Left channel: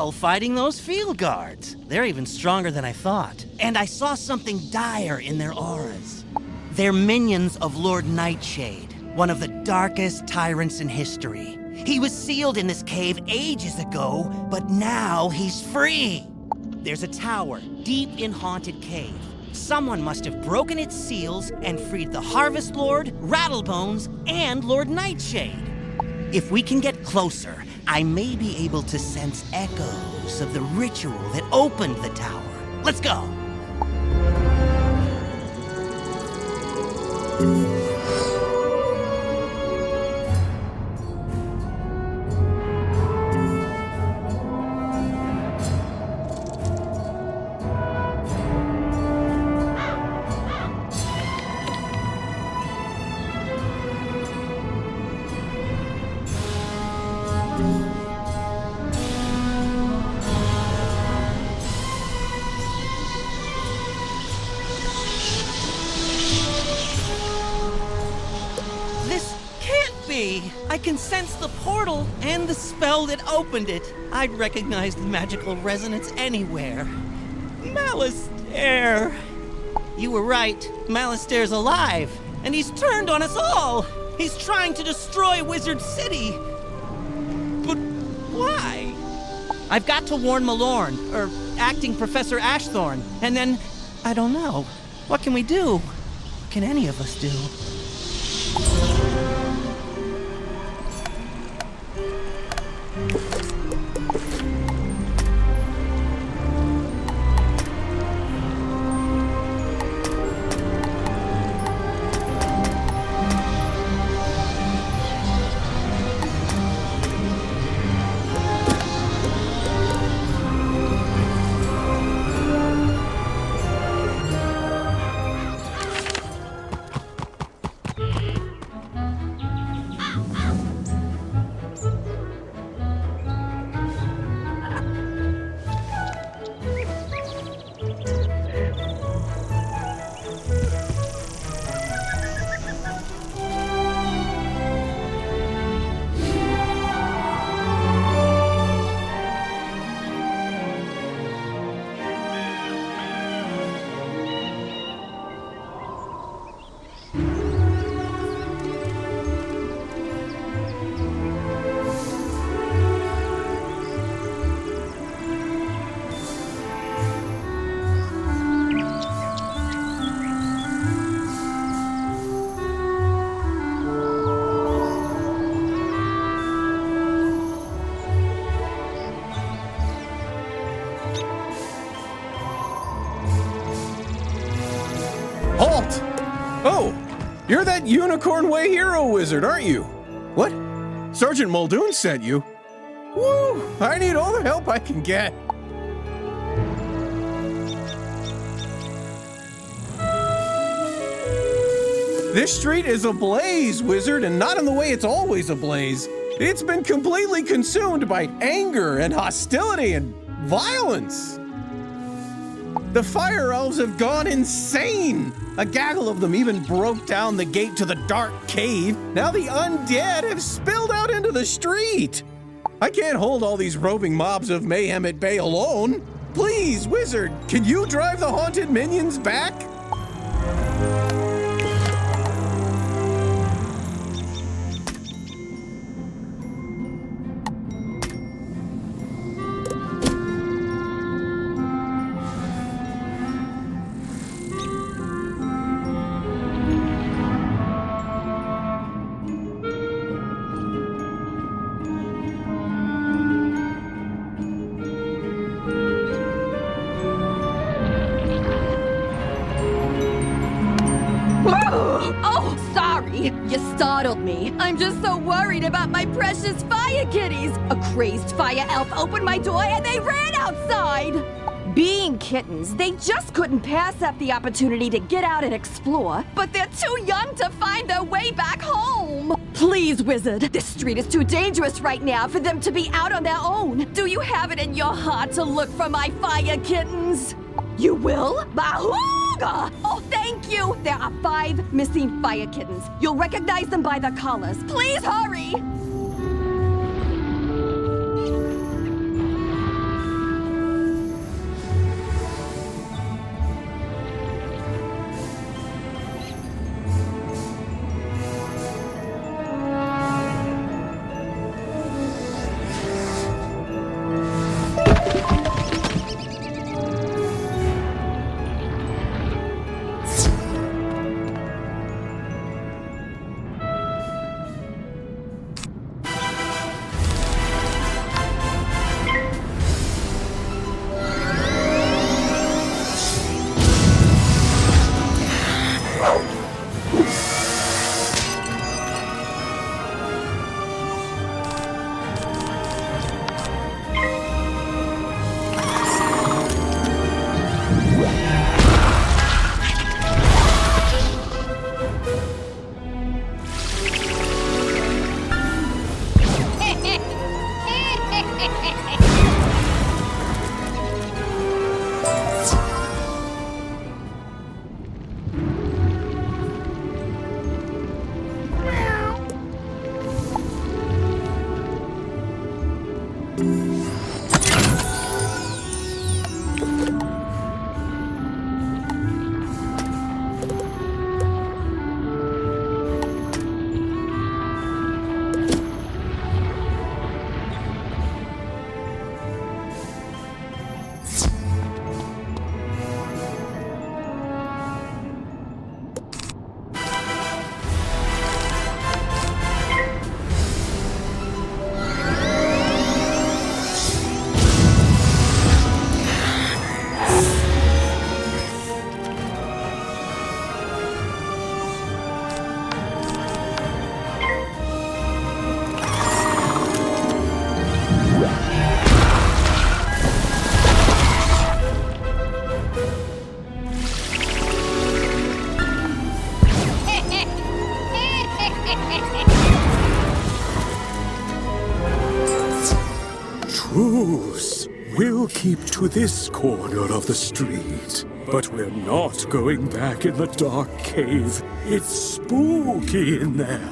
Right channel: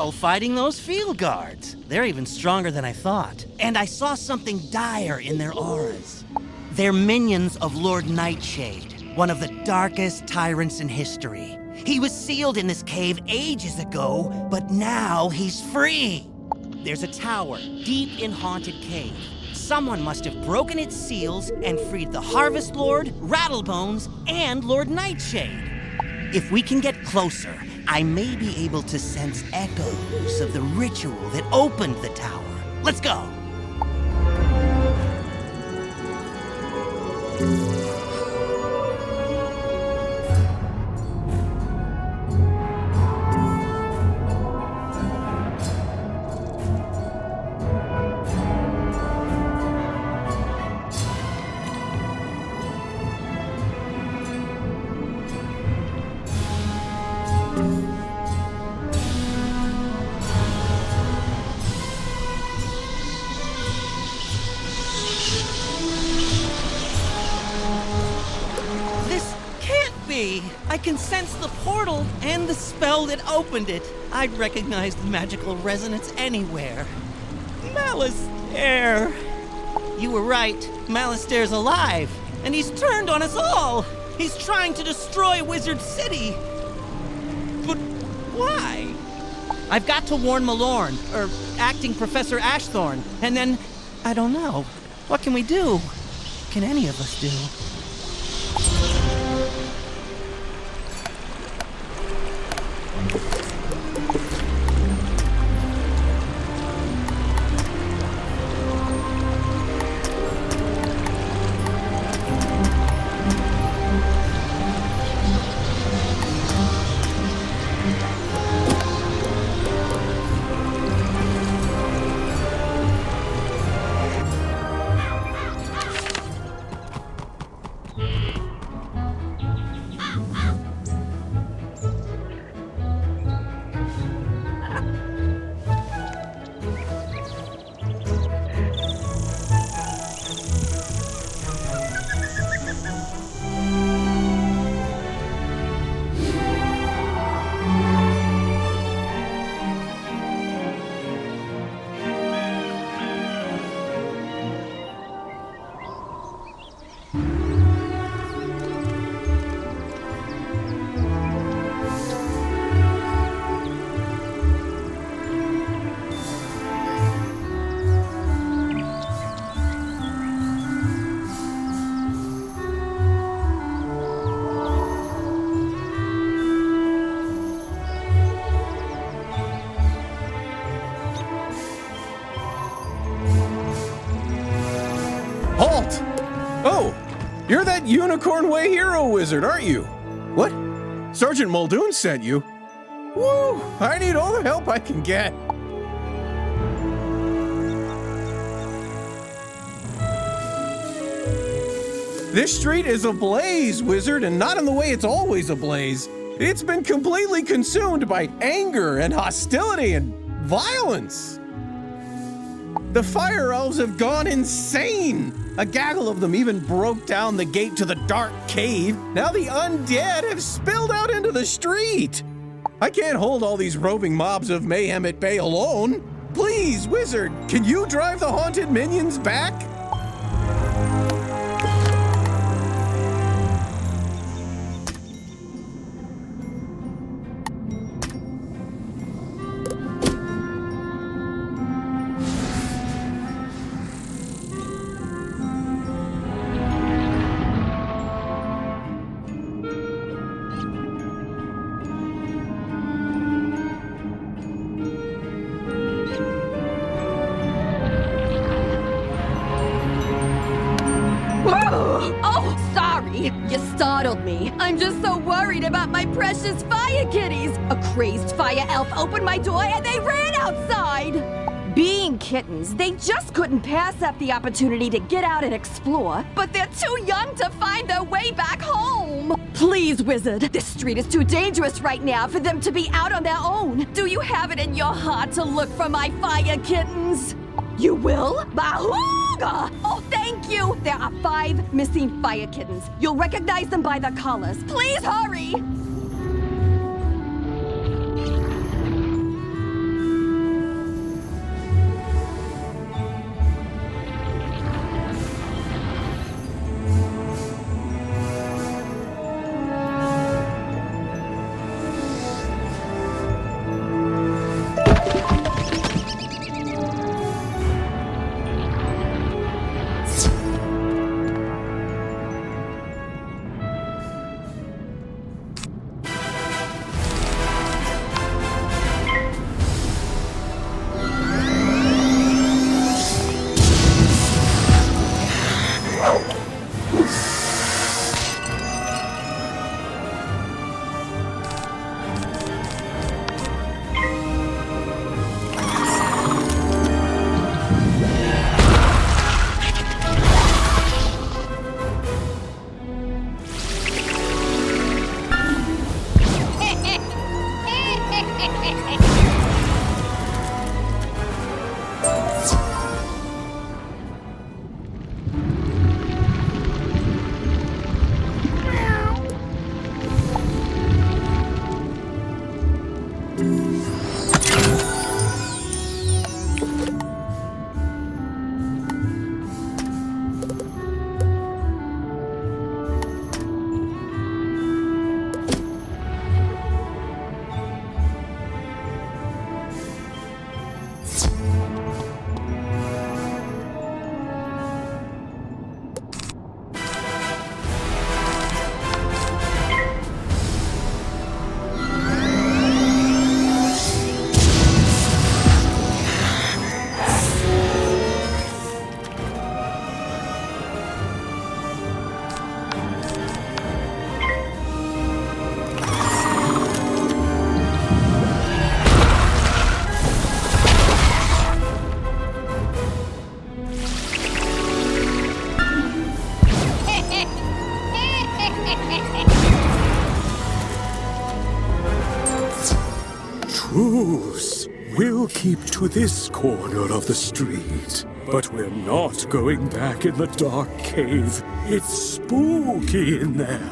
well fighting those field guards. They're even stronger than I thought. And I saw something dire in their auras. They're minions of Lord Nightshade, one of the darkest tyrants in history. He was sealed in this cave ages ago, but now he's free. There's a tower deep in Haunted Cave. Someone must have broken its seals and freed the Harvest Lord, Rattlebones, and Lord Nightshade. If we can get closer, I may be able to sense echoes of the ritual that opened the tower. Let's go! I can sense the portal and the spell that opened it. I'd recognize the magical resonance anywhere. Malistaire! You were right. Malistaire's alive, and he's turned on us all. He's trying to destroy Wizard City. But why? I've got to warn Malorn, or acting Professor Ashthorn, and then, I don't know. What can we do? What can any of us do? Halt! Oh, you're that Unicorn Way hero wizard, aren't you? What? Sergeant Muldoon sent you? Woo! I need all the help I can get. This street is ablaze, wizard, and not in the way it's always ablaze. It's been completely consumed by anger and hostility and violence. The fire elves have gone insane. A gaggle of them even broke down the gate to the dark cave. Now the undead have spilled out into the street. I can't hold all these roving mobs of mayhem at bay alone. Please, wizard, can you drive the haunted minions back? Oh, sorry. You startled me. I'm just so worried about my precious fire kitties. A crazed fire elf opened my door and they ran outside. Being kittens, they just couldn't pass up the opportunity to get out and explore, but they're too young to find their way back home. Please, wizard, this street is too dangerous right now for them to be out on their own. Do you have it in your heart to look for my fire kittens? You will? Bahooga! Oh, thank you! There are 5 missing fire kittens. You'll recognize them by their collars. Please hurry! to this corner of the street. But we're not going back in the dark cave. It's spooky in there.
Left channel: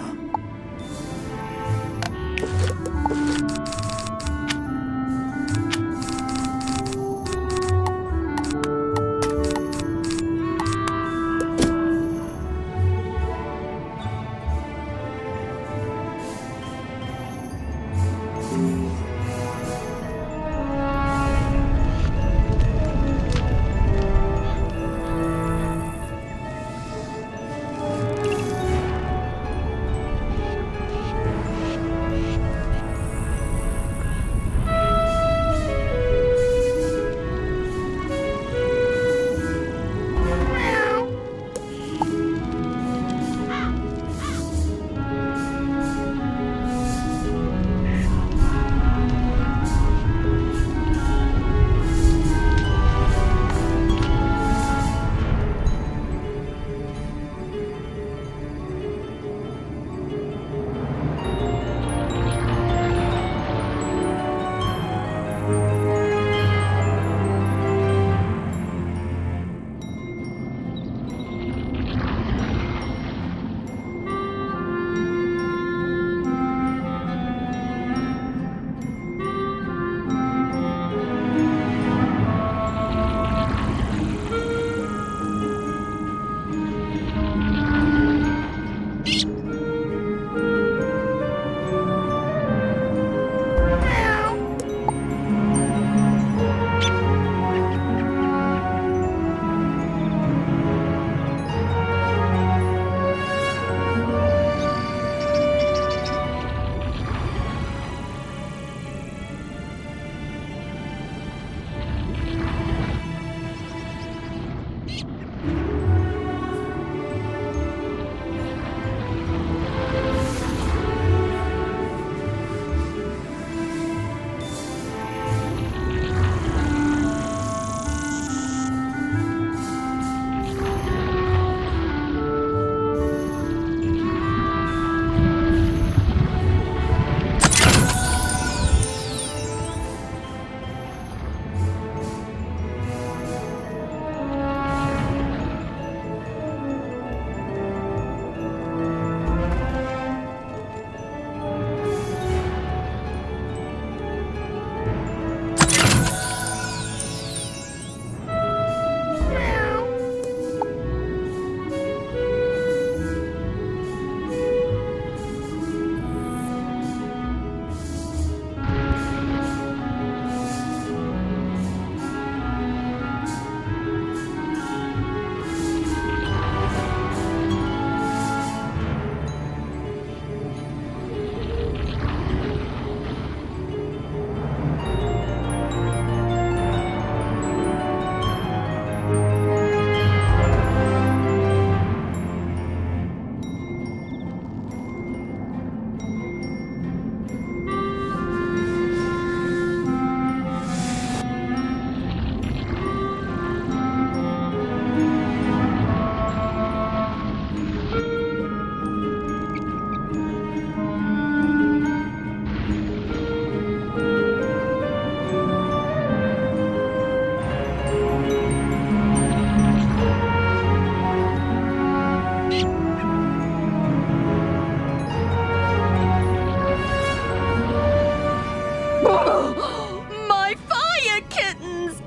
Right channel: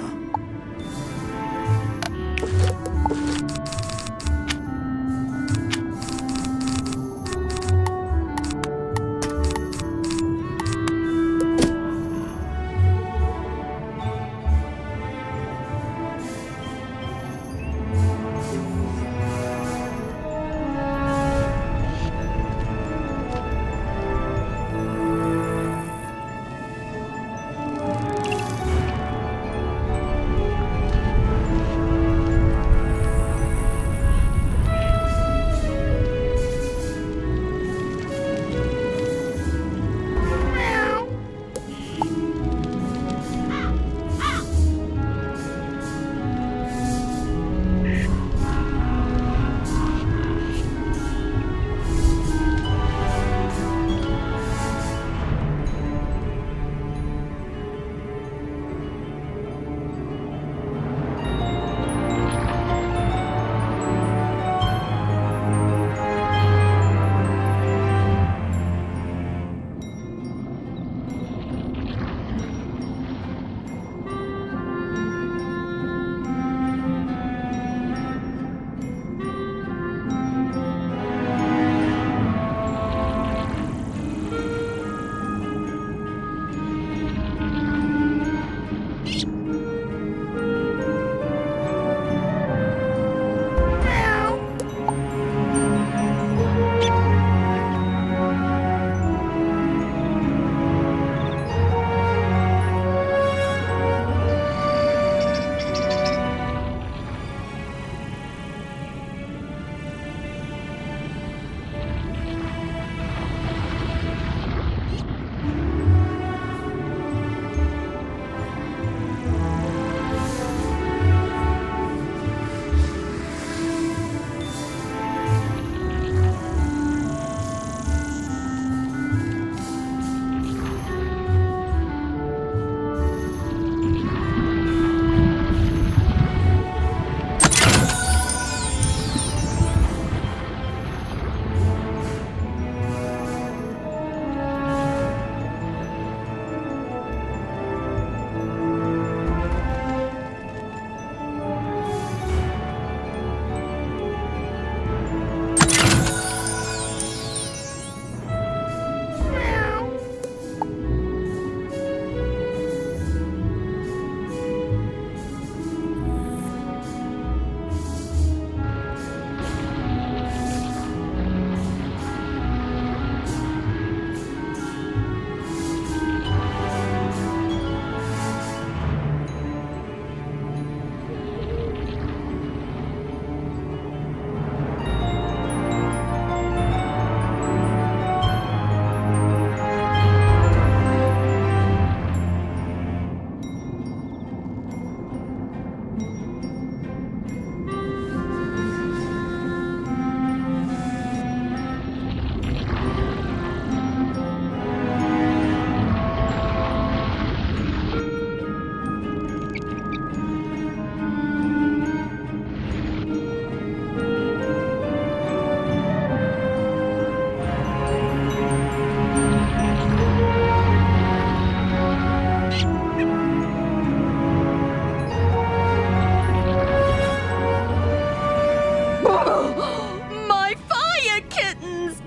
My fire kittens!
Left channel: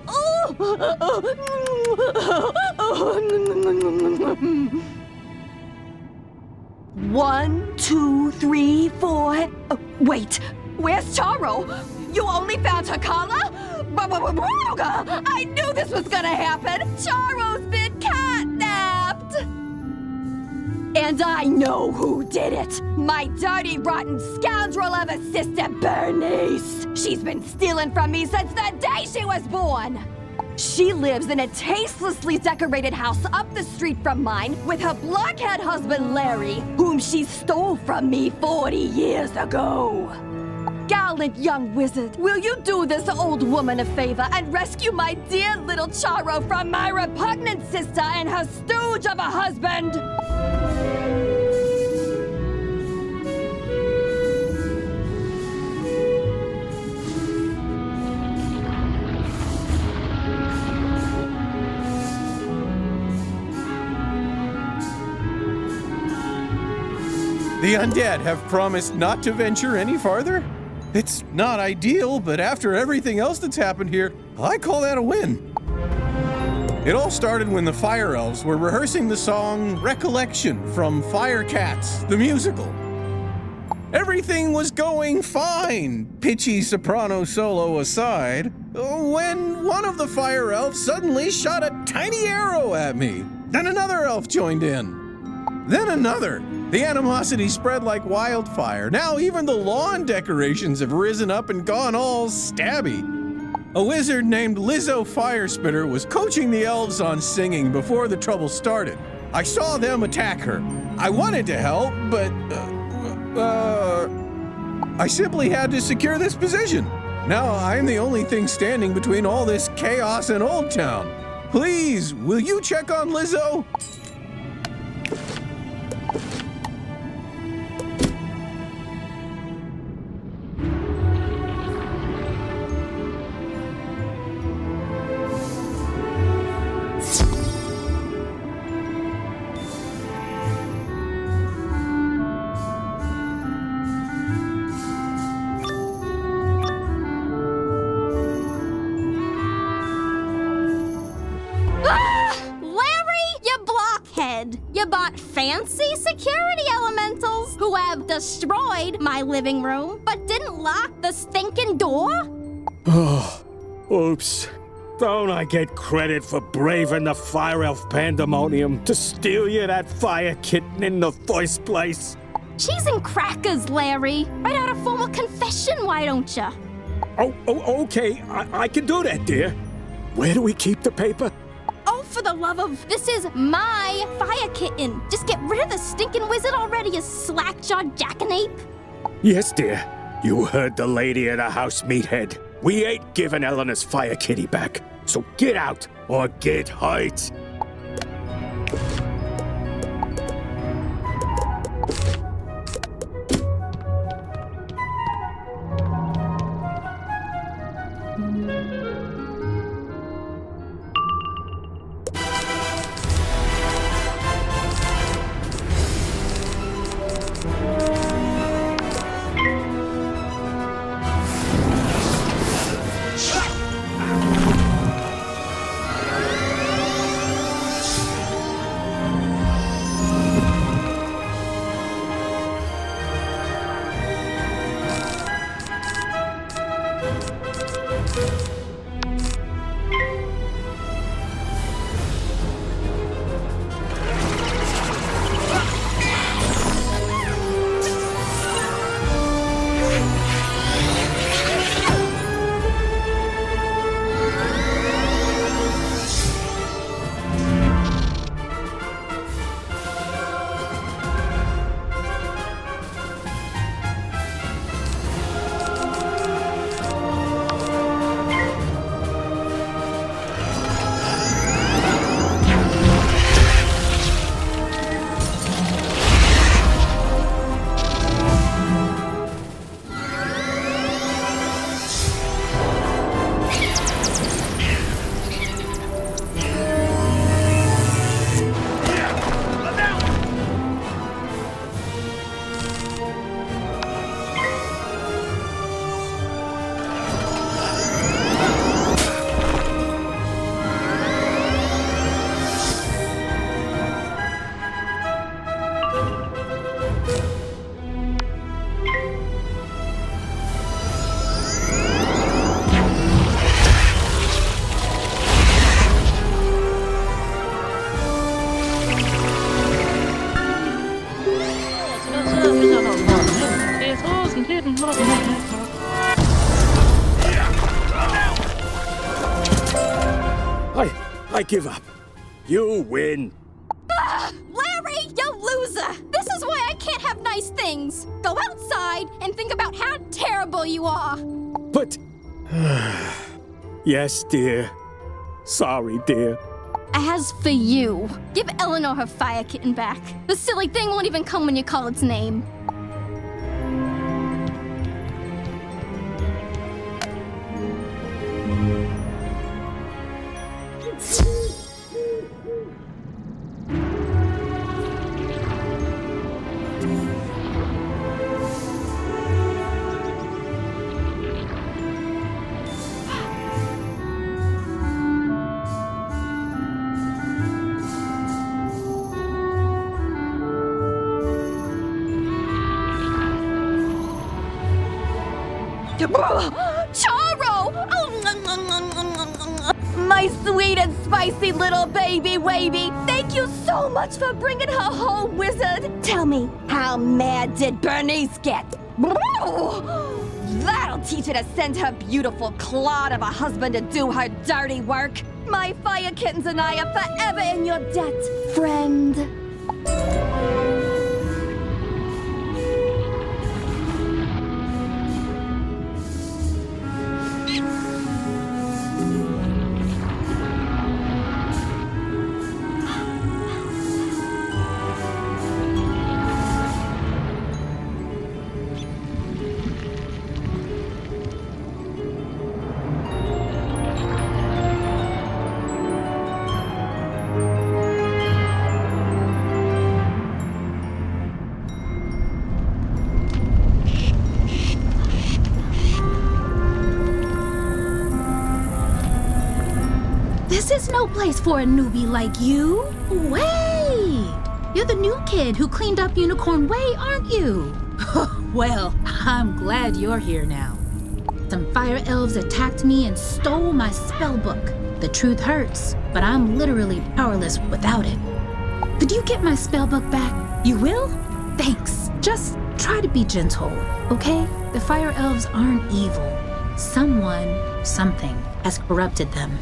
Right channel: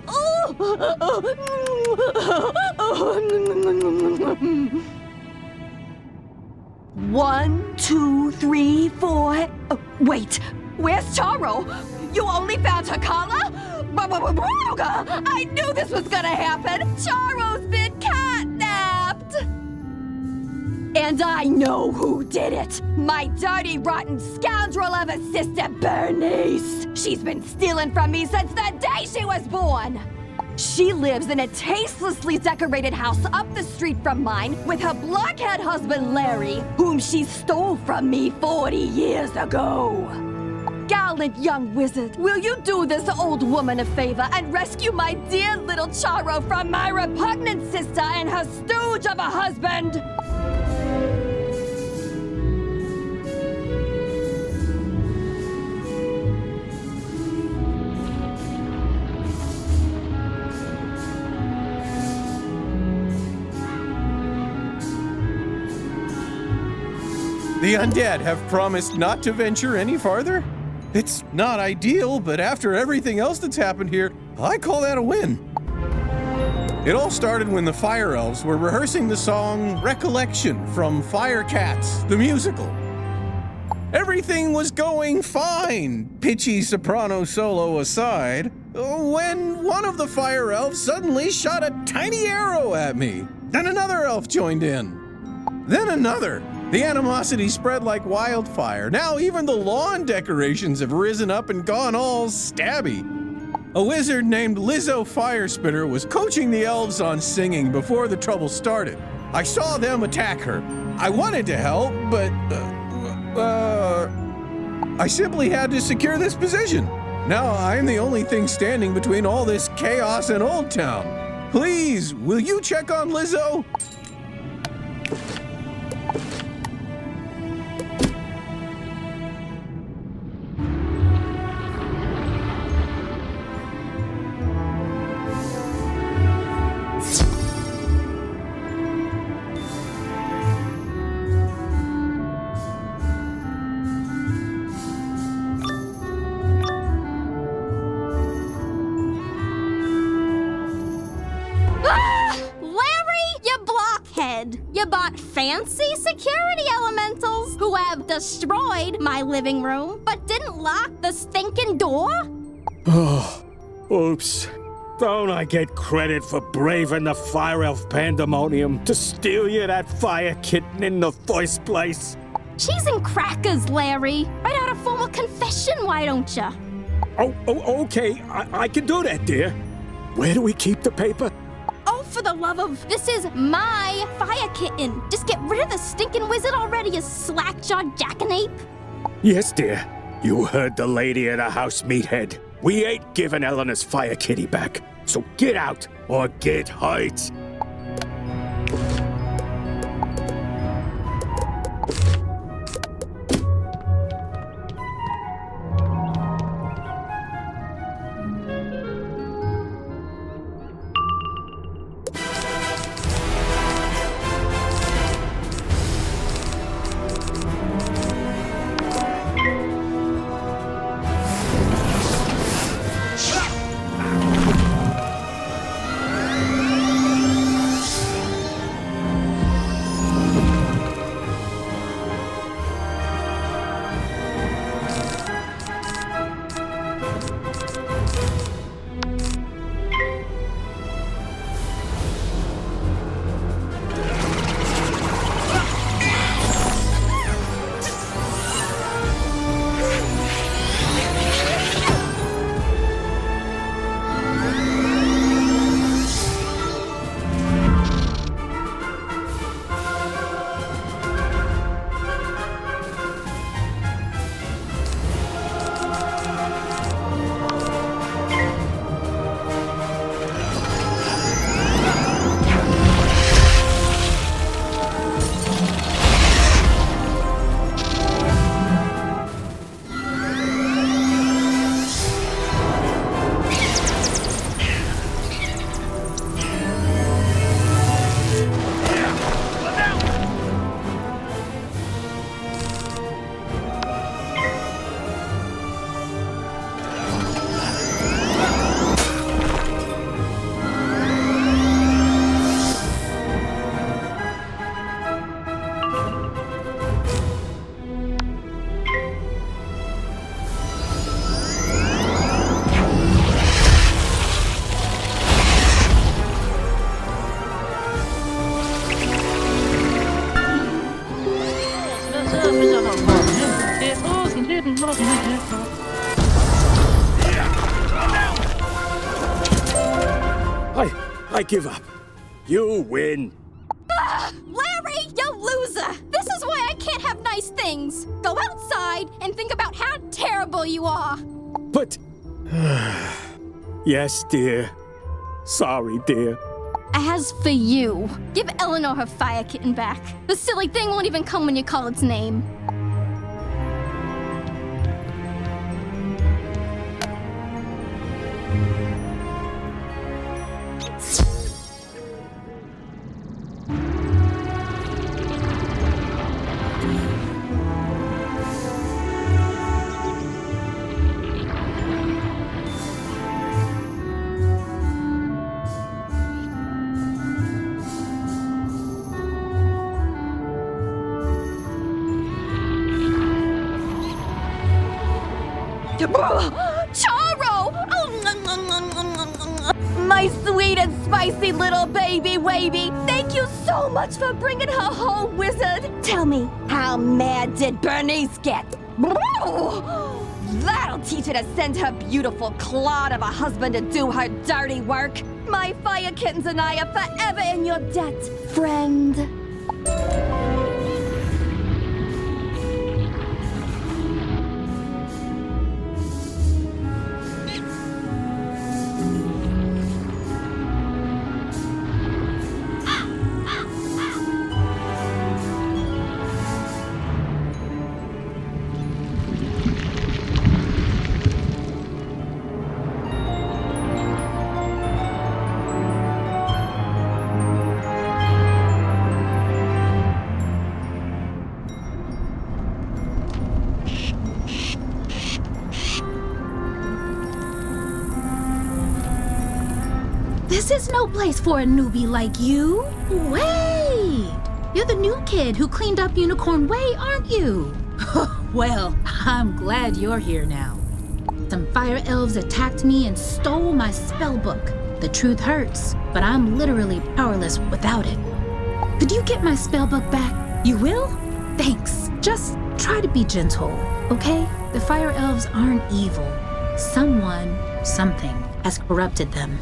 One, two, three, four. Wait, where's Charo? You only found her collar? I knew this was gonna happen! Charo's been catnapped! And I know who did it! My dirty, rotten scoundrel of a sister, Bernice! She's been stealing from me since the day she was born! She lives in a tastelessly decorated house up the street from mine with her blockhead husband, Larry, whom she stole from me 40 years ago. Gallant young wizard, will you do this old woman a favor and rescue my dear little Charo from my repugnant sister and her stooge of a husband? The undead have promised not to venture any farther? It's not ideal, but after everything else that's happened here, I call that a win. It all started when the Fire Elves were rehearsing the song Recollection from Fire Cats, the musical. Everything was going fine, pitchy soprano solo aside, when one of the Fire Elves suddenly shot a tiny arrow at me. Then another elf joined in. Then another. The animosity spread like wildfire. Now even the lawn decorations have risen up and gone all stabby. A wizard named Lizzo Firespitter was coaching the elves on singing before the trouble started. I saw them attack her. I wanted to help, but I simply had to secure this position. Now I'm the only thing standing between all this chaos and Old Town. Please, will you check on Lizzo? You bought fancy security elementals who have destroyed my living room, but didn't lock the stinking door? Oh, oops. Don't I get credit for braving the Fire Elf pandemonium to steal you that fire kitten in the first place? Cheese and crackers, Larry. Write out a formal confession, why don't you? Oh, okay. I can do that, dear. Where do we keep the paper? Oh, for the love of... This is my fire kitten. Just get rid of the stinking wizard already, you slack-jawed jackanape. Yes, dear. You heard the lady of the house, meathead. We ain't giving Eleanor's fire kitty back. So get out or get hurt. I give up. You win. Larry, you loser! This is why I can't have nice things. Go outside and think about how terrible you are. But... Yes, dear. Sorry, dear. As for you, give Eleanor her fire kitten back. The silly thing won't even come when you call its name. Charo! My sweet and spicy little baby wavy. Thank you so much for bringing her home, Wizard. Tell me, how mad did Bernice get? That'll teach her to send her beautiful clod of a husband to do her dirty work. My fire kittens and I are forever in your debt, friend. This is no place for a newbie like you. Wait! You're the new kid who cleaned up Unicorn Way, aren't you? Well, I'm glad you're here now. Some fire elves attacked me and stole my spell book. The truth hurts, but I'm literally powerless without it. Could you get my spell book back? You will? Thanks. Just try to be gentle, okay? The fire elves aren't evil. Someone, something, has corrupted them.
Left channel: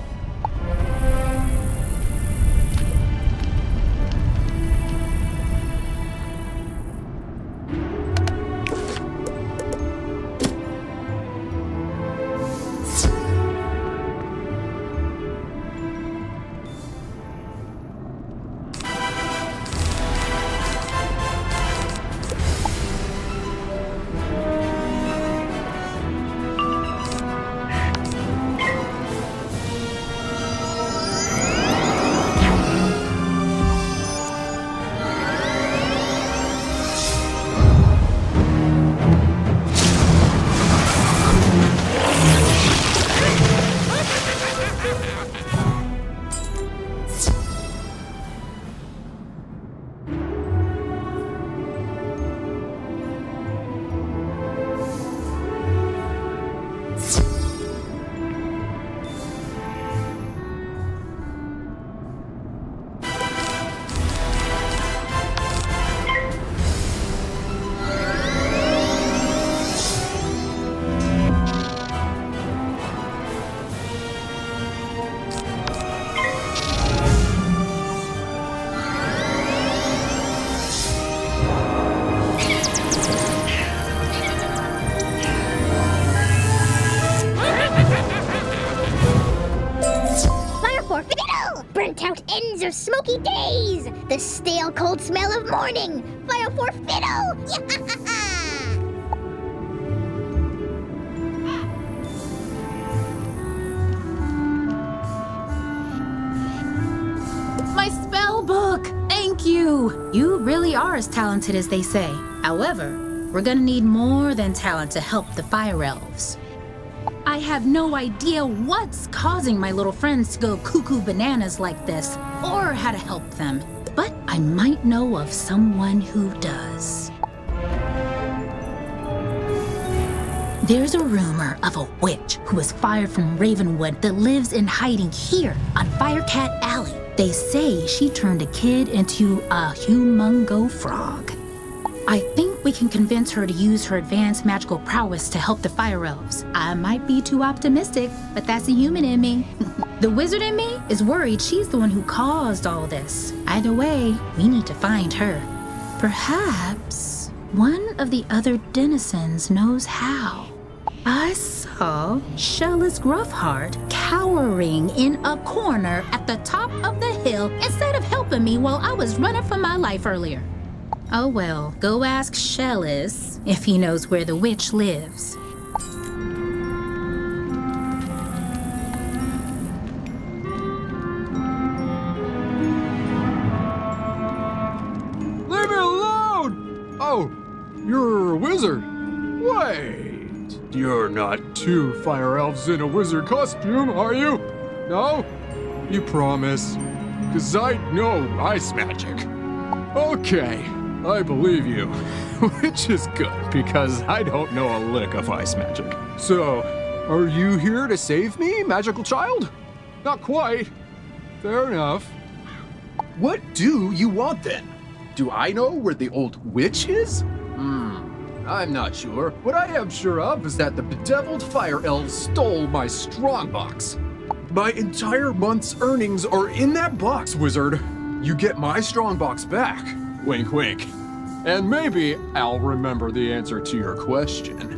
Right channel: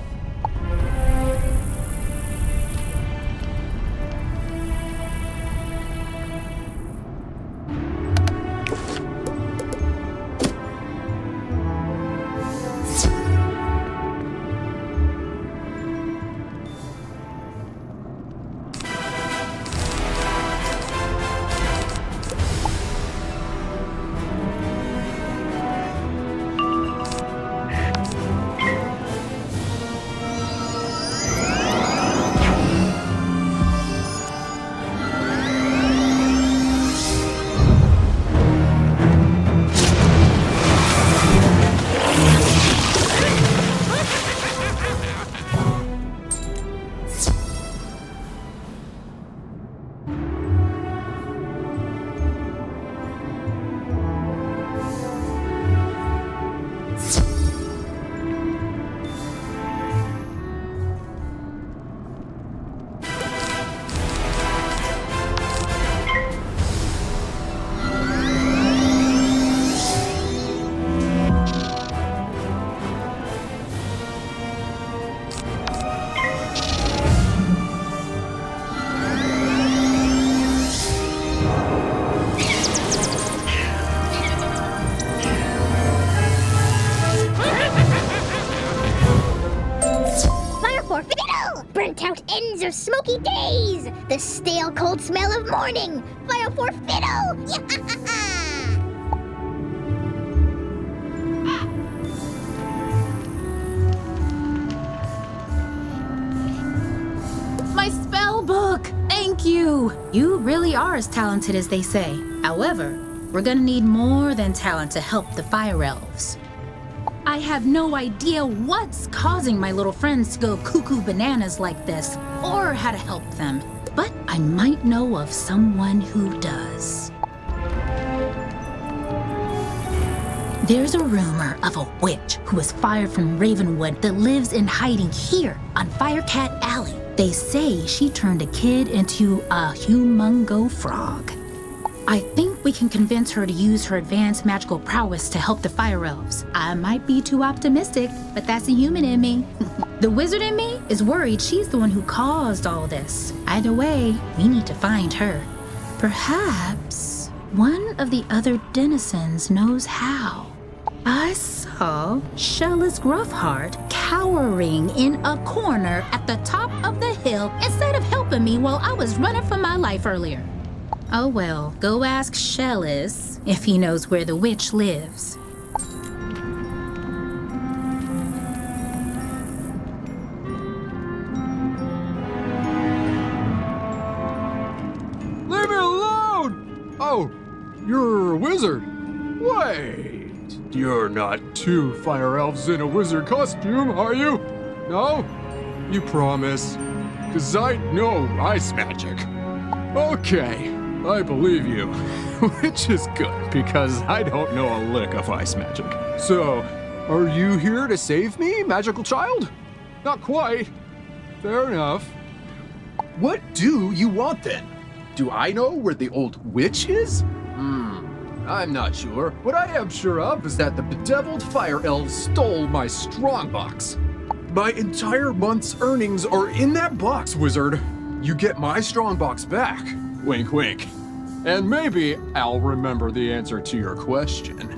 Burnt out ends of smoky days! The stale cold smell of morning! Fire for fiddle! My spell book! Thank you! You really are as talented as they say. However, we're gonna need more than talent to help the fire elves. I have no idea what's causing my little friends to go cuckoo bananas like this, or how to help them. But I might know of someone who does. There's a rumor of a witch who was fired from Ravenwood that lives in hiding here on Firecat Alley. They say she turned a kid into a humongo frog. I think we can convince her to use her advanced magical prowess to help the fire elves. I might be too optimistic, but that's a human in me. The wizard in me is worried she's the one who caused all this. Either way, we need to find her. Perhaps one of the other denizens knows how. I saw Shellis Gruffheart cowering in a corner at the top of the hill instead of helping me while I was running for my life earlier. Oh well, go ask Shellis if he knows where the witch lives. Leave me alone! Oh, you're a wizard. Wait, you're not two fire elves in a wizard costume, are you? No? You promise? 'Cause I know ice magic. Okay. I believe you, which is good because I don't know a lick of ice magic. So, are you here to save me, magical child? Not quite. Fair enough. What do you want then? Do I know where the old witch is? I'm not sure. What I am sure of is that the bedeviled fire elves stole my strongbox. My entire month's earnings are in that box, wizard. You get my strongbox back. Wink, wink. And maybe I'll remember the answer to your question.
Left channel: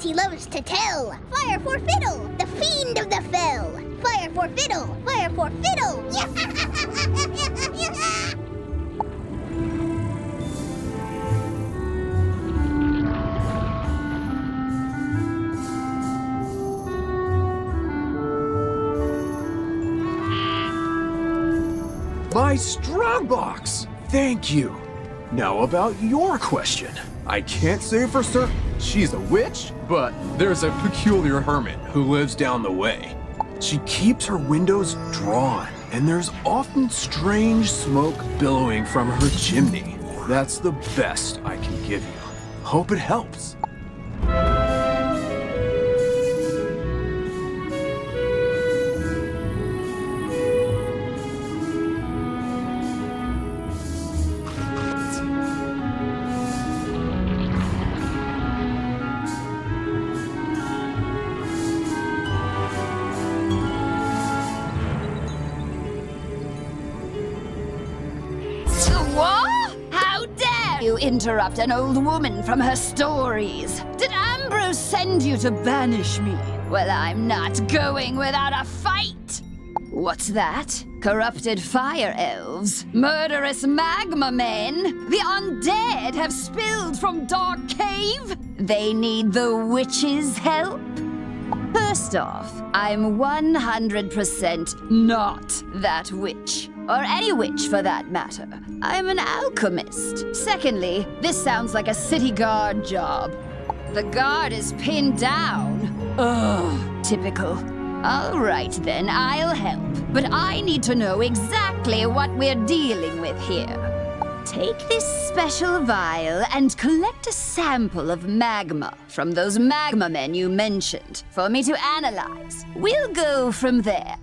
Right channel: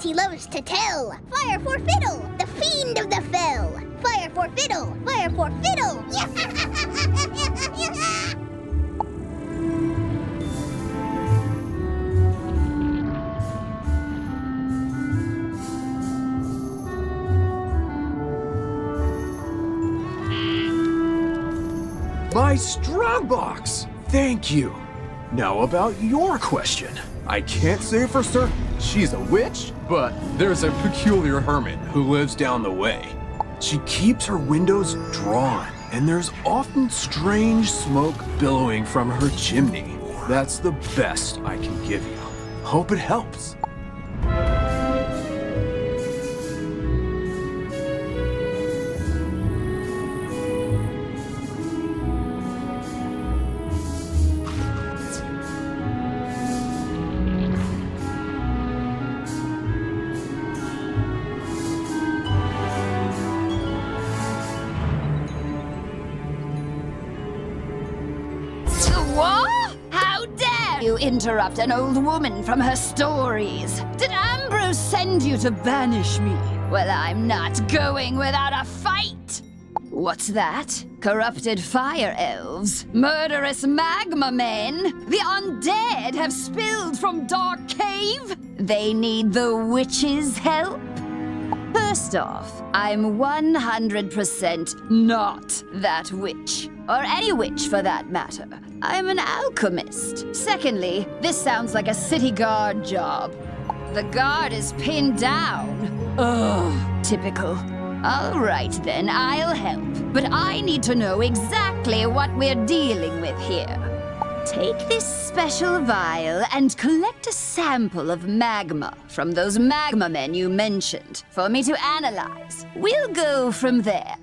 He loves to tell. Fire for fiddle, the fiend of the fell. Fire for fiddle, fire for fiddle. My strongbox! Thank you. Now about your question. I can't say for certain she's a witch, but there's a peculiar hermit who lives down the way. She keeps her windows drawn, and there's often strange smoke billowing from her chimney. That's the best I can give you. Hope it helps. What? How dare you interrupt an old woman from her stories? Did Ambrose send you to banish me? Well, I'm not going without a fight. What's that? Corrupted fire elves? Murderous magma men? The undead have spilled from Dark Cave? They need the witch's help? First off, I'm 100% not that witch. Or any witch for that matter. I'm an alchemist. Secondly, this sounds like a city guard job. The guard is pinned down. Ugh, typical. All right then, I'll help. But I need to know exactly what we're dealing with here. Take this special vial and collect a sample of magma from those magma men you mentioned for me to analyze. We'll go from there.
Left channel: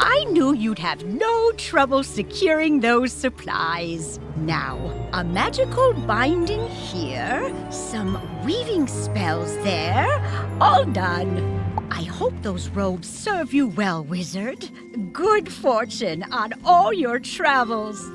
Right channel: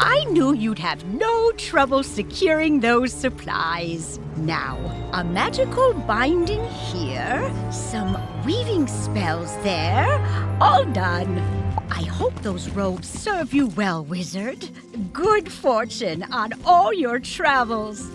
I knew you'd have no trouble securing those supplies. Now, a magical binding here, some weaving spells there, all done. I hope those robes serve you well, wizard. Good fortune on all your travels.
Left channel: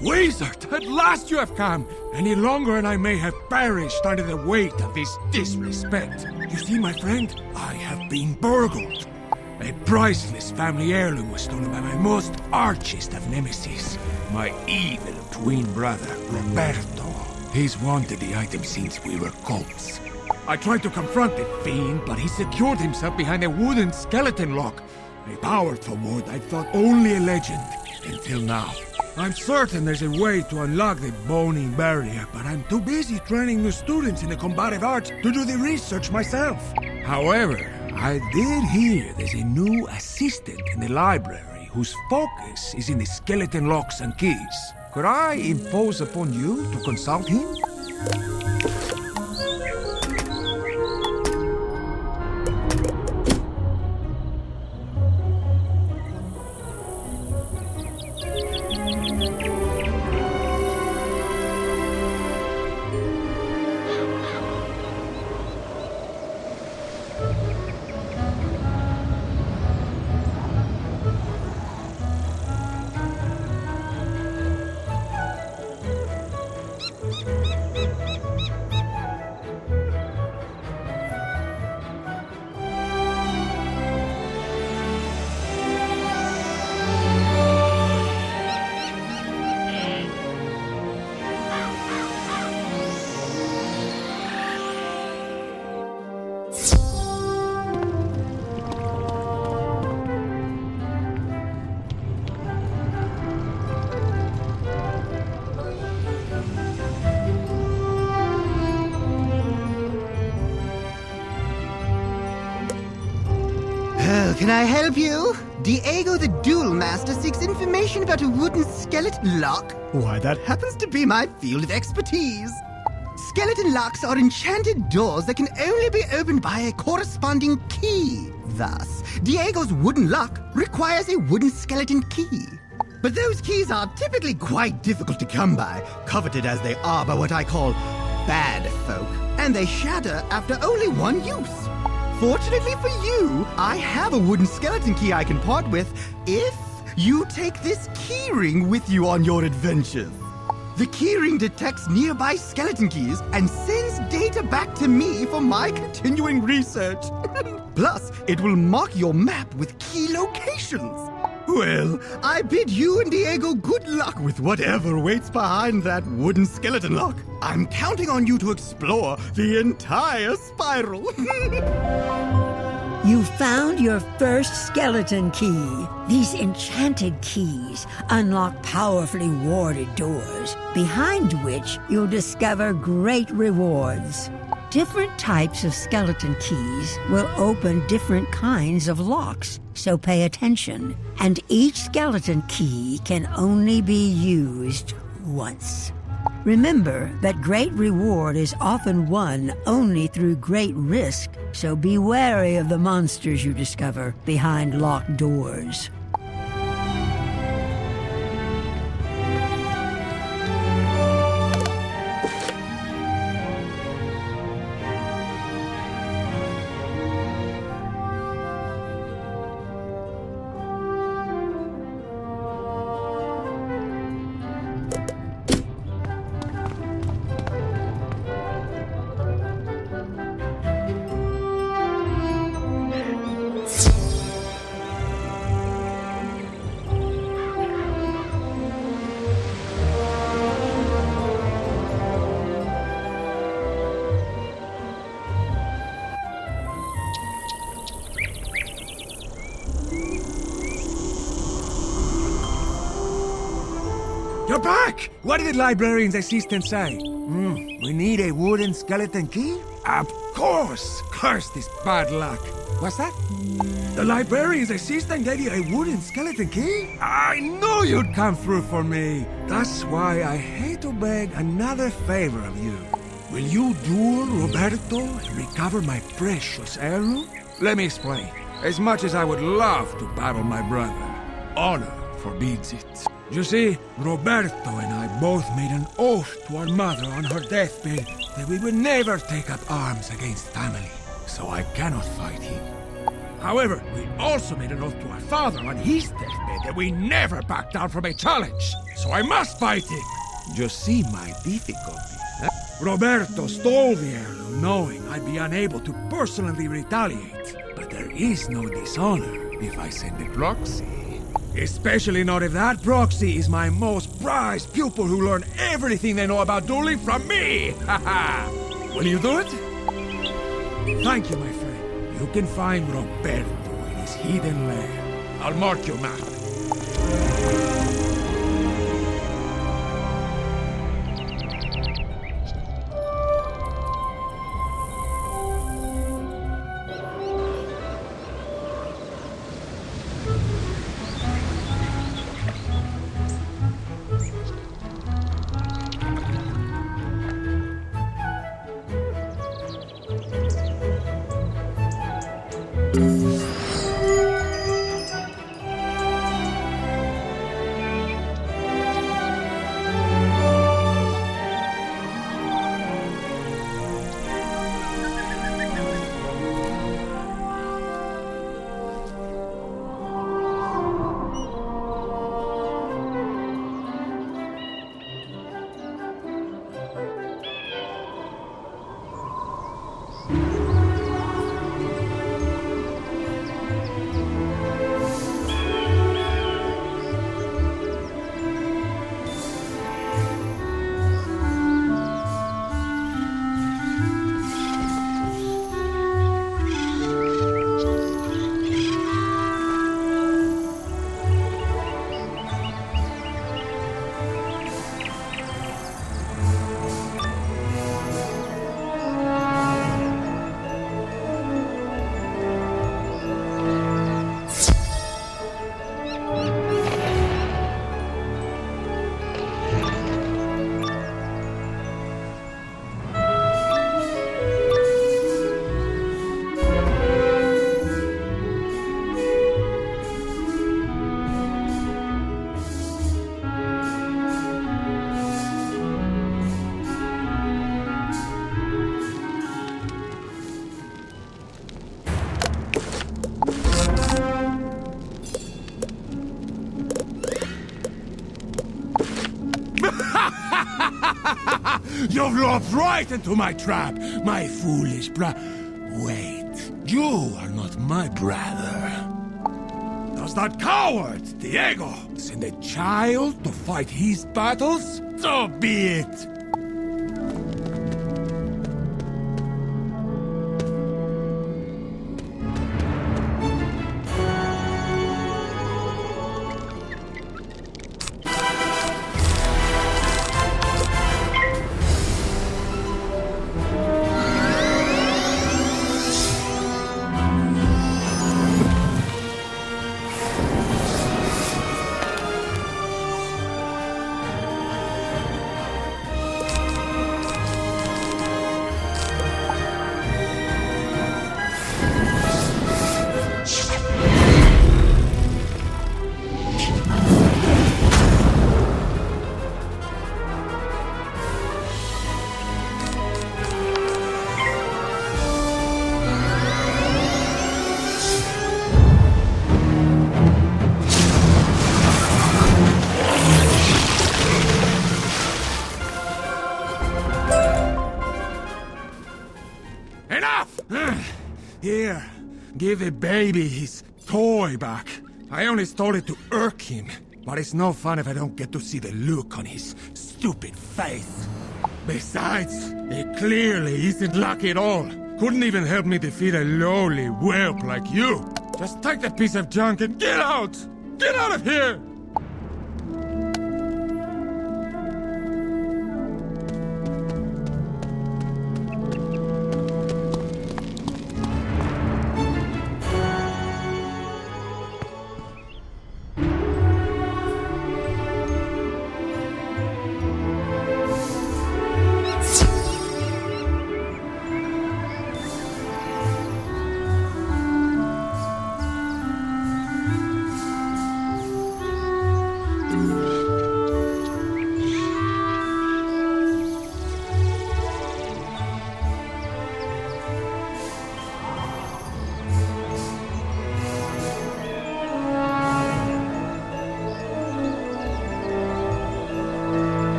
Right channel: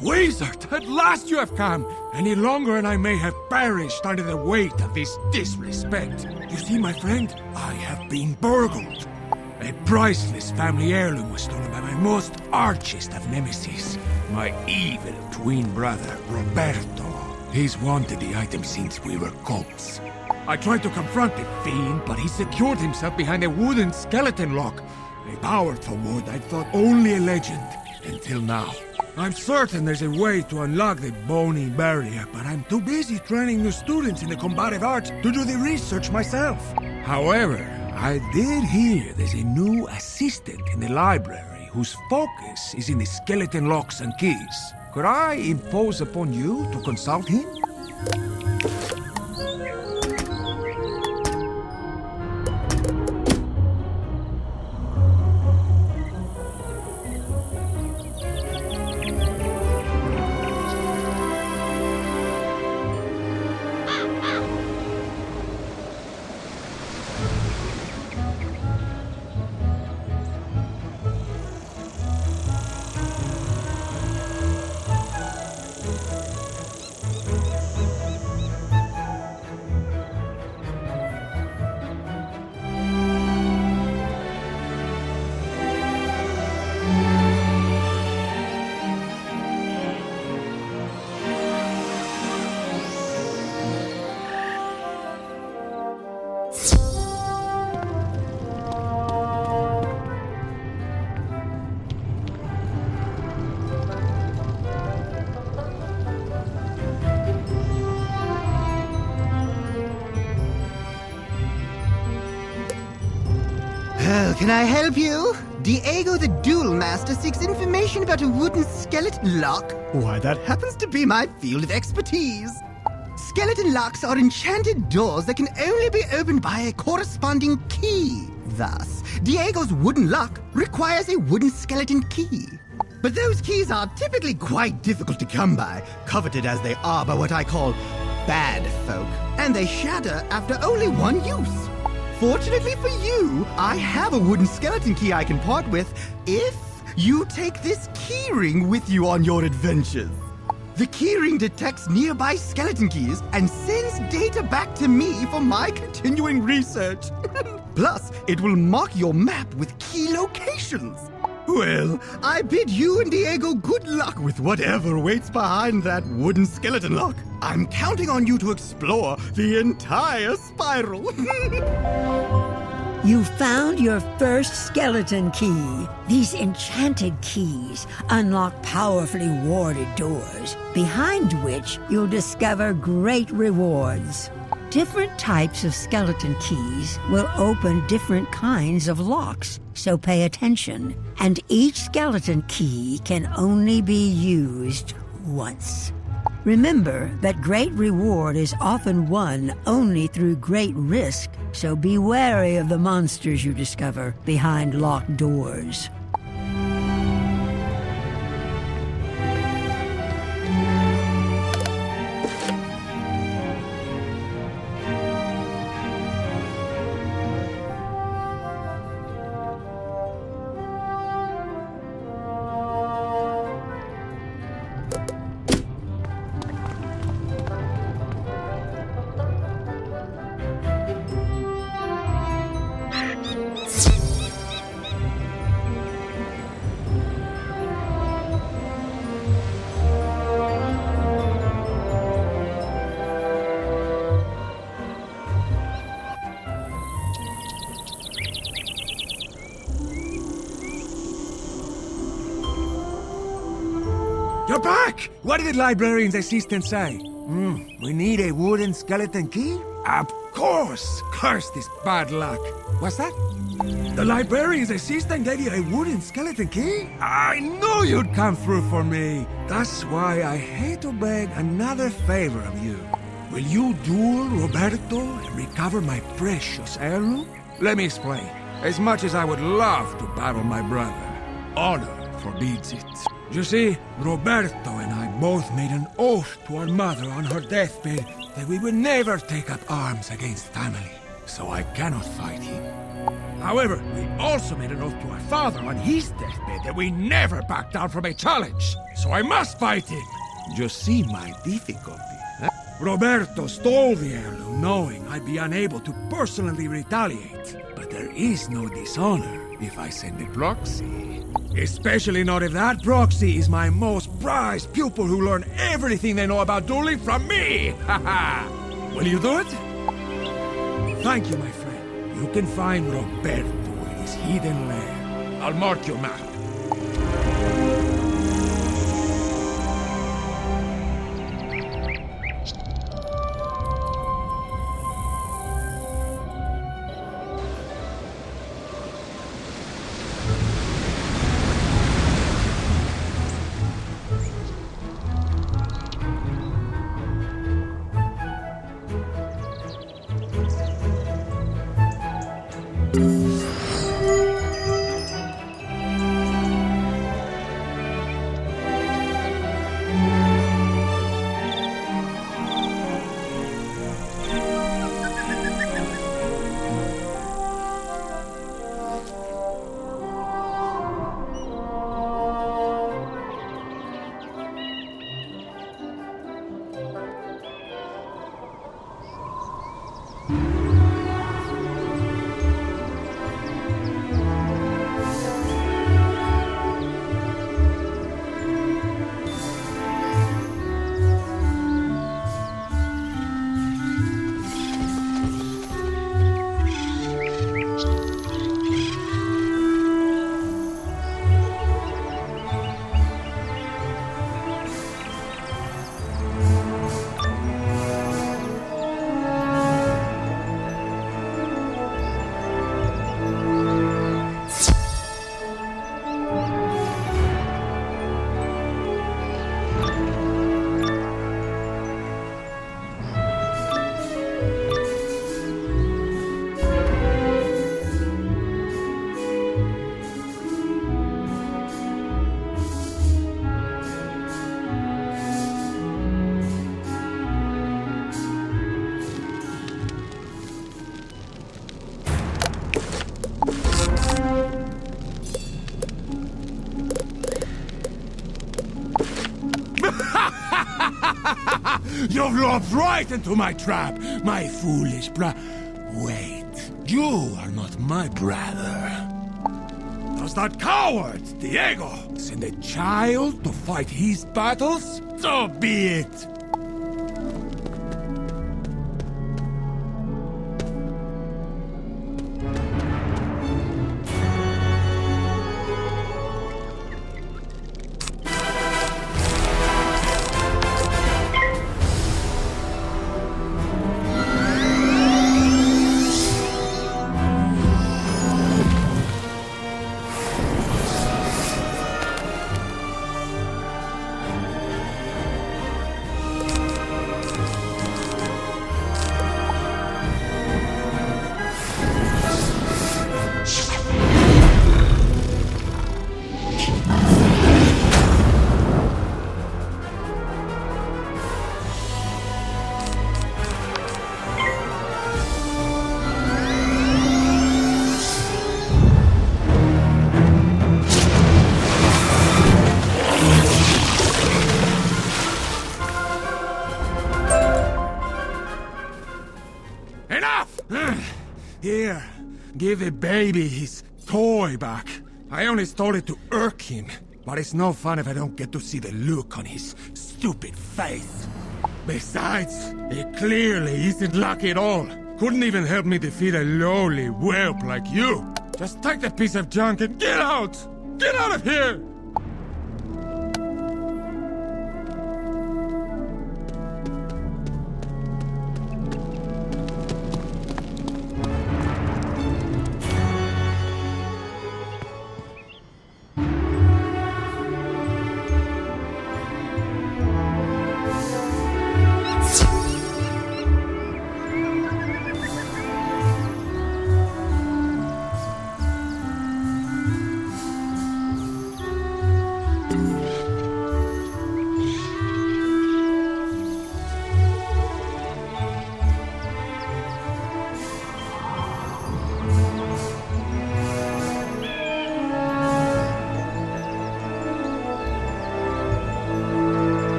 Wizard, at last you have come! Any longer and I may have perished under the weight of this disrespect. You see, my friend, I have been burgled. A priceless family heirloom was stolen by my most archest of nemesis, my evil twin brother, Roberto. He's wanted the item since we were colts. I tried to confront the fiend, but he secured himself behind a wooden skeleton lock. A powerful ward I thought only a legend, until now. I'm certain there's a way to unlock the bony barrier, but I'm too busy training new students in the combative arts to do the research myself. However, I did hear there's a new assistant in the library whose focus is in the skeleton locks and keys. Could I impose upon you to consult him? Can I help you? Diego the Duel Master seeks information about a wooden skeleton lock. Why, that happens to be my field of expertise. Skeleton locks are enchanted doors that can only be opened by a corresponding key. Thus, Diego's wooden lock requires a wooden skeleton key. But those keys are typically quite difficult to come by, coveted as they are by what I call bad folk, and they shatter after only one use. Fortunately for you, I have a wooden skeleton key I can part with if you take this keyring with you on your adventures. The keyring detects nearby skeleton keys and sends data back to me for my continuing research. Plus, it will mark your map with key locations. Well, I bid you and Diego good luck with whatever waits behind that wooden skeleton lock. I'm counting on you to explore the entire spiral. You found your first skeleton key. These enchanted keys unlock powerfully warded doors, behind which you'll discover great rewards. Different types of skeleton keys will open different kinds of locks, so pay attention. And each skeleton key can only be used once. Remember that great reward is often won only through great risk, so be wary of the monsters you discover behind locked doors. You're back! What did the librarian's assistant say? We need a wooden skeleton key? Of course! Curse this bad luck. What's that? The librarian's assistant gave you a wooden skeleton key? I knew you'd come through for me. That's why I hate to beg another favor of you. Will you duel Roberto and recover my precious heirloom? Let me explain. As much as I would love to battle my brother, honor forbids it. You see, Roberto and I both made an oath to our mother on her deathbed that we would never take up arms against family, so I cannot fight him. However, we also made an oath to our father on his deathbed that we never back down from a challenge, so I must fight him. You see my difficulty, huh? Roberto stole the heirloom knowing I'd be unable to personally retaliate, but there is no dishonor if I send a proxy. Especially not if that proxy is my most prized pupil who learned everything they know about dueling from me! Haha! Will you do it? Thank you, my friend. You can find Roberto in his hidden lair. I'll mark your map. You've lopped right into my trap, my foolish Wait, you are not my brother. Does that coward, Diego, send a child to fight his battles? So be it. Here, give the baby his toy back. I only stole it to irk him, but it's no fun if I don't get to see the look on his stupid face. Besides, it clearly isn't lucky at all. Couldn't even help me defeat a lowly whelp like you. Just take the piece of junk and get out! Get out of here!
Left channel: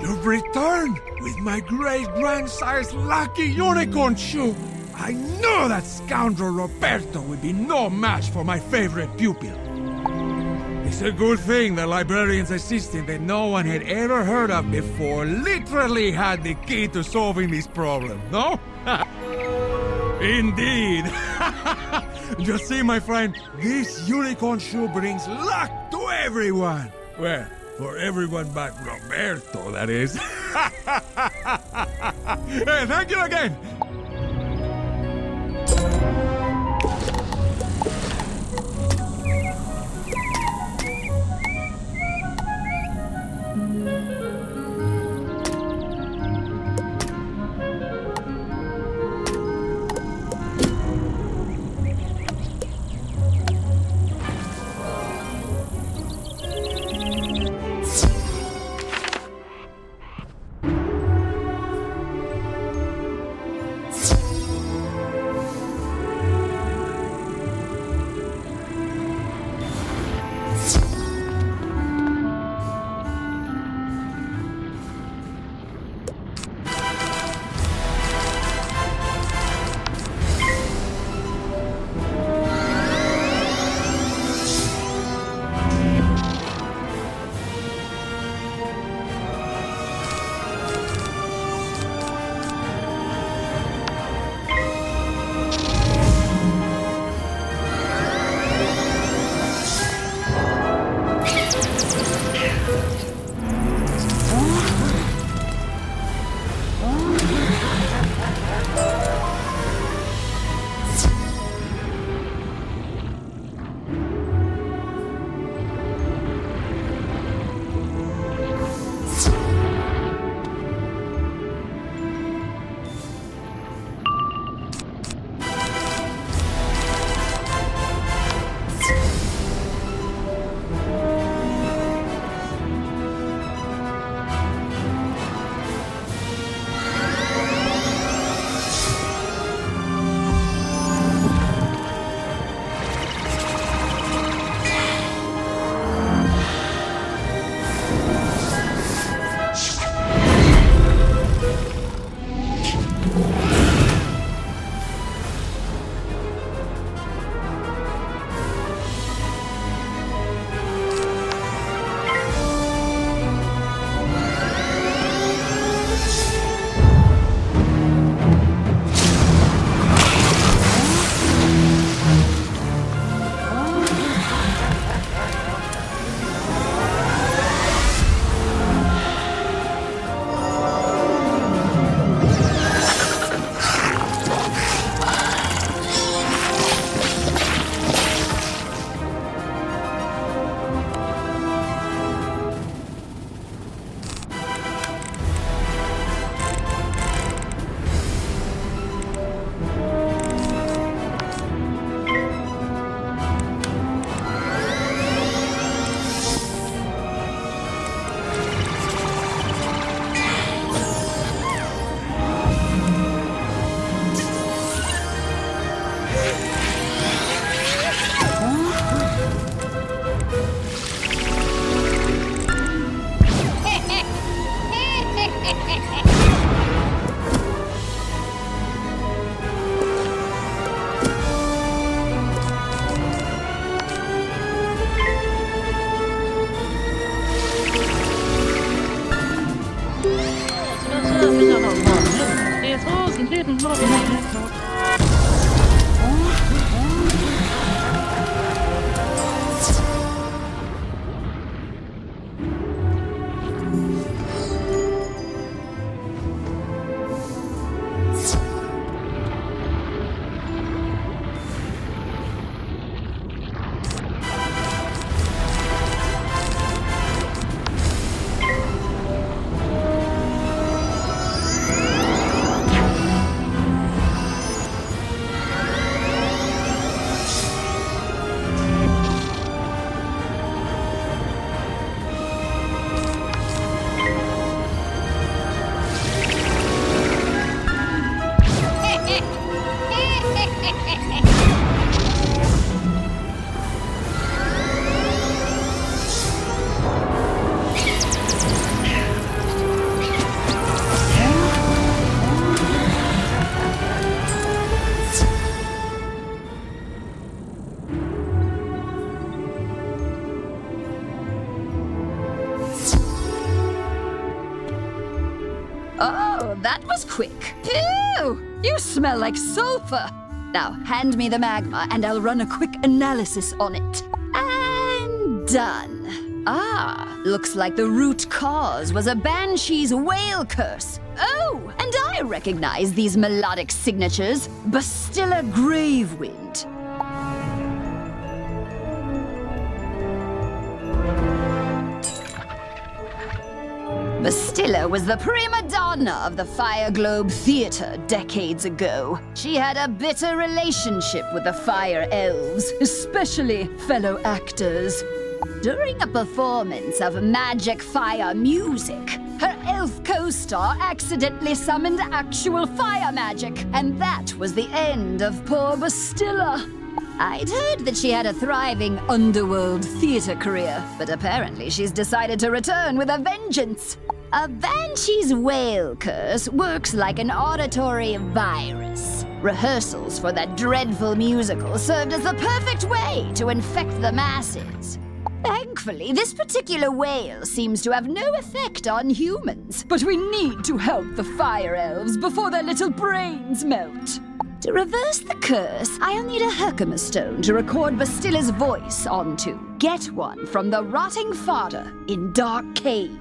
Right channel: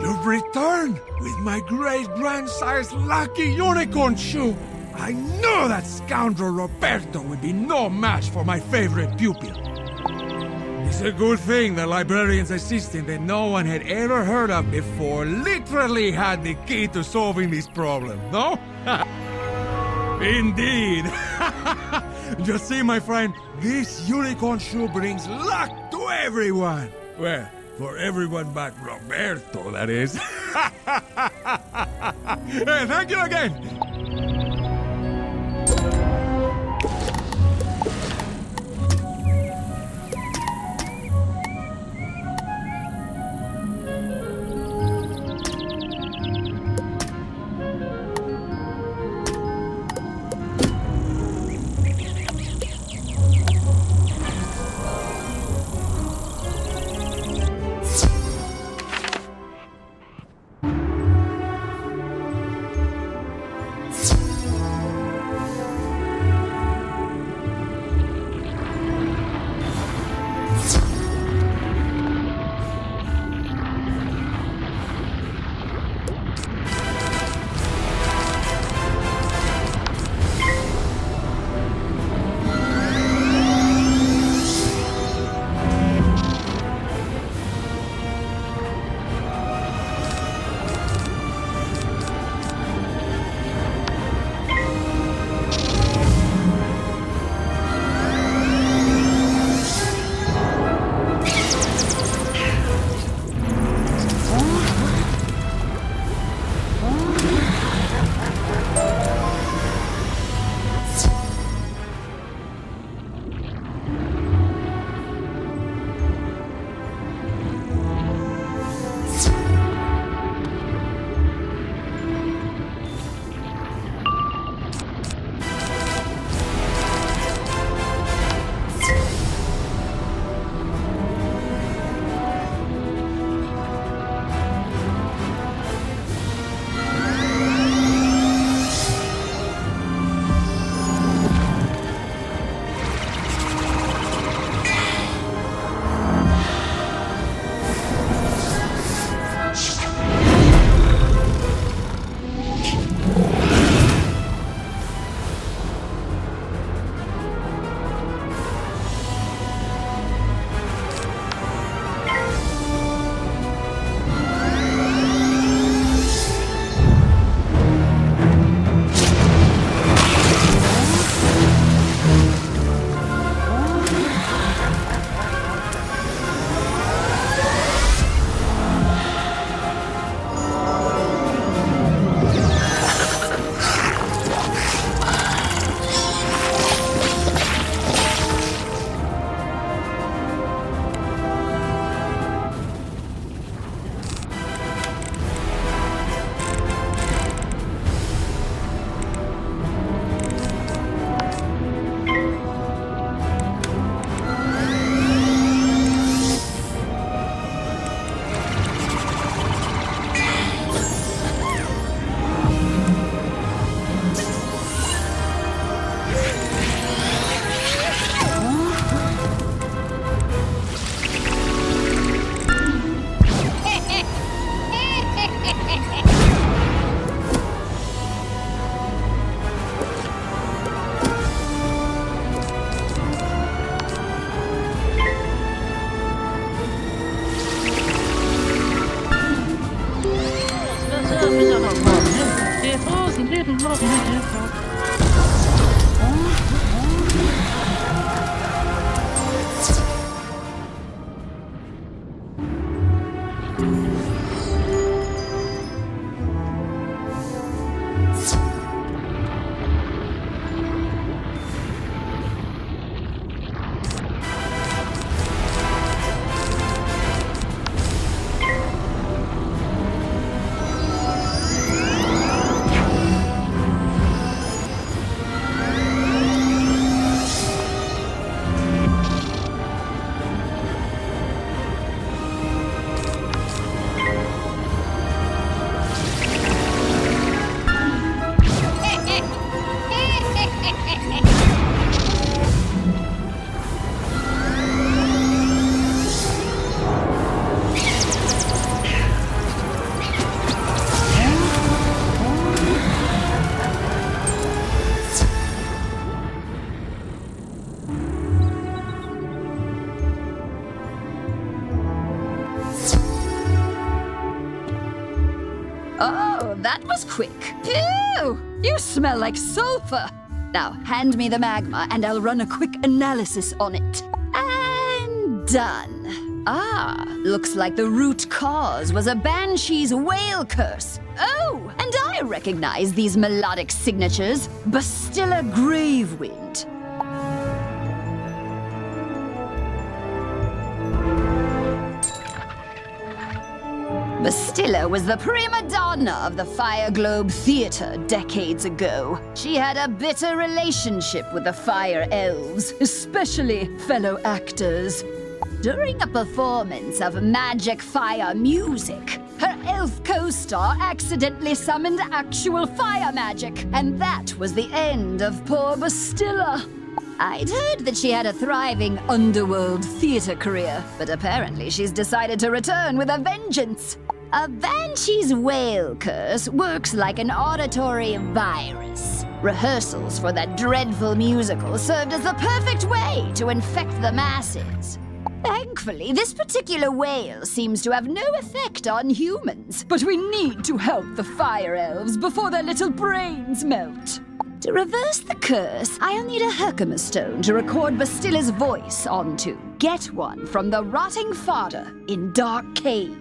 You've returned with my great-grandsire's lucky unicorn shoe. I knew that scoundrel Roberto would be no match for my favorite pupil. It's a good thing the librarian's assistant that no one had ever heard of before literally had the key to solving this problem, no? Indeed. Just see, my friend, this unicorn shoe brings luck to everyone. Well, for everyone but Roberto, that is. Hey, thank you again. Oh, that was quick. Ew! You smell like sulfur. Now, hand me the magma and I'll run a quick analysis on it. And done. Ah, looks like the root cause was a banshee's whale curse. Oh, and I recognize these melodic signatures. Bastilla Gravewind. Bastilla was the prima donna of the Fire Globe Theater decades ago. She had a bitter relationship with the Fire Elves, especially fellow actors. During a performance of magic fire music, her elf co-star accidentally summoned actual fire magic, and that was the end of poor Bastilla. I'd heard that she had a thriving underworld theater career, but apparently she's decided to return with a vengeance. A banshee's whale curse works like an auditory virus. Rehearsals for that dreadful musical served as the perfect way to infect the masses. Thankfully, this particular whale seems to have no effect on humans, but we need to help the fire elves before their little brains melt. To reverse the curse, I'll need a Herkimer stone to record Bastilla's voice onto. Get one from the rotting fodder in Dark Cave.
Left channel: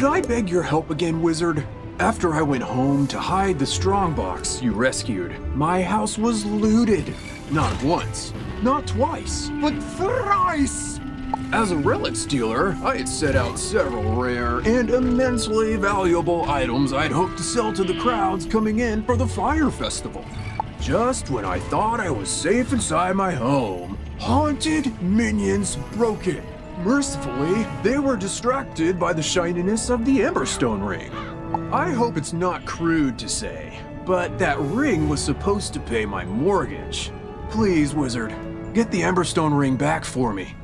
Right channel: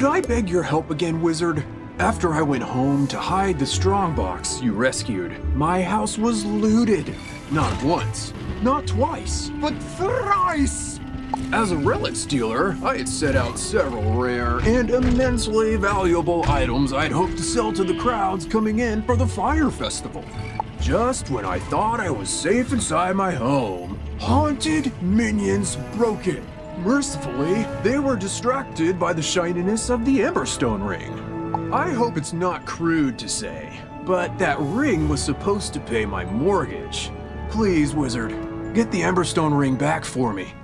Could I beg your help again, Wizard? After I went home to hide the strongbox you rescued, my house was looted. Not once, not twice, but thrice! As a relic stealer, I had set out several rare and immensely valuable items I'd hoped to sell to the crowds coming in for the fire festival. Just when I thought I was safe inside my home, haunted minions broke it. Mercifully, they were distracted by the shininess of the Emberstone ring. I hope it's not crude to say, but that ring was supposed to pay my mortgage. Please, Wizard, get the Emberstone ring back for me.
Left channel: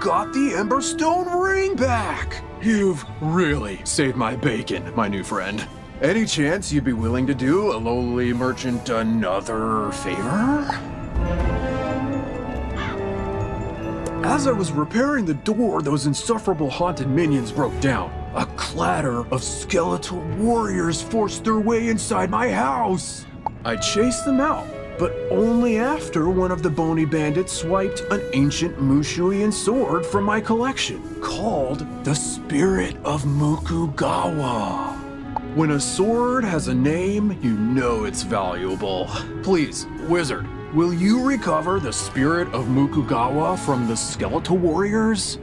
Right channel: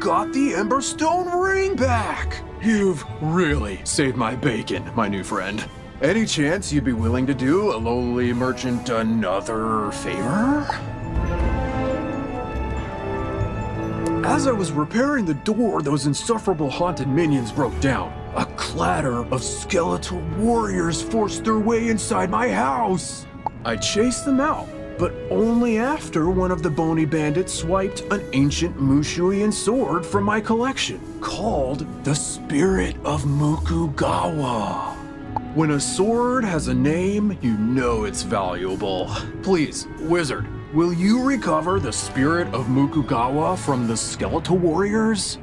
got the Emberstone ring back! You've really saved my bacon, my new friend. Any chance you'd be willing to do a lowly merchant another favor? As I was repairing the door, those insufferable haunted minions broke down. A clatter of skeletal warriors forced their way inside my house. I chased them out, but only after one of the bony bandits swiped an ancient Mushuian sword from my collection, called the Spirit of Mukugawa. When a sword has a name, you know it's valuable. Please, Wizard, will you recover the Spirit of Mukugawa from the skeletal warriors?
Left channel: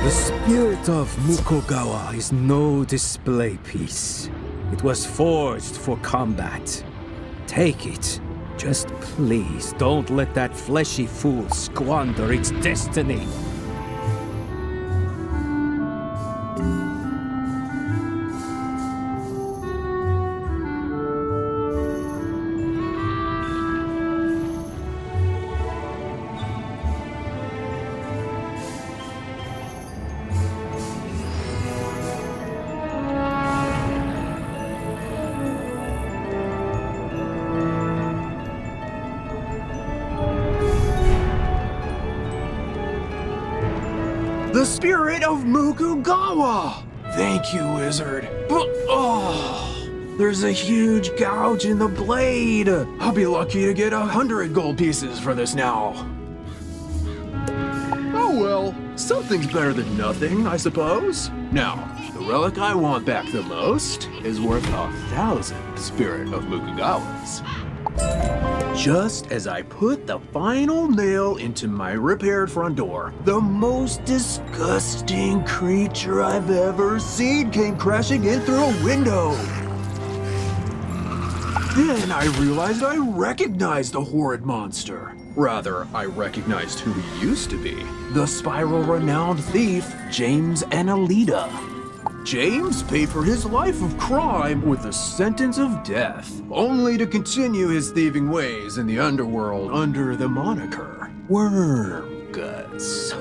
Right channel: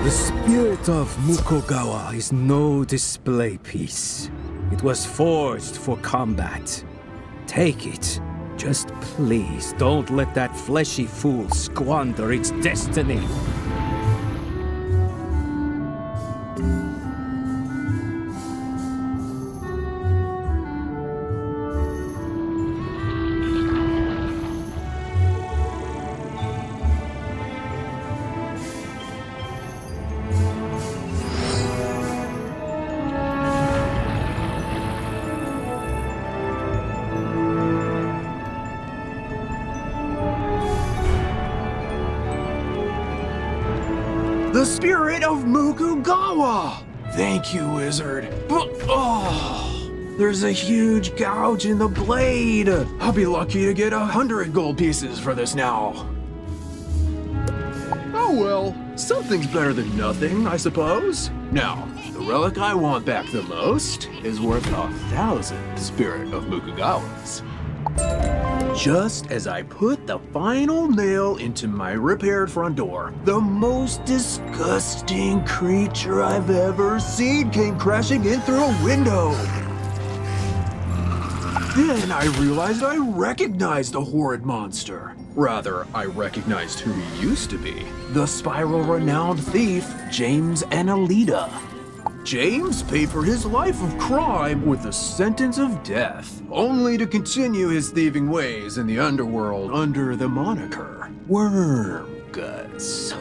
The spirit of Mukogawa is no display piece. It was forged for combat. Take it. Just please don't let that fleshy fool squander its destiny. The Spirit of Mukugawa! Thank you, Wizard. But, there's a huge gouge in the blade. I'll be lucky to get 100 gold pieces for this now. Oh well, something's better than nothing, I suppose. Now, the relic I want back the most is worth 1,000 Spirit of Mukugawas. Just as I put the final nail into my repaired front door, the most disgusting creature I've ever seen came crashing in through a window. Then I realized I recognized the horrid monster. Rather, I recognized who he used to be. The spiral-renowned thief, James Annalita. James paid for his life of crime with a sentence of death, only to continue his thieving ways in the underworld under the moniker Wormguts.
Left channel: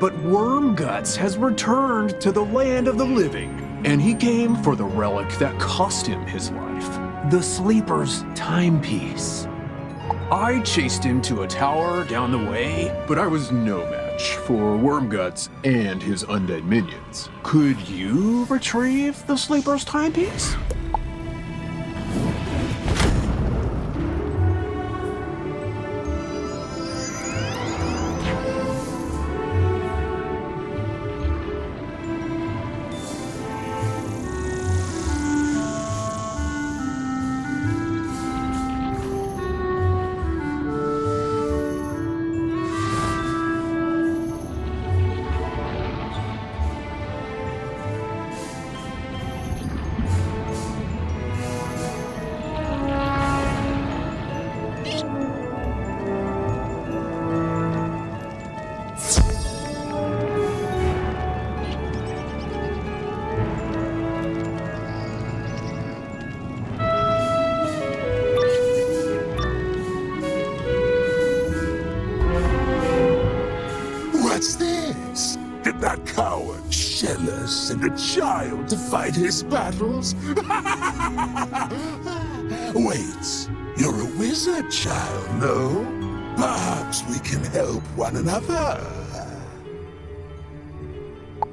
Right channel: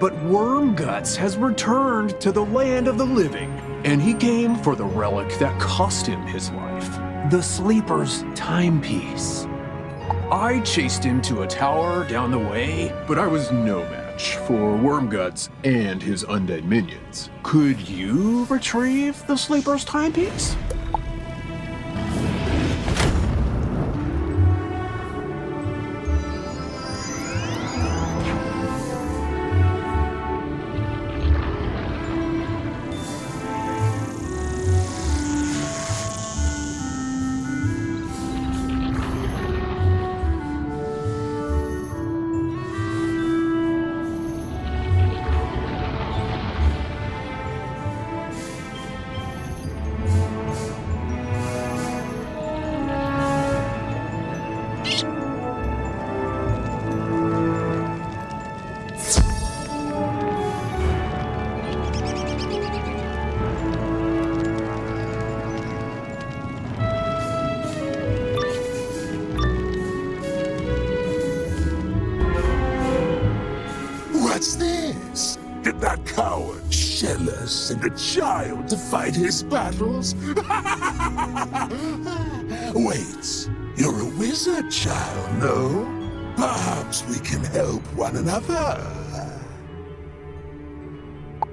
But Wormguts has returned to the land of the living, and he came for the relic that cost him his life, the Sleeper's timepiece. I chased him to a tower down the way, but I was no match for Wormguts and his undead minions. Could you retrieve the Sleeper's timepiece? What's this? Did that coward Shella send a child to fight his battles? Wait, you're a wizard child, no? Perhaps we can help one another.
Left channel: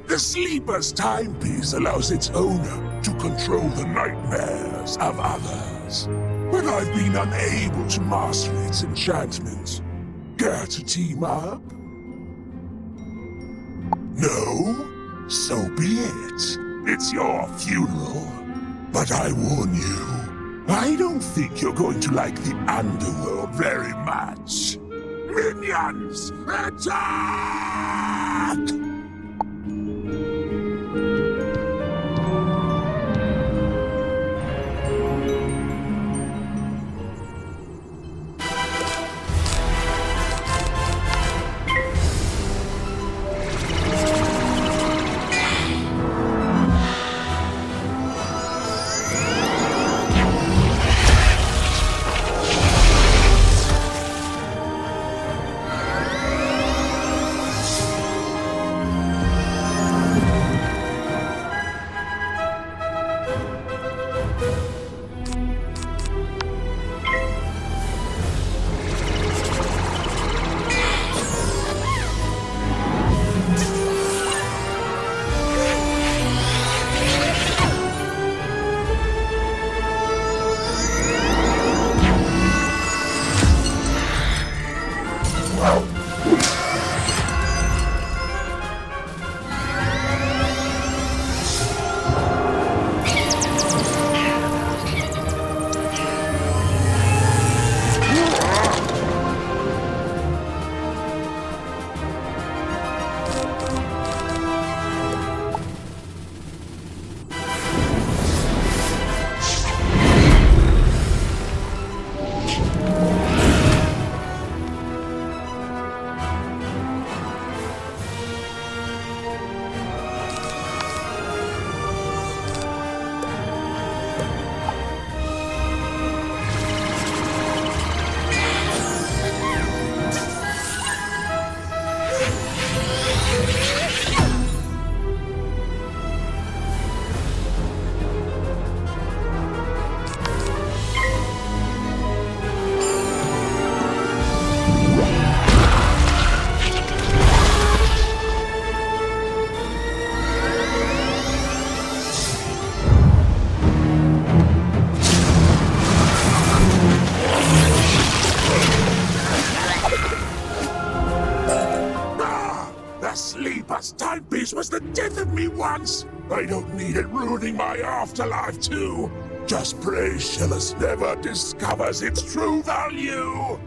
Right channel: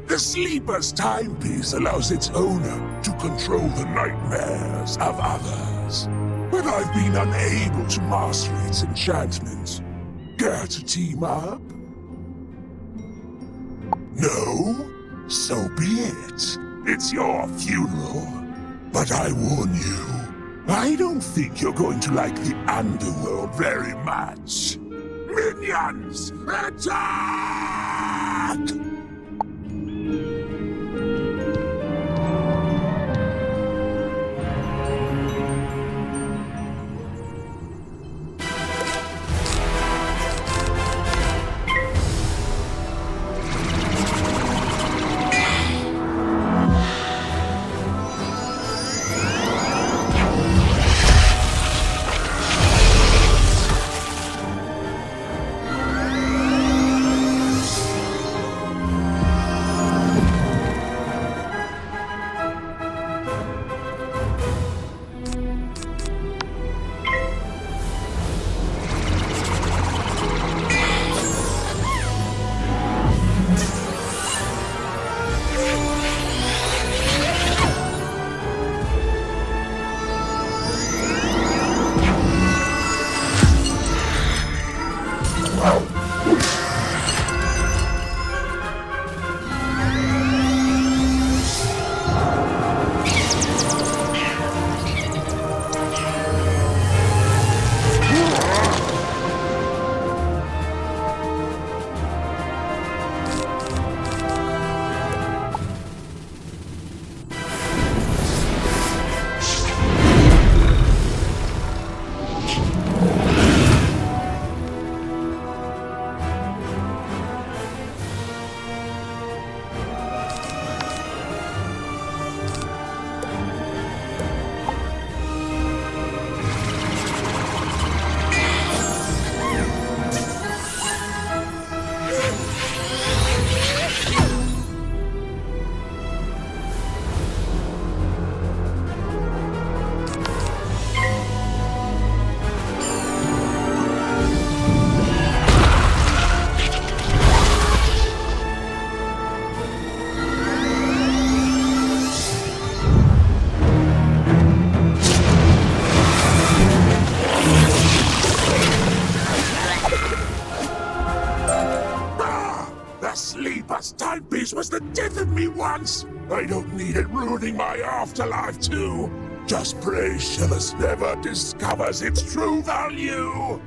The Sleeper's timepiece allows its owner to control the nightmares of others. But I've been unable to master its enchantments. Care to team up? No? So be it. It's your funeral. But I warn you, I don't think you're going to like the underworld very much. Minions, attack! Sleeper's timepiece was the death of me once. I don't need it ruining my afterlife too. Just pray Shellus never discovers its true value.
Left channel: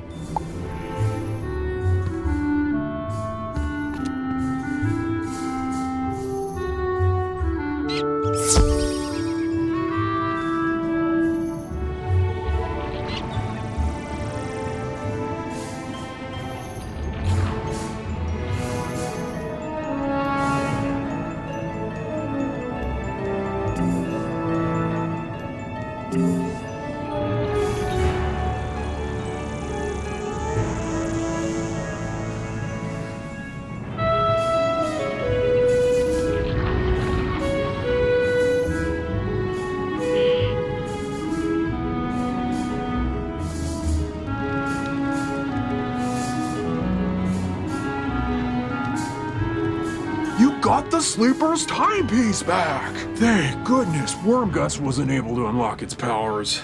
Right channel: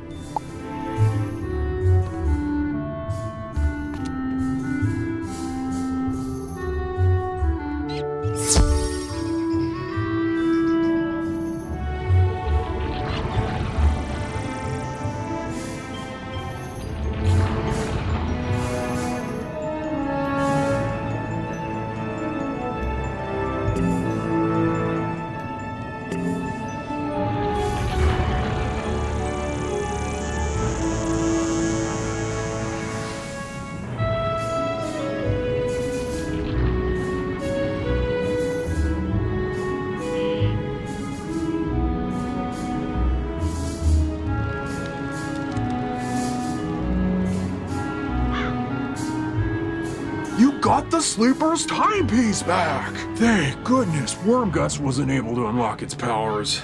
You got the Sleeper's timepiece back! Thank goodness Wormguts wasn't able to unlock its powers.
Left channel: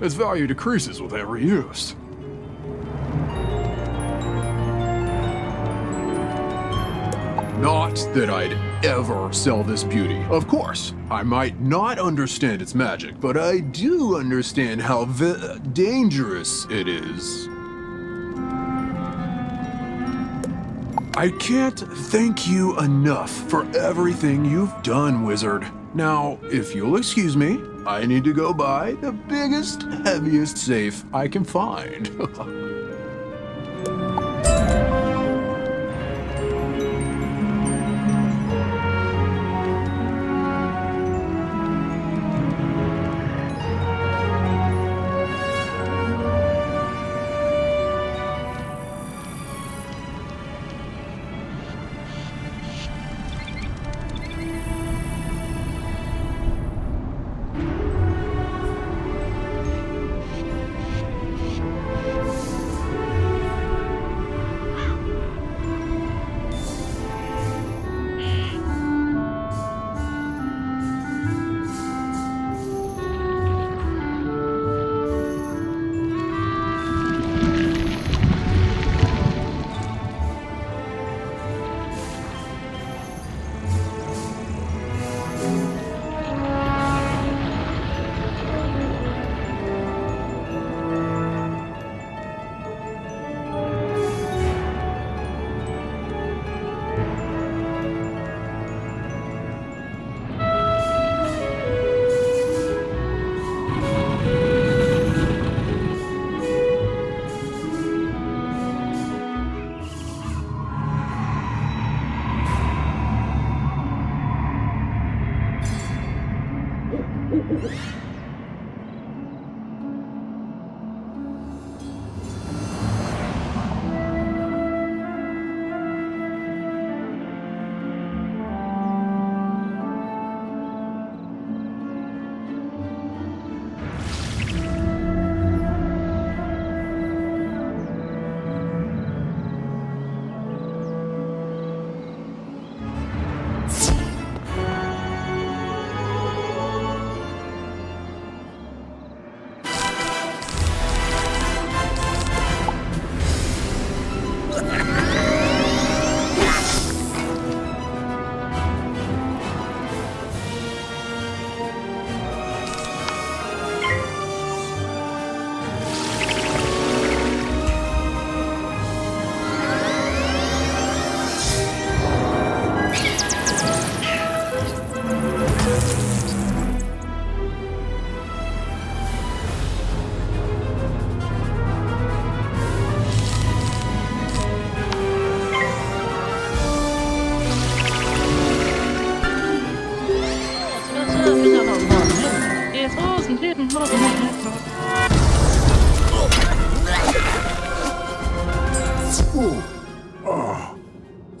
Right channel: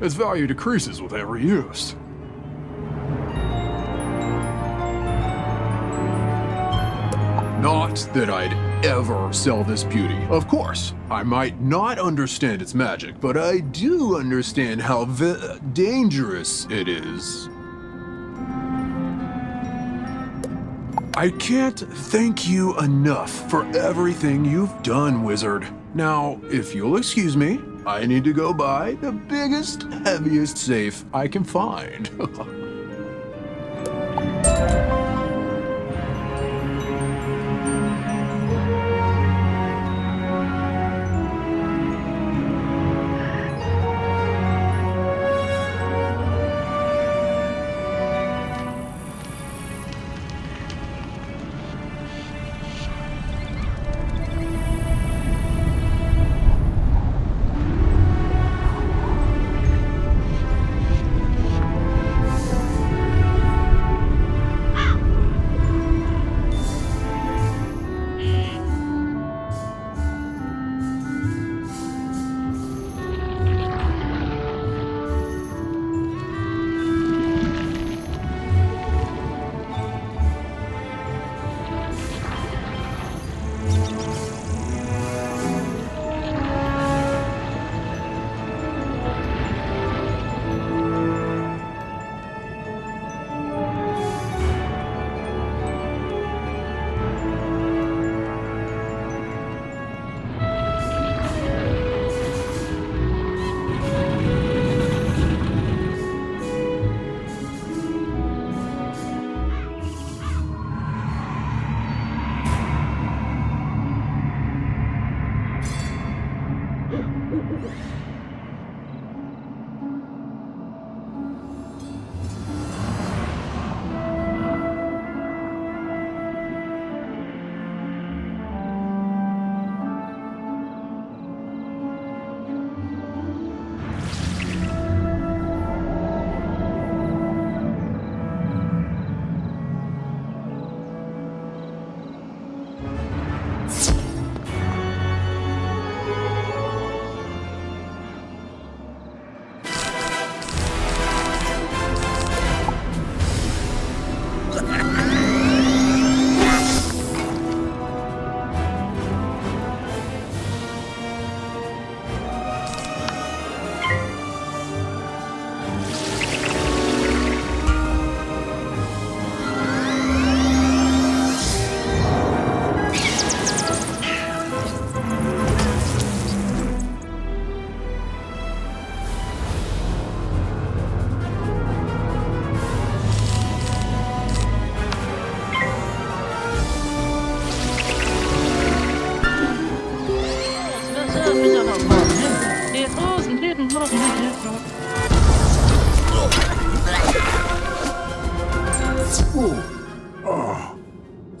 Its value decreases with every use. Not that I'd ever sell this beauty. Of course, I might not understand its magic, but I do understand how dangerous it is. I can't thank you enough for everything you've done, Wizard. Now, if you'll excuse me, I need to go buy the biggest, heaviest safe I can find.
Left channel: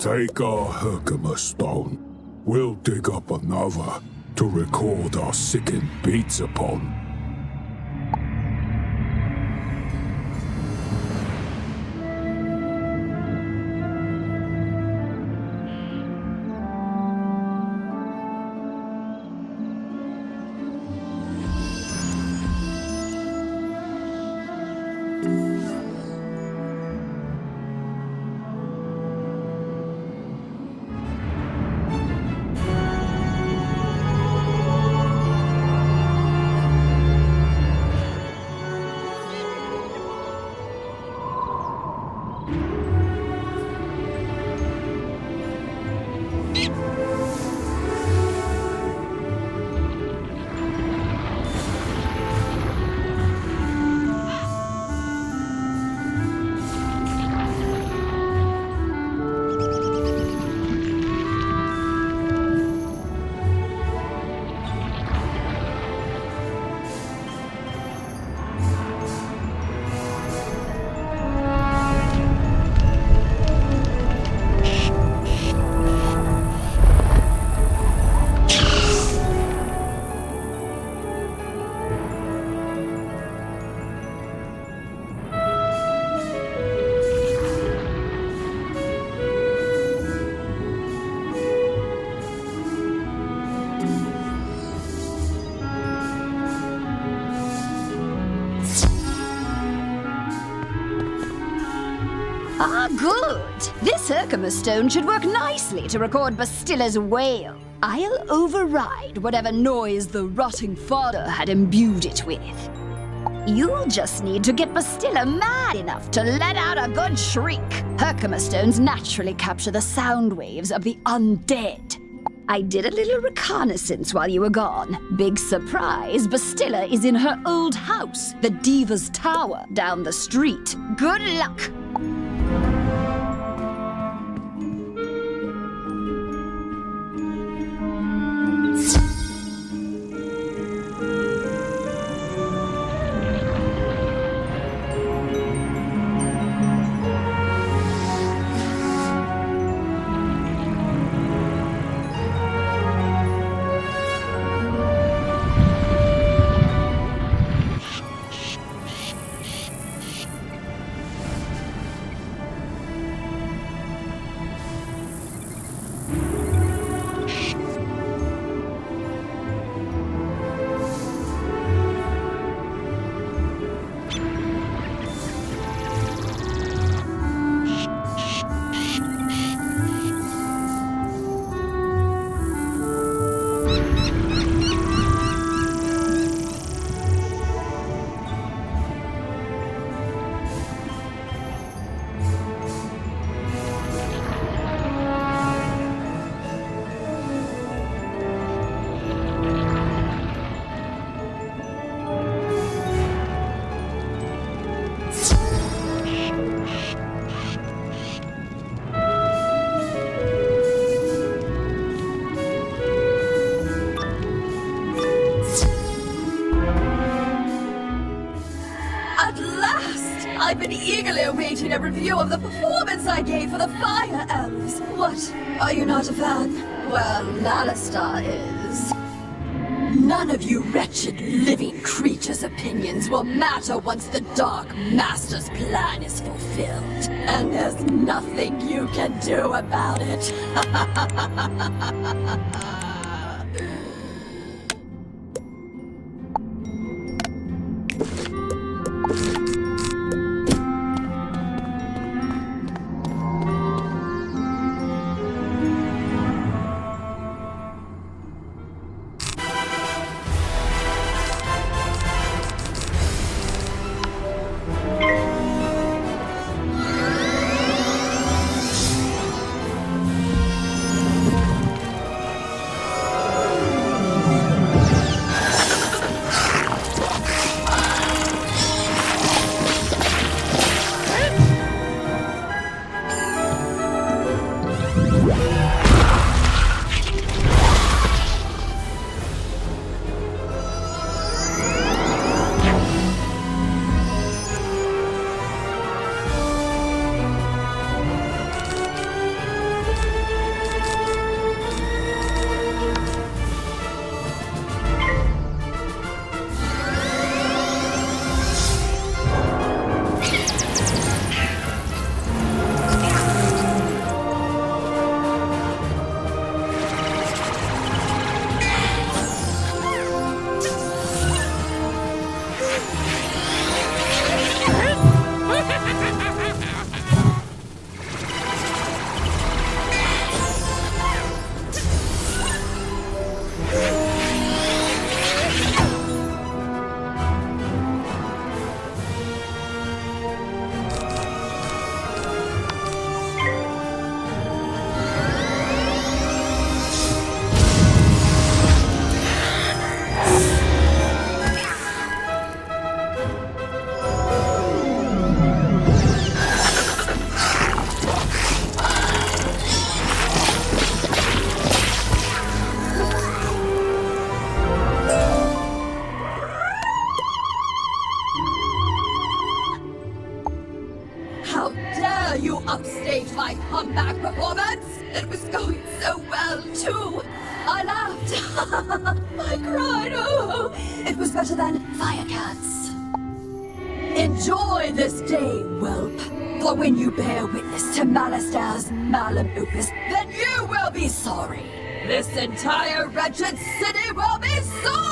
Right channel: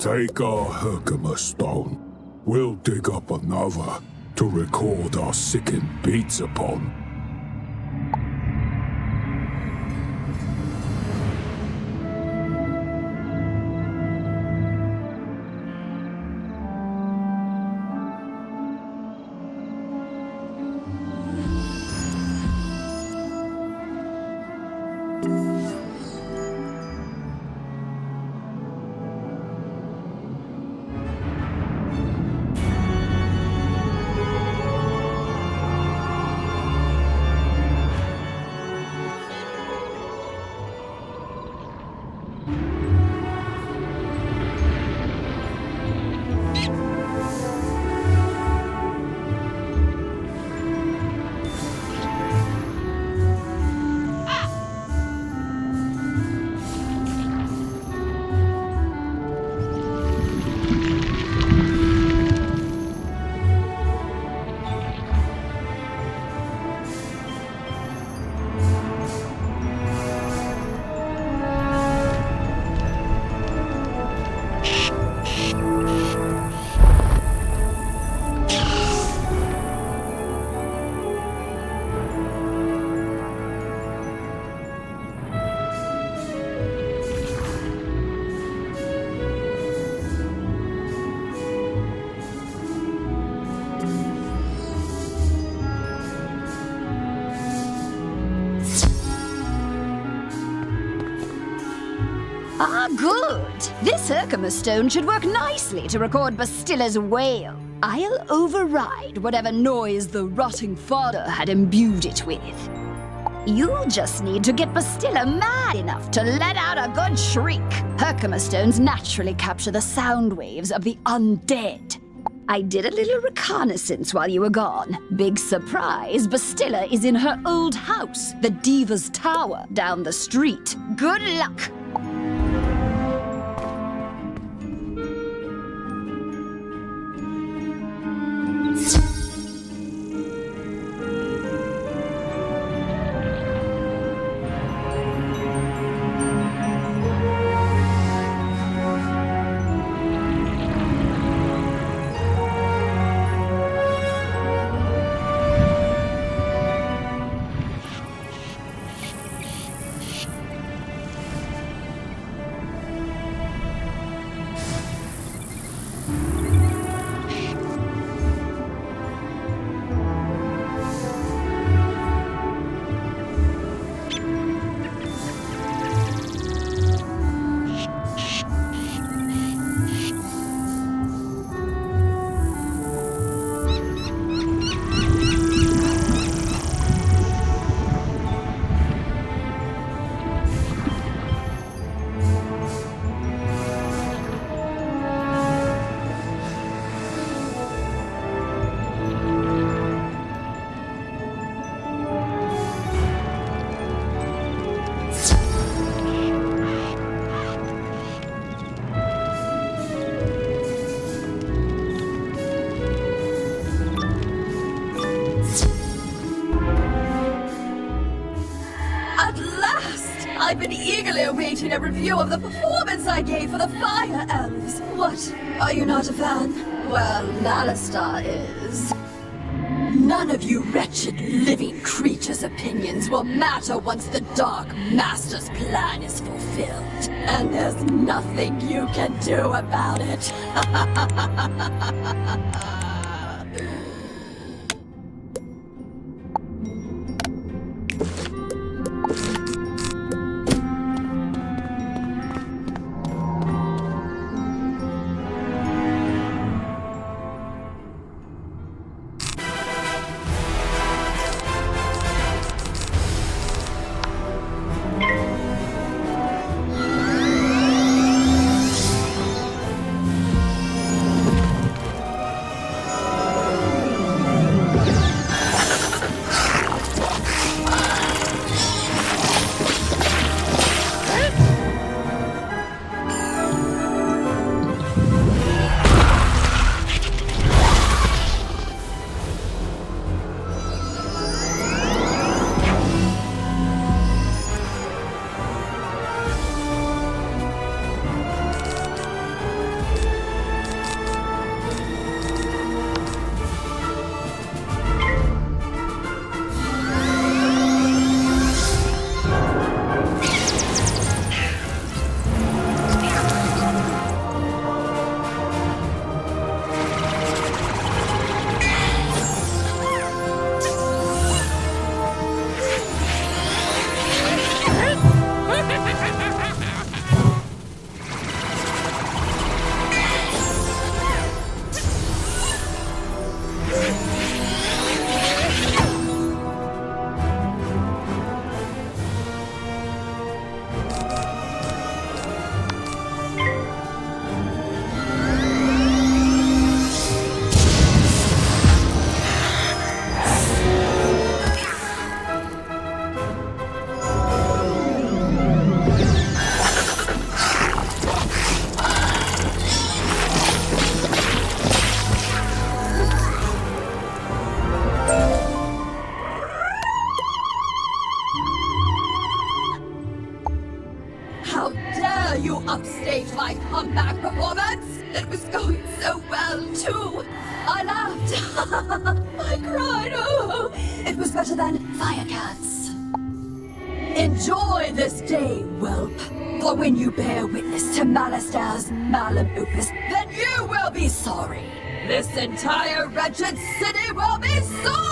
Take our Herkimer stone. We'll dig up another to record our sickened beats upon. Ah, good. This Herkimer stone should work nicely to record Bastilla's wail. I'll override whatever noise the rotting fodder had imbued it with. You'll just need to get Bastilla mad enough to let out a good shriek. Herkimer stones naturally capture the sound waves of the undead. I did a little reconnaissance while you were gone. Big surprise, Bastilla is in her old house, the Diva's Tower, down the street. Good luck! I've been eagerly awaiting a review of the performance I gave for the Fire Elves. What? Are you not a fan? Well, Alistar is. None of you wretched living creatures' opinions will matter once the Dark Master's plan is fulfilled. And there's nothing you can do about it. Upstage my comeback performance! It was going so well, too! I laughed! I cried! Oh! It was better than Firecats! Enjoy this day, whelp! For when you bear witness to Malistar's malum opus, then you will be sorry! This entire wretched city will be sorry!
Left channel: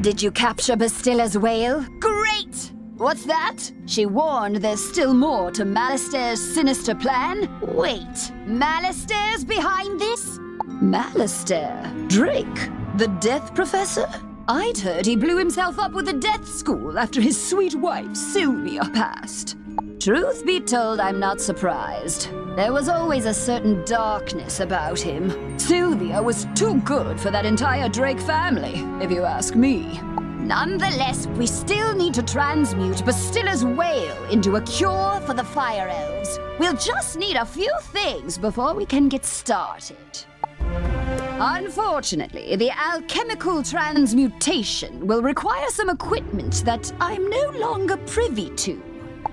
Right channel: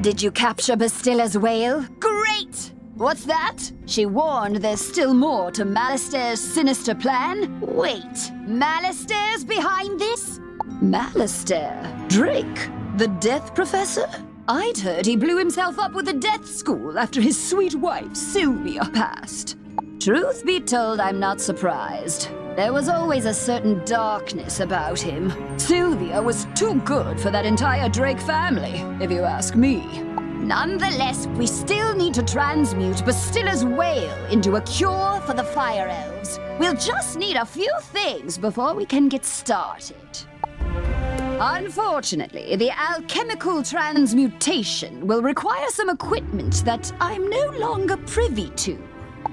Did you capture Bastilla's whale? Great! What's that? She warned there's still more to Malistar's sinister plan? Wait, Malistar's behind this? Malistar? Drake? The Death Professor? I'd heard he blew himself up with the Death School after his sweet wife, Sylvia, passed. Truth be told, I'm not surprised. There was always a certain darkness about him. Sylvia was too good for that entire Drake family, if you ask me. Nonetheless, we still need to transmute Bastilla's whale into a cure for the Fire Elves. We'll just need a few things before we can get started. Unfortunately, the alchemical transmutation will require some equipment that I'm no longer privy to.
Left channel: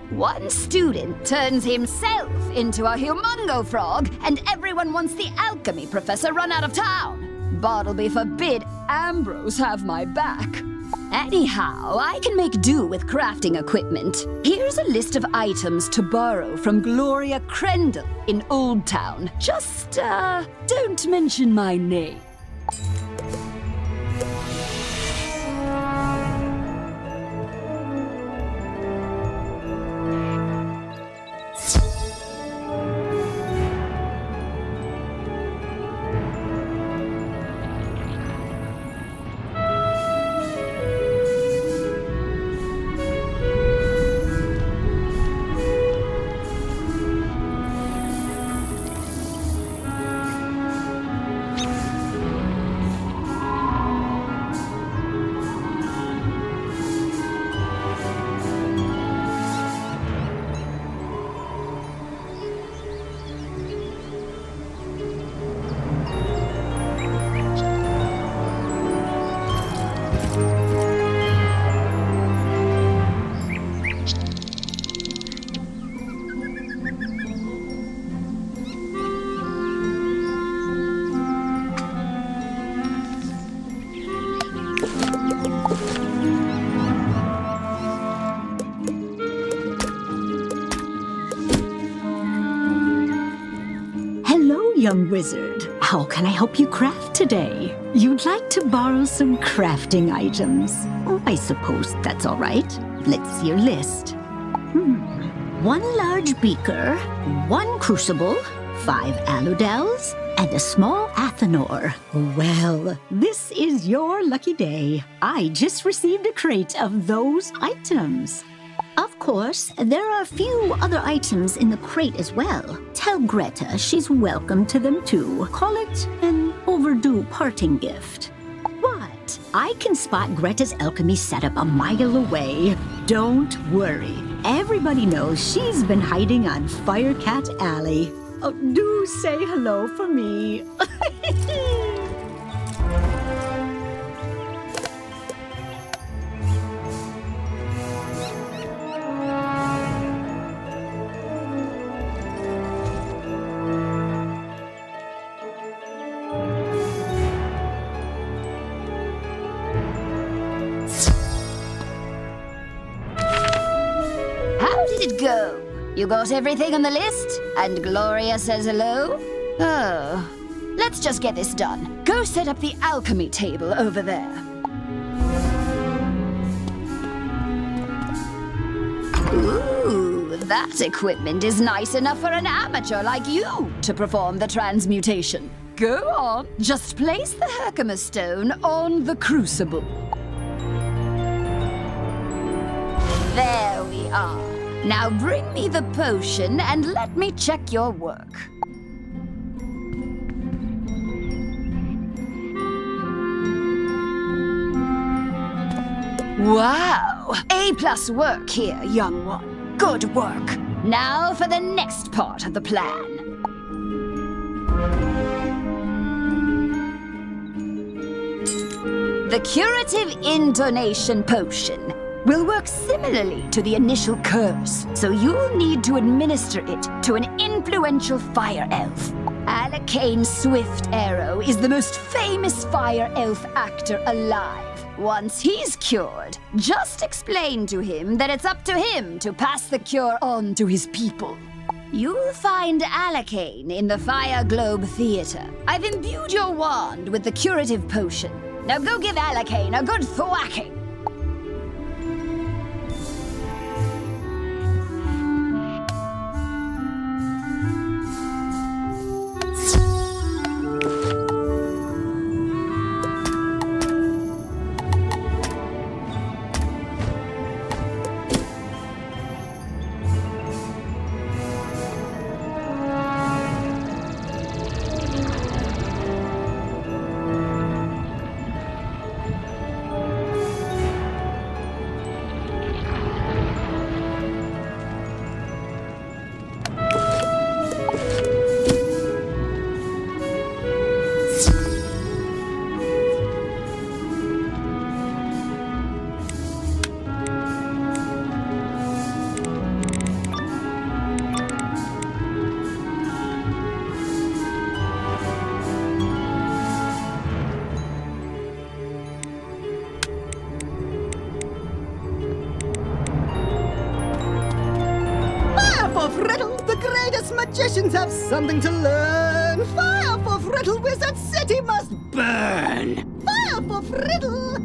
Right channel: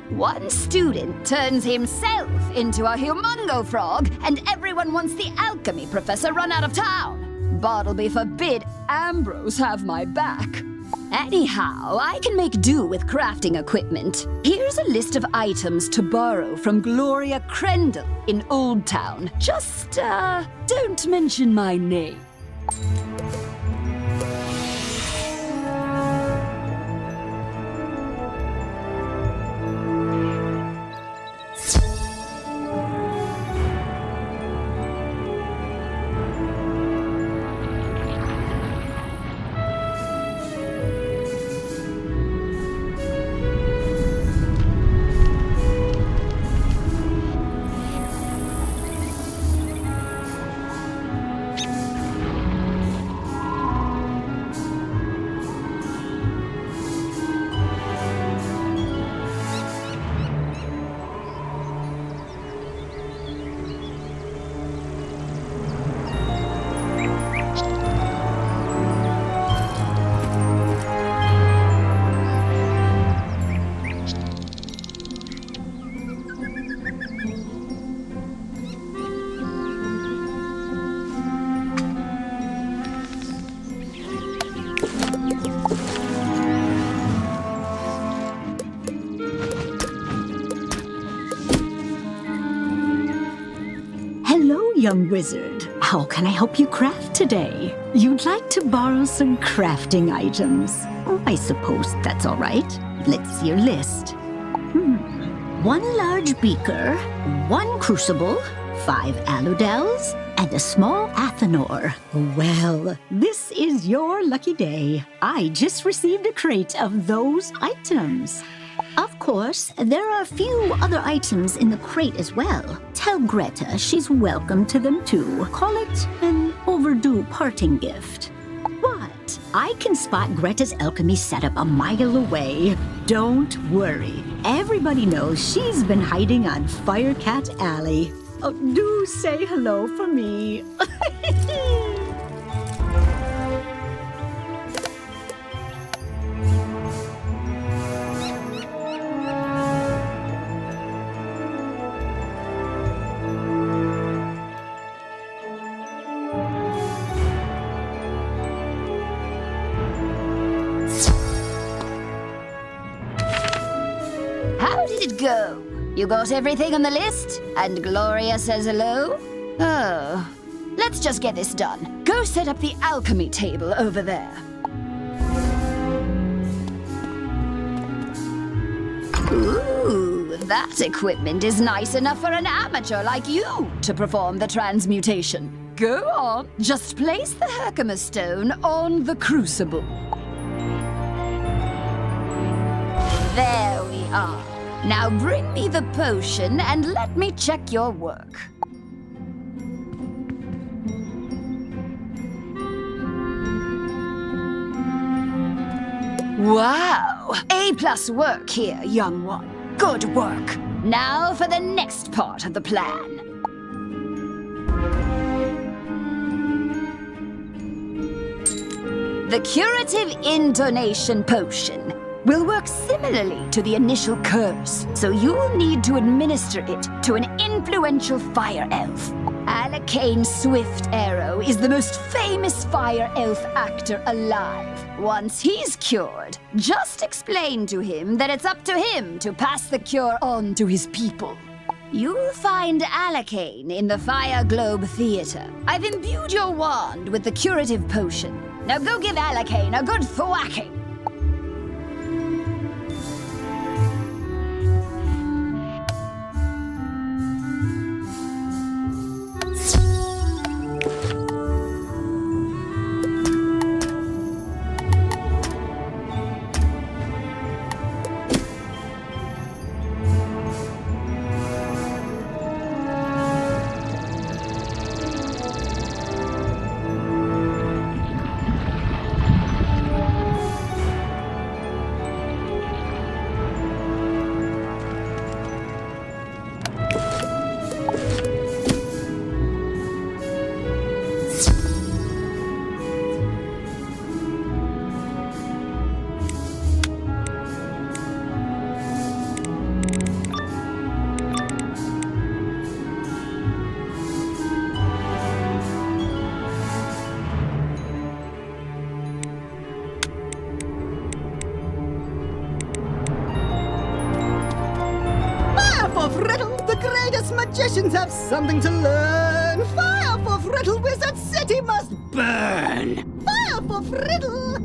One student turns himself into a humongo frog, and everyone wants the alchemy professor run out of town. Bartleby forbid Ambrose have my back. Anyhow, I can make do with crafting equipment. Here's a list of items to borrow from Gloria Crendel in Old Town. Just, don't mention my name. Hello, young wizard. How can I help you craft today? You'd like to borrow some crafting items. I suppose that's all right. Let's see your list. 1 large beaker, 1 crucible, 5 aludels, and a small athanor. Well, this is your lucky day. I just received a crate of those items. Of course, there are a few other items in the crate as well. Tell Greta she's welcome to them too. Call it an overdue parting gift. What? I can spot Greta's alchemy setup a mile away. Don't worry. Everybody knows she's been hiding on Firecat Alley. Oh, do say hello for me. How did it go? You got everything on the list? And Gloria says hello? Oh. Let's just get this done. Go set up the alchemy table over there. Ooh, that equipment is nice enough for an amateur like you to perform the transmutation. Go on, just place the Herkimer stone on the crucible. There we are. Now bring me the potion and let me check your work. Wow! A+ work here, young one. Good work. Now for the next part of the plan. The curative intonation potion will work similarly to the initial curse, so you'll need to administer it to an influential fire elf. Alacane Swift Arrow is the most famous fire elf actor alive. Once he's cured, just explain to him that it's up to him to pass the cure on to his people. You'll find Alacane in the Fire Globe Theater. I've imbued your wand with the curative potion. Now go give Alacane a good thwacking. Riddle, the greatest magicians have something to learn. Fire for Riddle, Wizard City must burn. Fire for Riddle.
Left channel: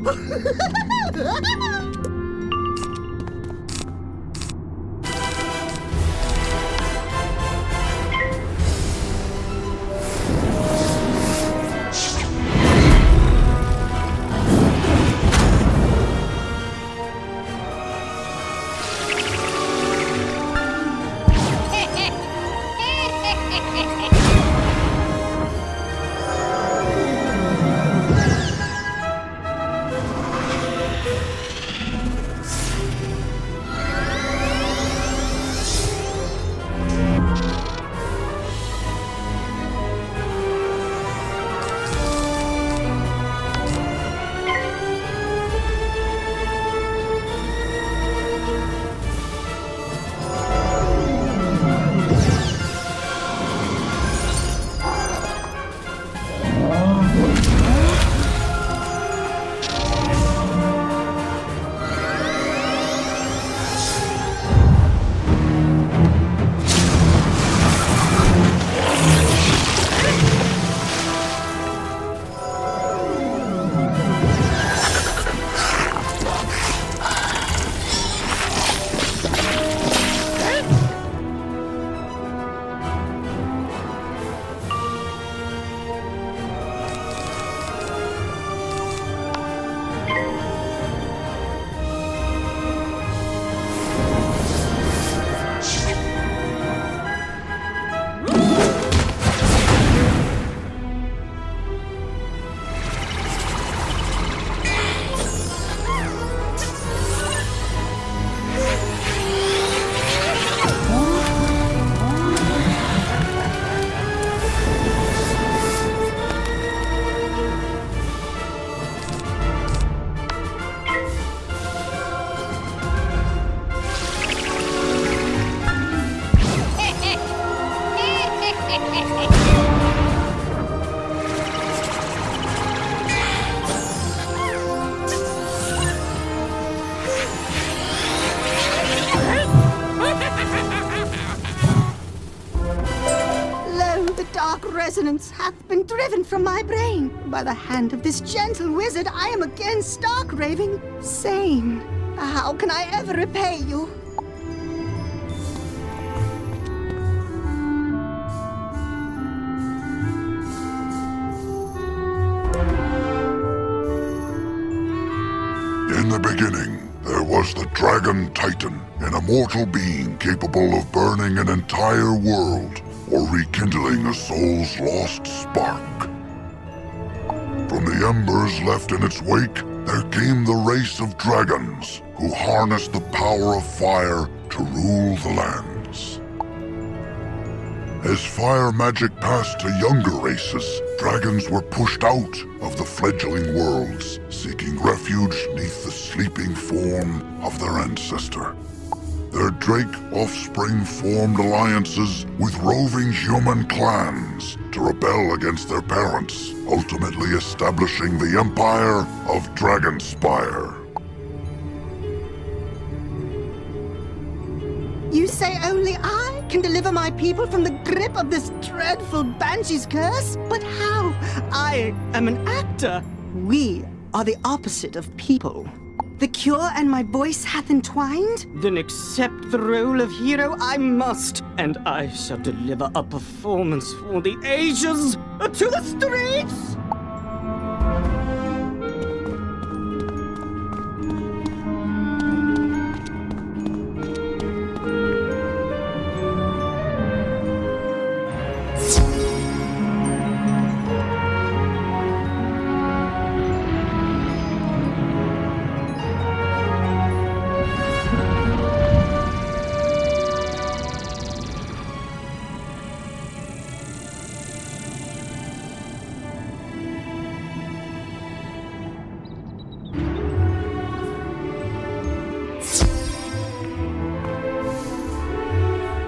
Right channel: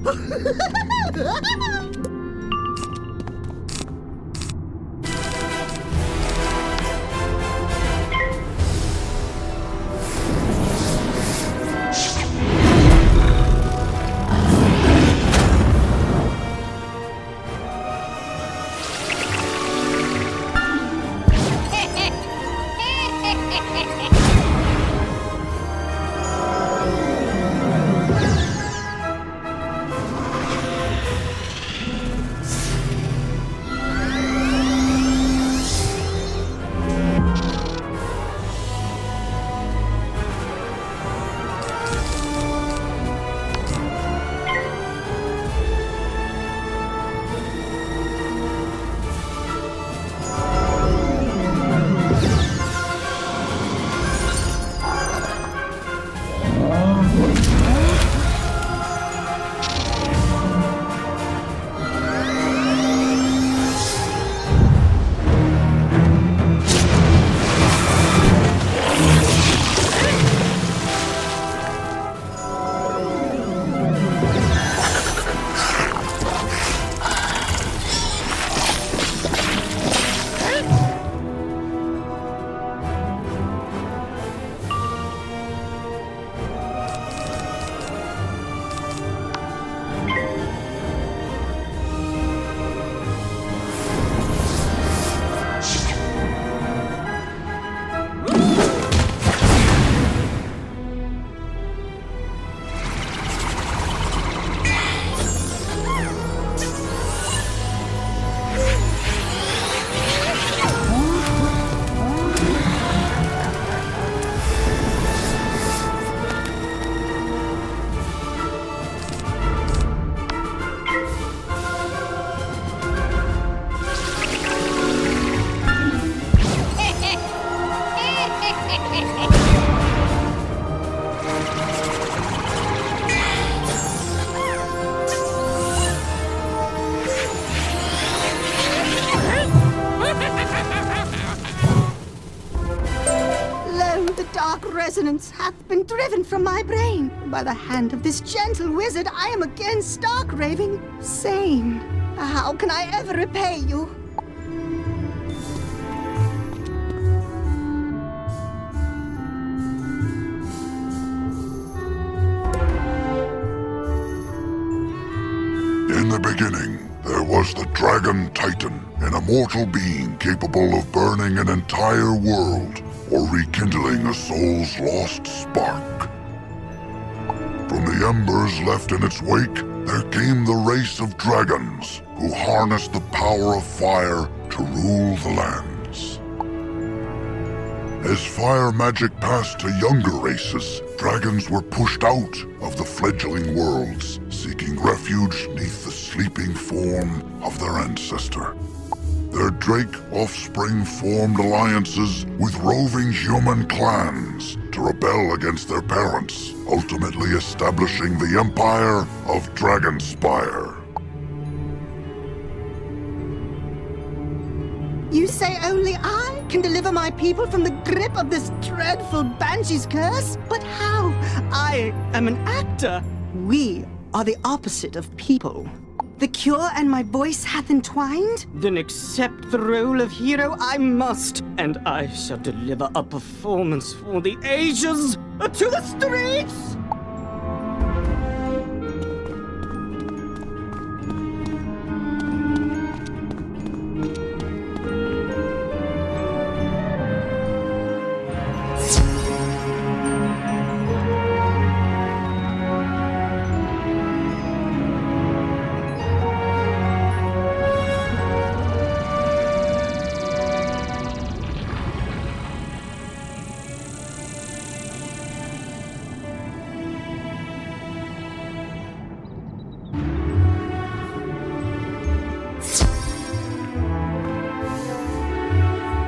Lo, the dark resonance hath been driven from my brain. By the hand of this gentle wizard, I am again stark raving sane. How can I ever repay you? In the beginning, there was the Dragon Titan, an immortal being capable of burning an entire world or rekindling a soul's lost spark. From the embers left in its wake, there came the race of dragons who harnessed the power of fire to rule the lands. As fire magic passed to younger races, dragons were pushed out of the fledgling worlds, seeking refuge neath the sleeping form of their ancestor. Their drake offspring formed alliances with roving human clans to rebel against their parents, ultimately establishing the empire of Dragonspire. You say only I can deliver my people from the grip of this dreadful banshee's curse? But how? I am an actor. We are the opposite of people. The cure and my voice hath entwined? Then accept the role of hero I must, and I shall deliver a performance for the ages to the streets!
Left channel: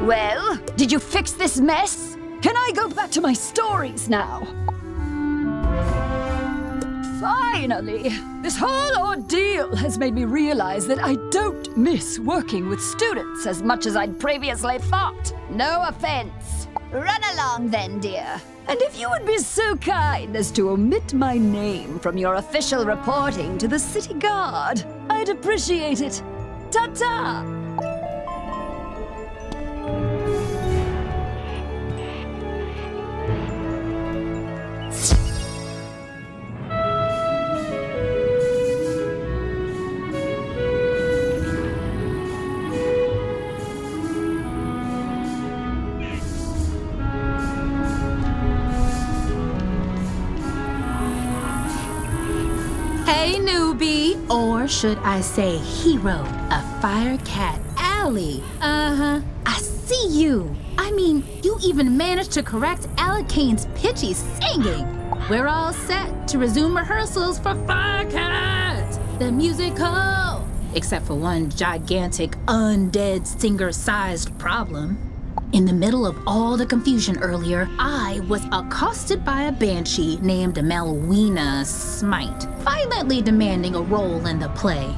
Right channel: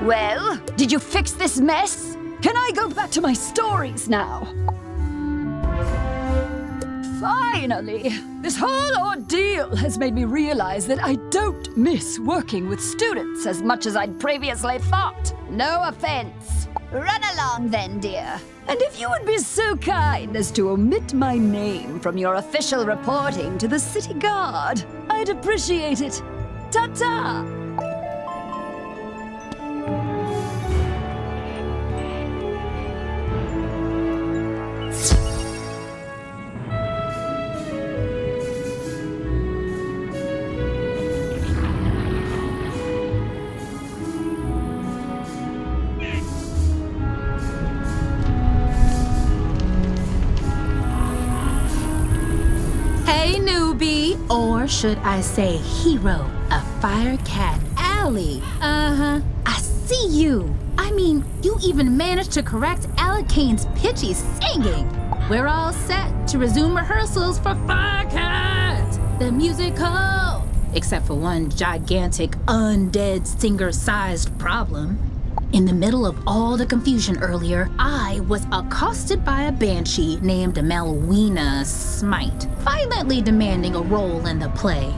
Well, did you fix this mess? Can I go back to my stories now? Finally! This whole ordeal has made me realize that I don't miss working with students as much as I'd previously thought. No offense. Run along then, dear. And if you would be so kind as to omit my name from your official reporting to the city guard, I'd appreciate it. Ta-ta! Hey, newbie, or should I say hero of Firecat Alley. I see you. I mean, you even managed to correct Alakane's pitchy singing. We're all set to resume rehearsals for Firecat, the musical. Except for one gigantic undead singer-sized problem. In the middle of all the confusion earlier, I was accosted by a banshee named Malwina Smite, violently demanding a role in the play.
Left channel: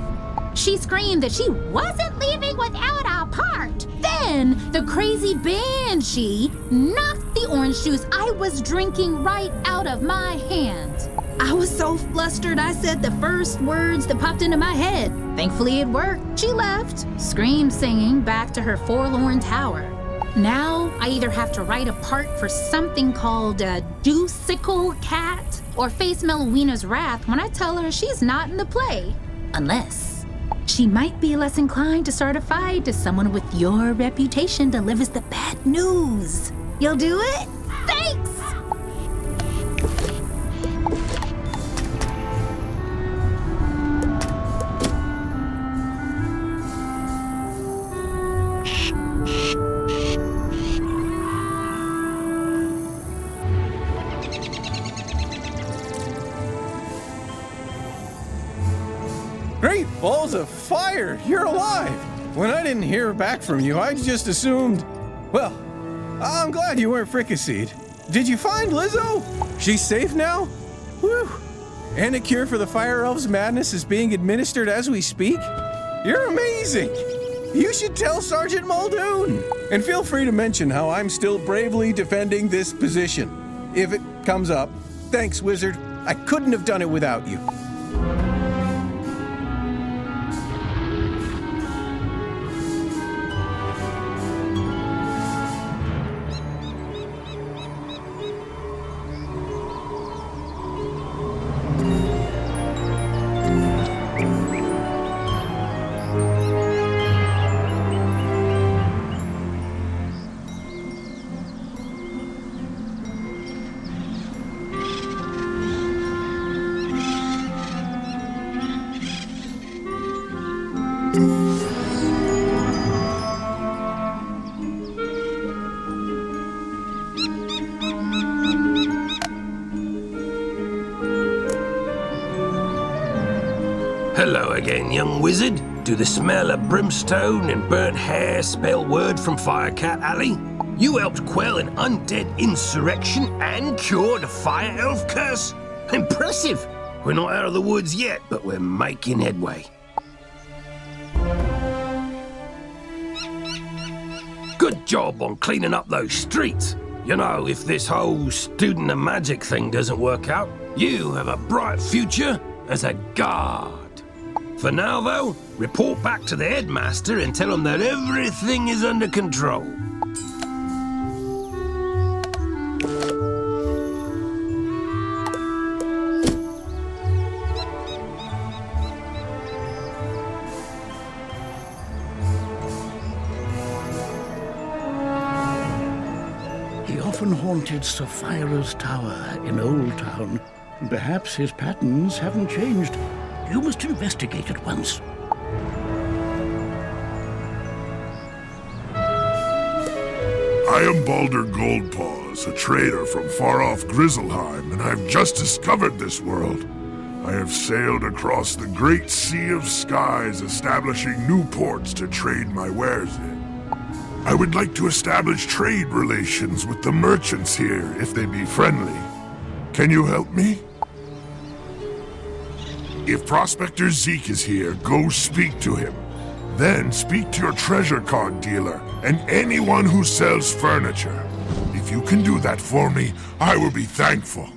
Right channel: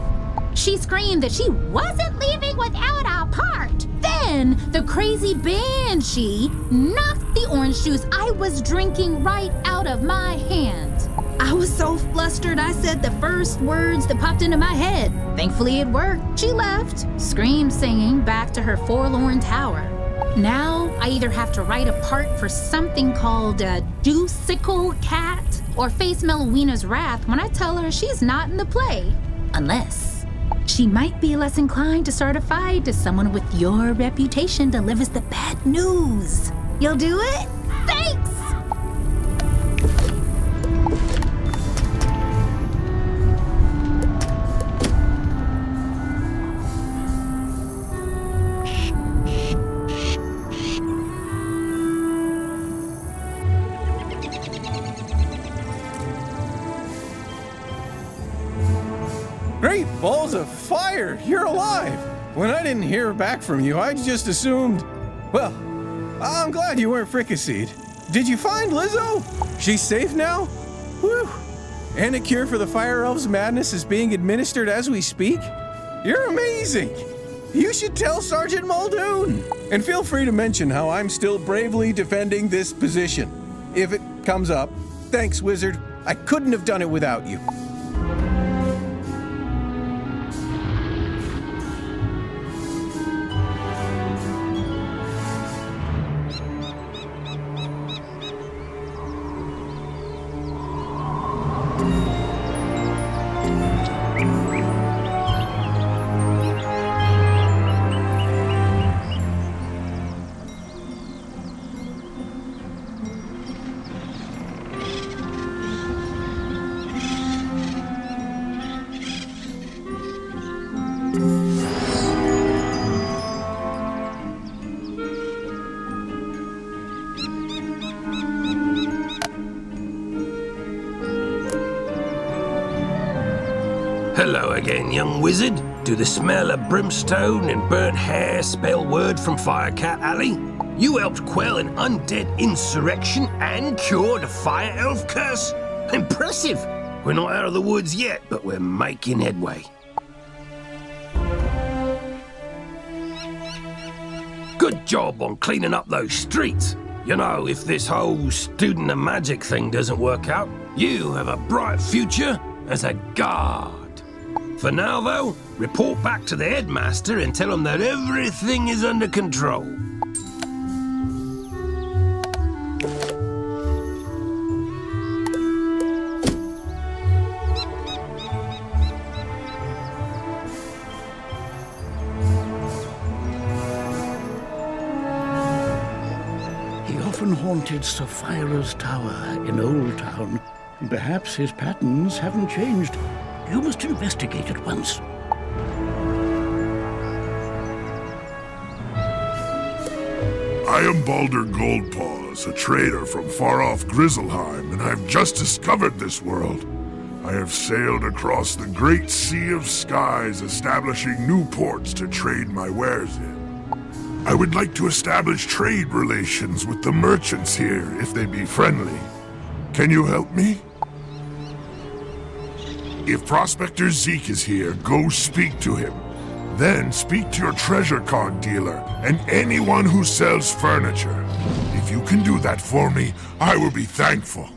She screamed that she wasn't leaving without a part. Then the crazy banshee knocked the orange juice I was drinking right out of my hand. I was so flustered I said the first words that popped into my head. Thankfully it worked. She left, scream singing back to her forlorn tower. Now, I either have to write a part for something called a Deucical Cat or face Melowina's wrath when I tell her she's not in the play. Unless she might be less inclined to start a fight if someone with your reputation delivers the bad news. You'll do it? Thanks! Great balls of fire! You're alive! When I didn't hear back from you, I just assumed, well, I'm glad you weren't fricasseed. Did you find Lizzo? She's safe now? Whew. And a cure for the Fire Elves' madness is being administered as we speak? You're amazing! You should tell Sergeant Muldoon! And feel free to mention how I'm still bravely defending this position. If it comes up. Thanks, Wizard. I couldn't have done it without you. Hello again, young wizard. Do the smell of brimstone and burnt hair spell word from Firecat Alley? You helped quell an undead insurrection and cured a fire elf curse? Impressive! We're not out of the woods yet, but we're making headway. Good job on cleaning up those streets. You know, if this whole student of magic thing doesn't work out, you have a bright future as a guard. For now, though, report back to the headmaster and tell him that everything is under control. He often haunted Sapphira's tower in Old Town. Perhaps his patterns haven't changed. You must investigate at once. I am Balder Goldpaws, a trader from far-off Grizzleheim, and I've just discovered this world. I have sailed across the great sea of skies, establishing new ports to trade my wares in. I would like to establish trade relations with the merchants here, if they be friendly. Can you help me? If Prospector Zeke is here, go speak to him. Then speak to your treasure card dealer and anyone who sells furniture. If you can do that for me, I will be thankful.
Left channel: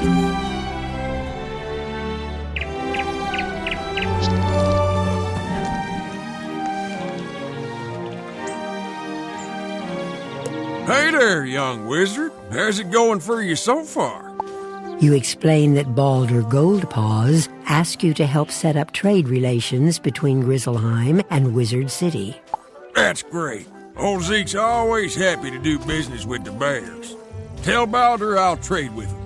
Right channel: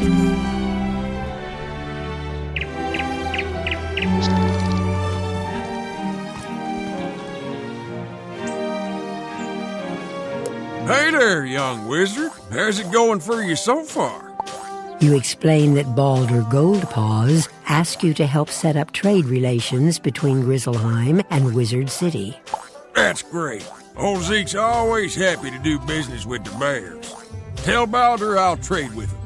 Hey there, young wizard. How's it going for you so far? You explain that Baldur Goldpaws asked you to help set up trade relations between Grizzleheim and Wizard City. That's great. Old Zeke's always happy to do business with the bears. Tell Baldur I'll trade with him.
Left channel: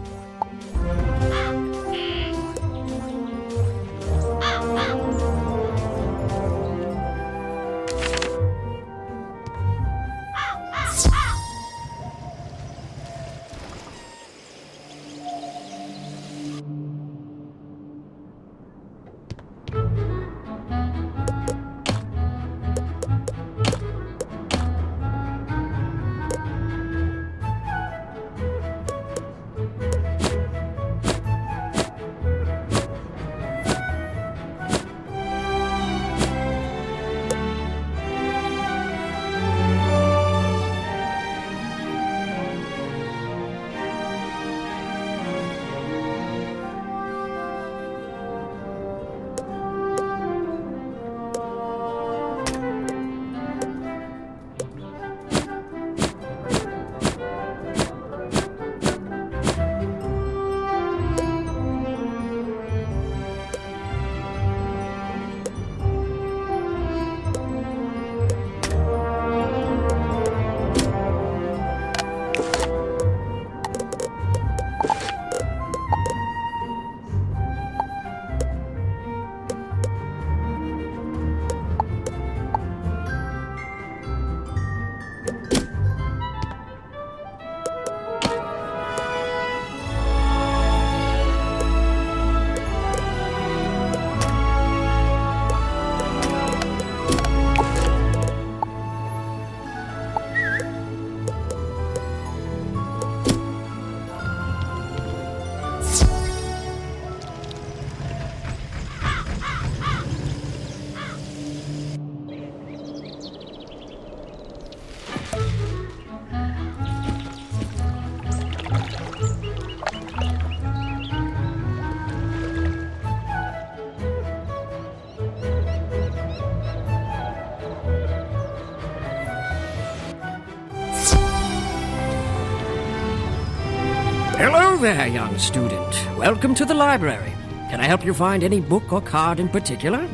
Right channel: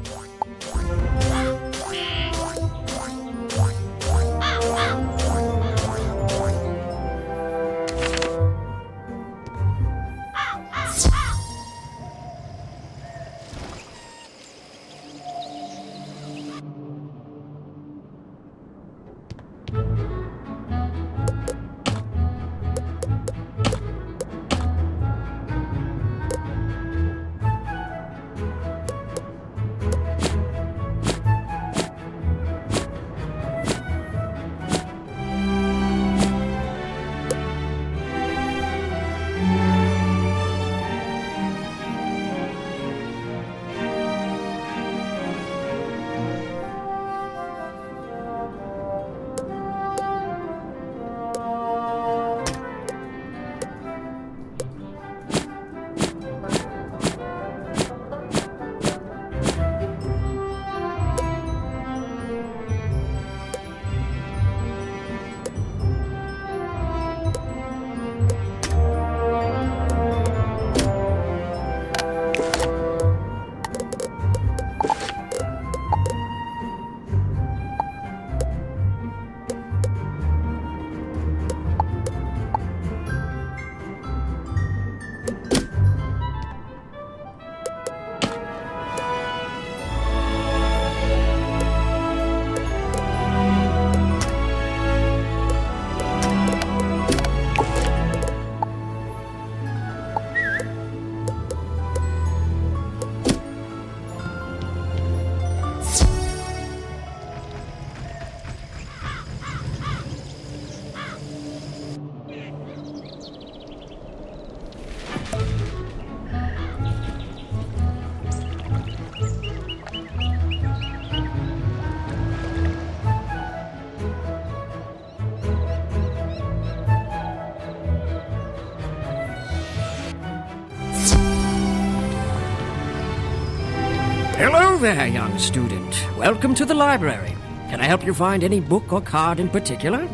Hello there, young student. Welcome to the library. Can I help you find any book or card in particular?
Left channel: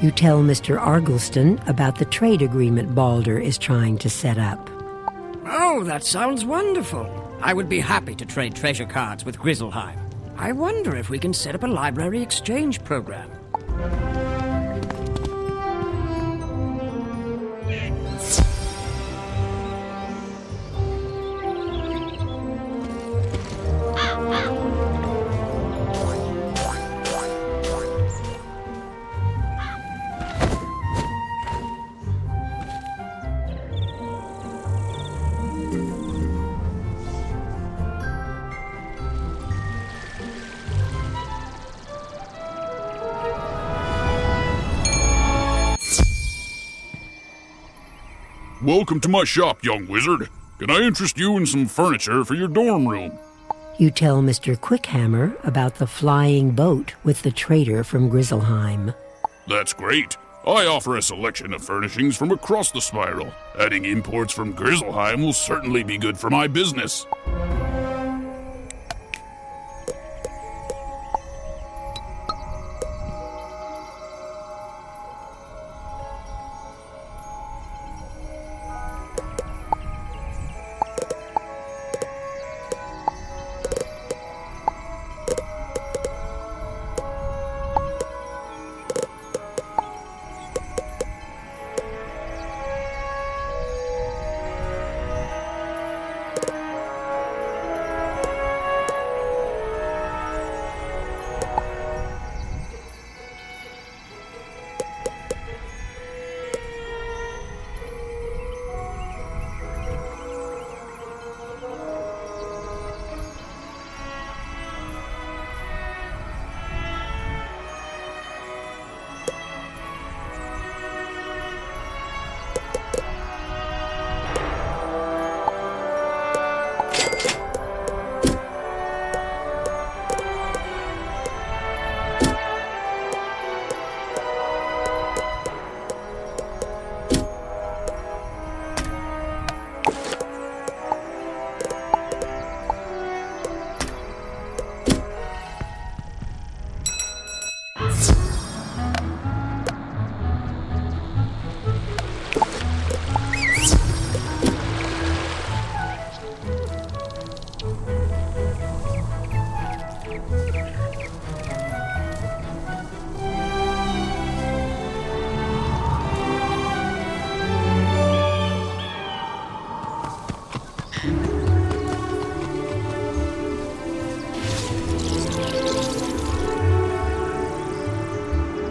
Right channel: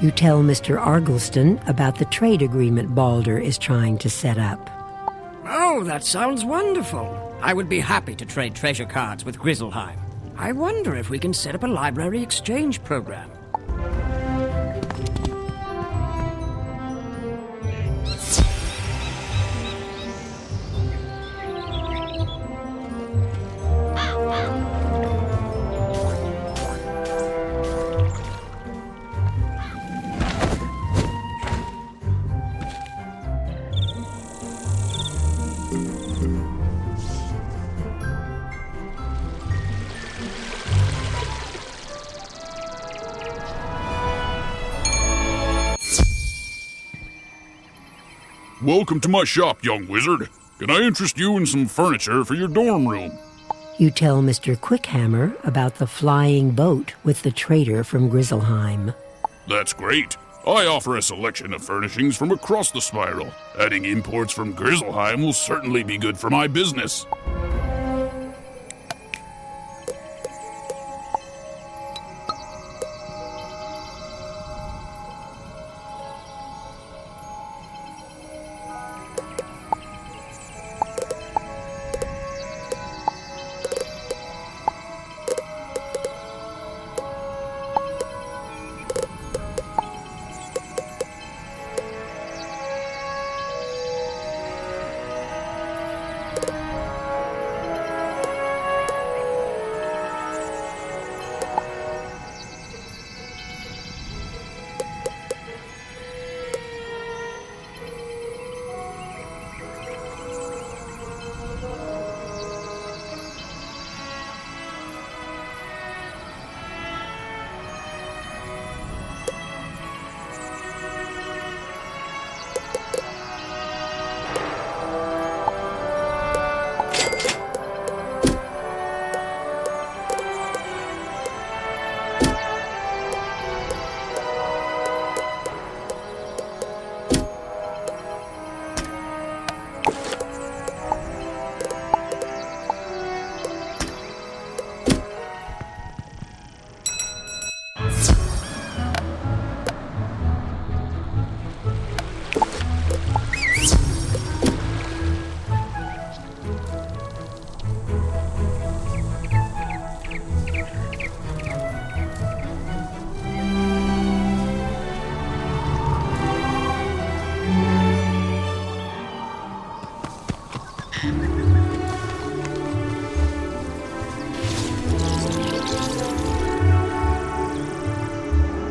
You tell Mr. Argleston about the trade agreement Baldur is trying to set up. Oh, that sounds wonderful. I would be happy to trade treasure cards with Grizzleheim. I wonder if we can set up a library exchange program. Welcome to my shop, young wizard. Can I interest you in some furniture for your dorm room? You tell Mr. Quickhammer about the flying boat with the trader from Grizzleheim. That's great. I offer a selection of furnishings from across the spiral. Adding imports from Grizzleheim will certainly be good for my business.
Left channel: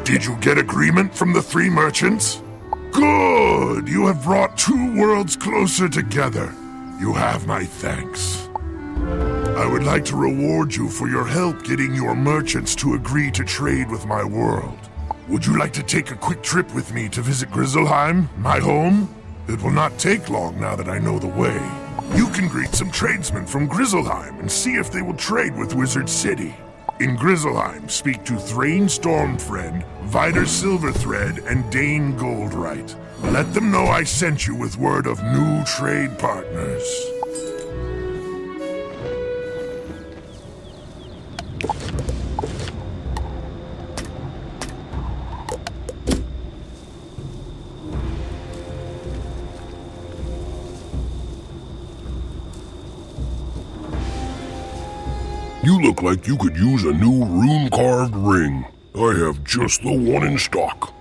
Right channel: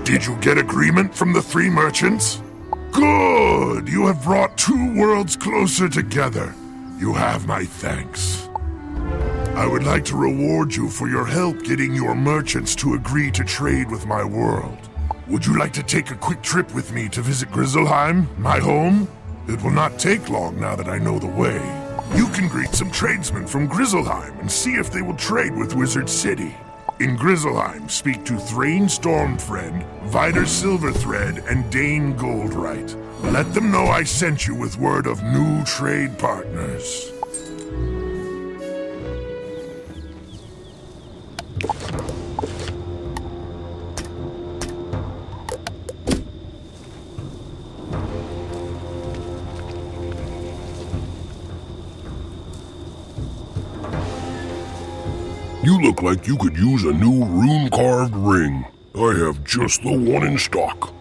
Did you get agreement from the 3 merchants? Good! You have brought 2 worlds closer together. You have my thanks. I would like to reward you for your help getting your merchants to agree to trade with my world. Would you like to take a quick trip with me to visit Grizzleheim, my home? It will not take long now that I know the way. You can greet some tradesmen from Grizzleheim and see if they will trade with Wizard City. In Grizzleheim, speak to Thrain Stormfriend, Vider Silverthread, and Dane Goldright. Let them know I sent you with word of new trade partners. You look like you could use a new rune-carved ring. I have just the one in stock.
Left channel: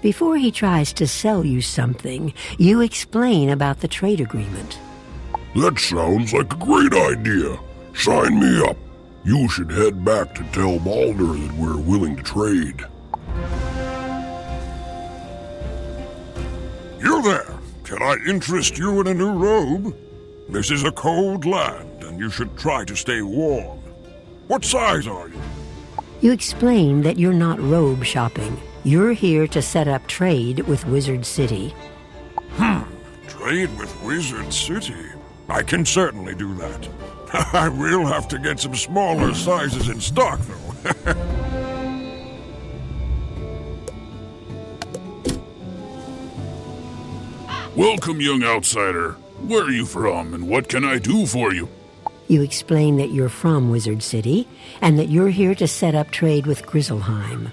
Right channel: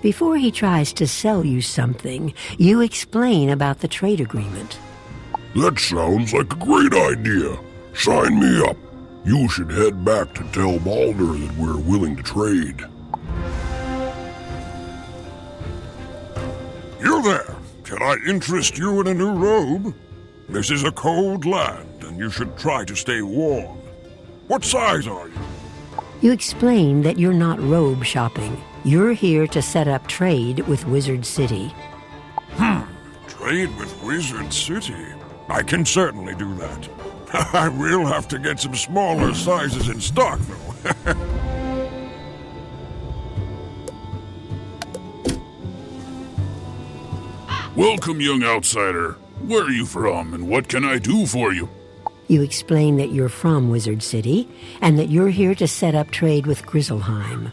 Before he tries to sell you something, you explain about the trade agreement. That sounds like a great idea. Sign me up. You should head back to tell Baldur that we're willing to trade. You there. Can I interest you in a new robe? This is a cold land, and you should try to stay warm. What size are you? You explain that you're not robe shopping. You're here to set up trade with Wizard City. Trade with Wizard City? I can certainly do that. I will have to get some smaller sizes in stock, though. Welcome, young outsider. Where are you from, and what can I do for you? You explain that you're from Wizard City, and that you're here to set up trade with Grizzleheim.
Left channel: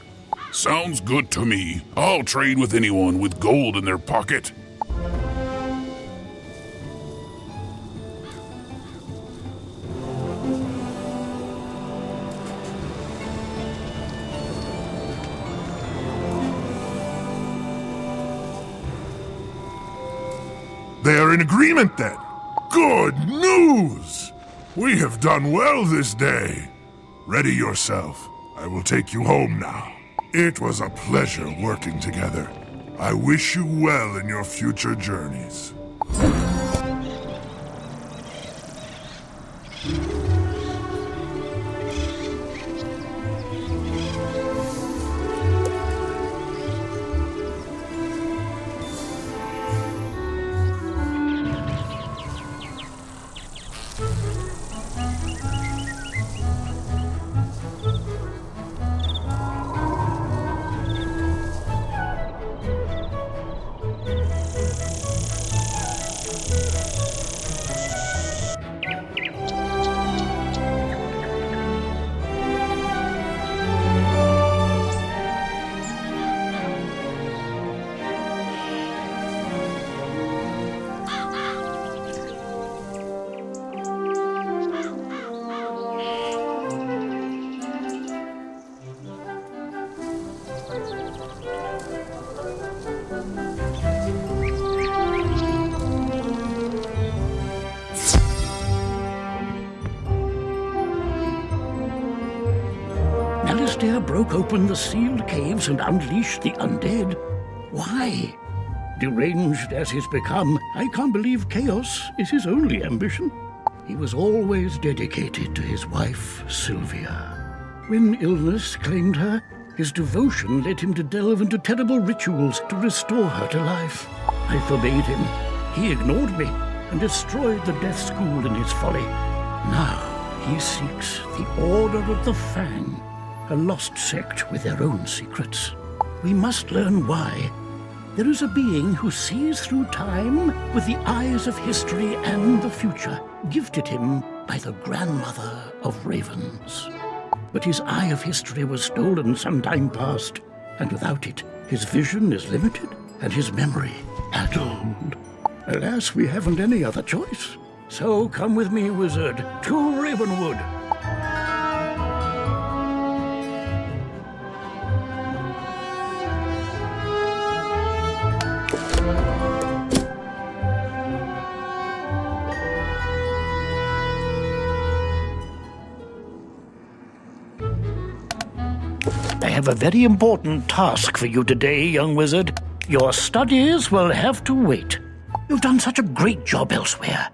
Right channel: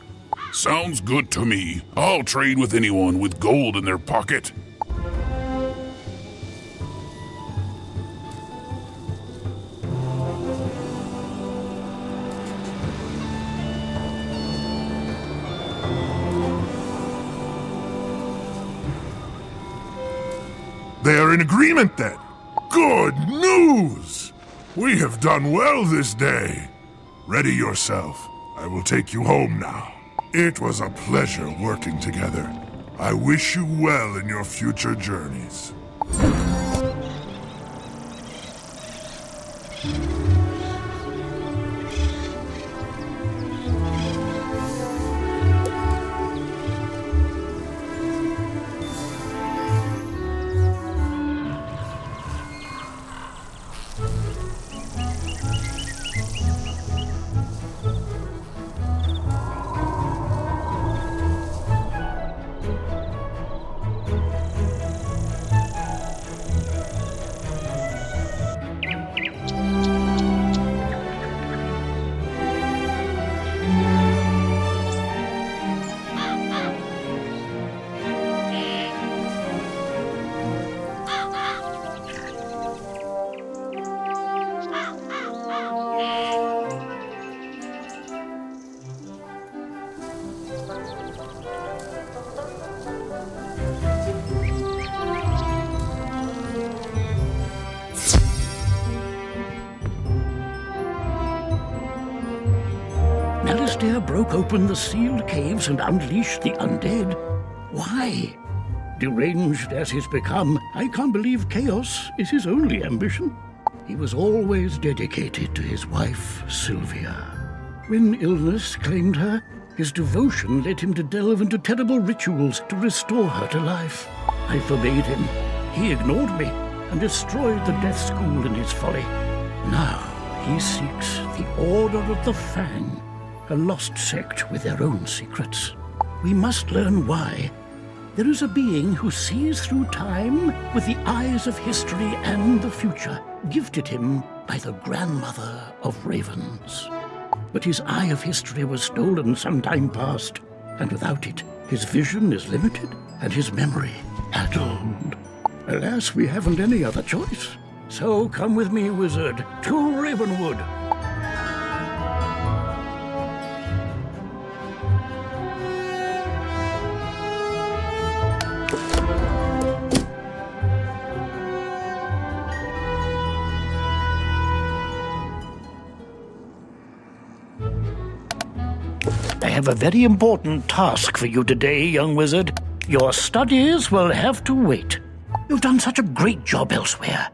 Sounds good to me. I'll trade with anyone with gold in their pocket. They are in agreement then. Good news! We have done well this day. Ready yourself. I will take you home now. It was a pleasure working together. I wish you well in your future journeys. Alistair broke open the sealed caves and unleashed the undead. Why? Deranged as he's become, I can't believe chaos is his only ambition. He was always dedicated to his wife, Sylvia. When illness claimed her, his devotion led him to delve into terrible rituals to restore her to life. I forbade him. He ignored me and destroyed the death school in his folly. Now he seeks the Order of the Fang, a lost sect with their own secrets. We must learn why. There is a being who sees through time with the eyes of history and the future, gifted him by the grandmother of ravens. But his eye of history was stolen some time past, and without it, his vision is limited and his memory addled. Alas, we haven't any other choice. So come with me, wizard, to Ravenwood. I have a very important task for you today, young wizard. Your studies will have to wait. You've done such a great job elsewhere.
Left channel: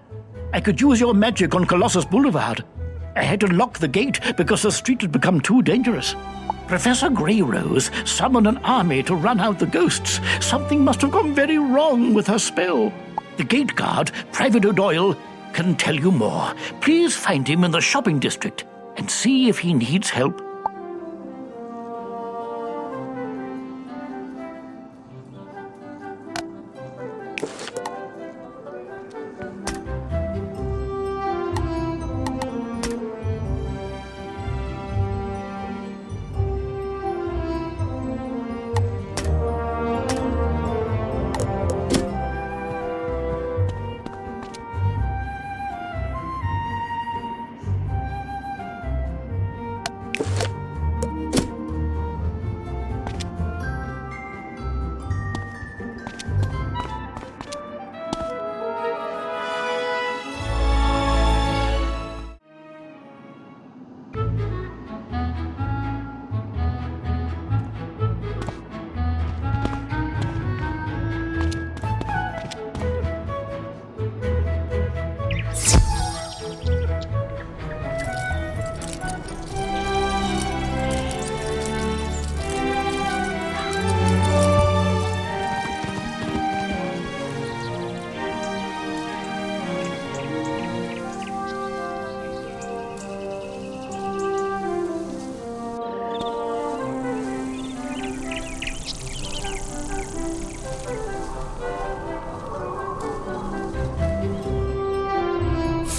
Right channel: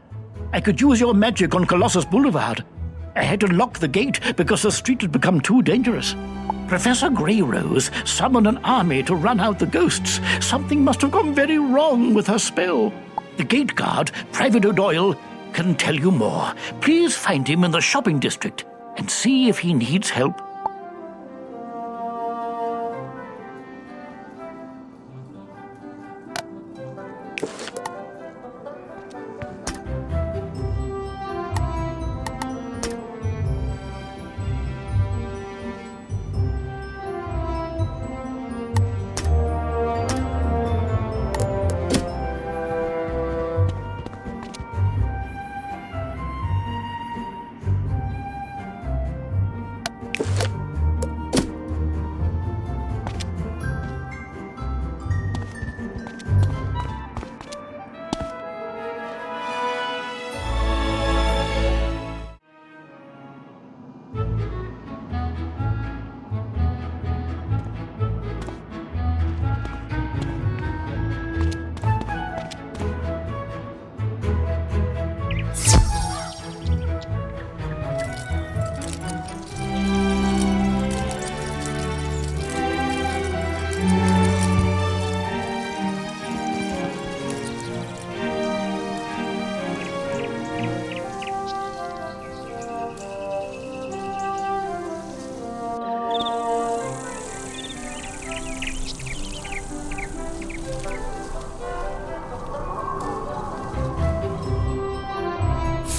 I could use your magic on Colossus Boulevard. I had to lock the gate because the street had become too dangerous. Professor Greyrose summoned an army to run out the ghosts. Something must have gone very wrong with her spell. The gate guard, Private O'Doyle, can tell you more. Please find him in the shopping district and see if he needs help.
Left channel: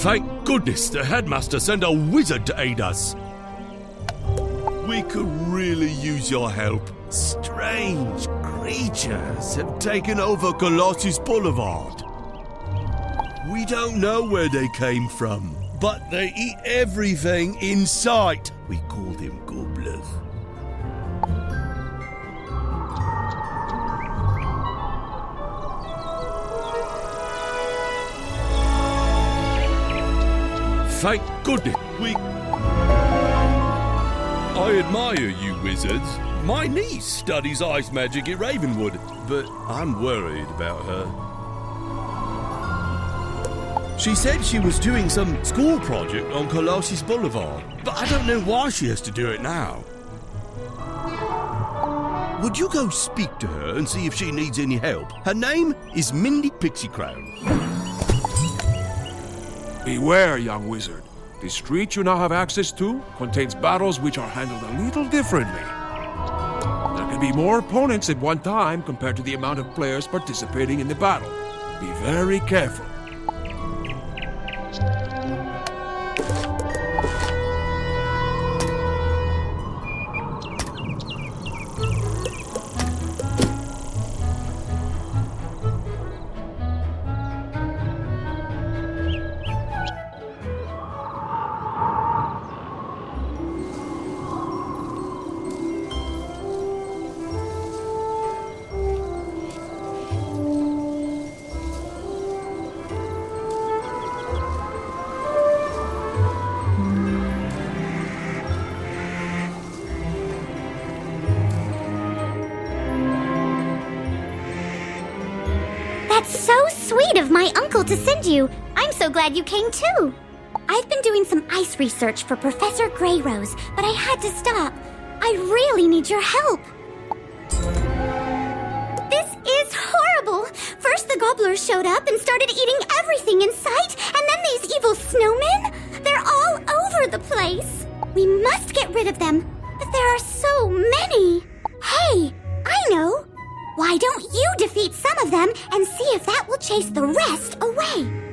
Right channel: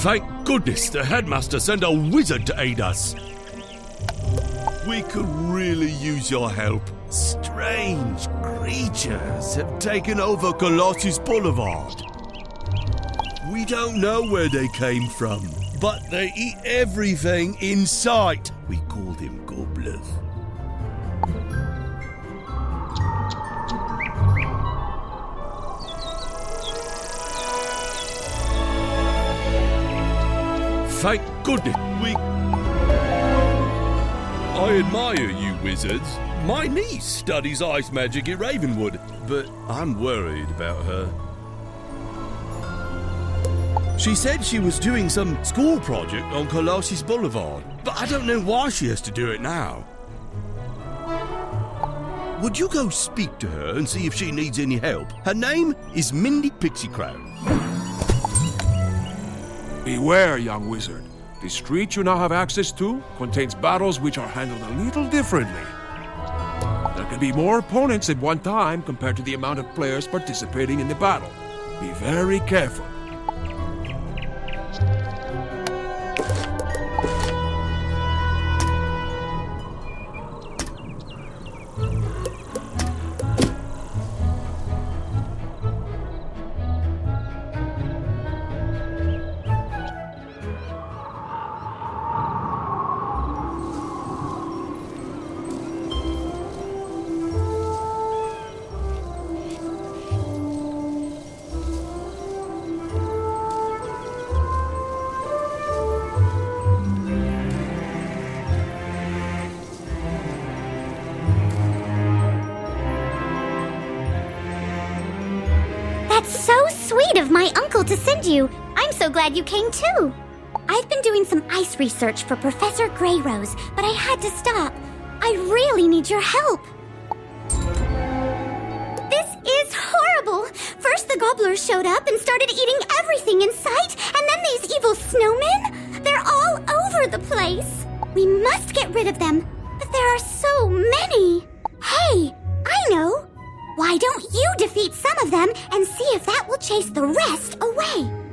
Thank goodness the headmaster sent a wizard to aid us. We could really use your help. Strange creatures have taken over Colossus Boulevard. We don't know where they came from, but they eat everything in sight. We call them gobblers. Thank goodness I admire you wizards. My niece studies ice magic at Ravenwood, but I'm worried about her. She said she was doing some school project on Colossus Boulevard, but I don't know why she has to do it now. Would you go speak to her and see if she needs any help? Her name is Mindy Pixiecrown. Beware, young wizard. The street you now have access to contains battles which are handled a little differently. There can be more opponents at one time compared to the amount of players participating in the battle. Be very careful. That's so sweet of my uncle to send you. I'm so glad you came too. I've been doing some ice research for Professor Greyrose, but I had to stop. I really need your help. This is horrible. First the gobblers showed up and started eating everything in sight, and then these evil snowmen. They're all over the place. We must get rid of them, but there are so many. Hey, I know. Why don't you defeat some of them and see if that will chase the rest away?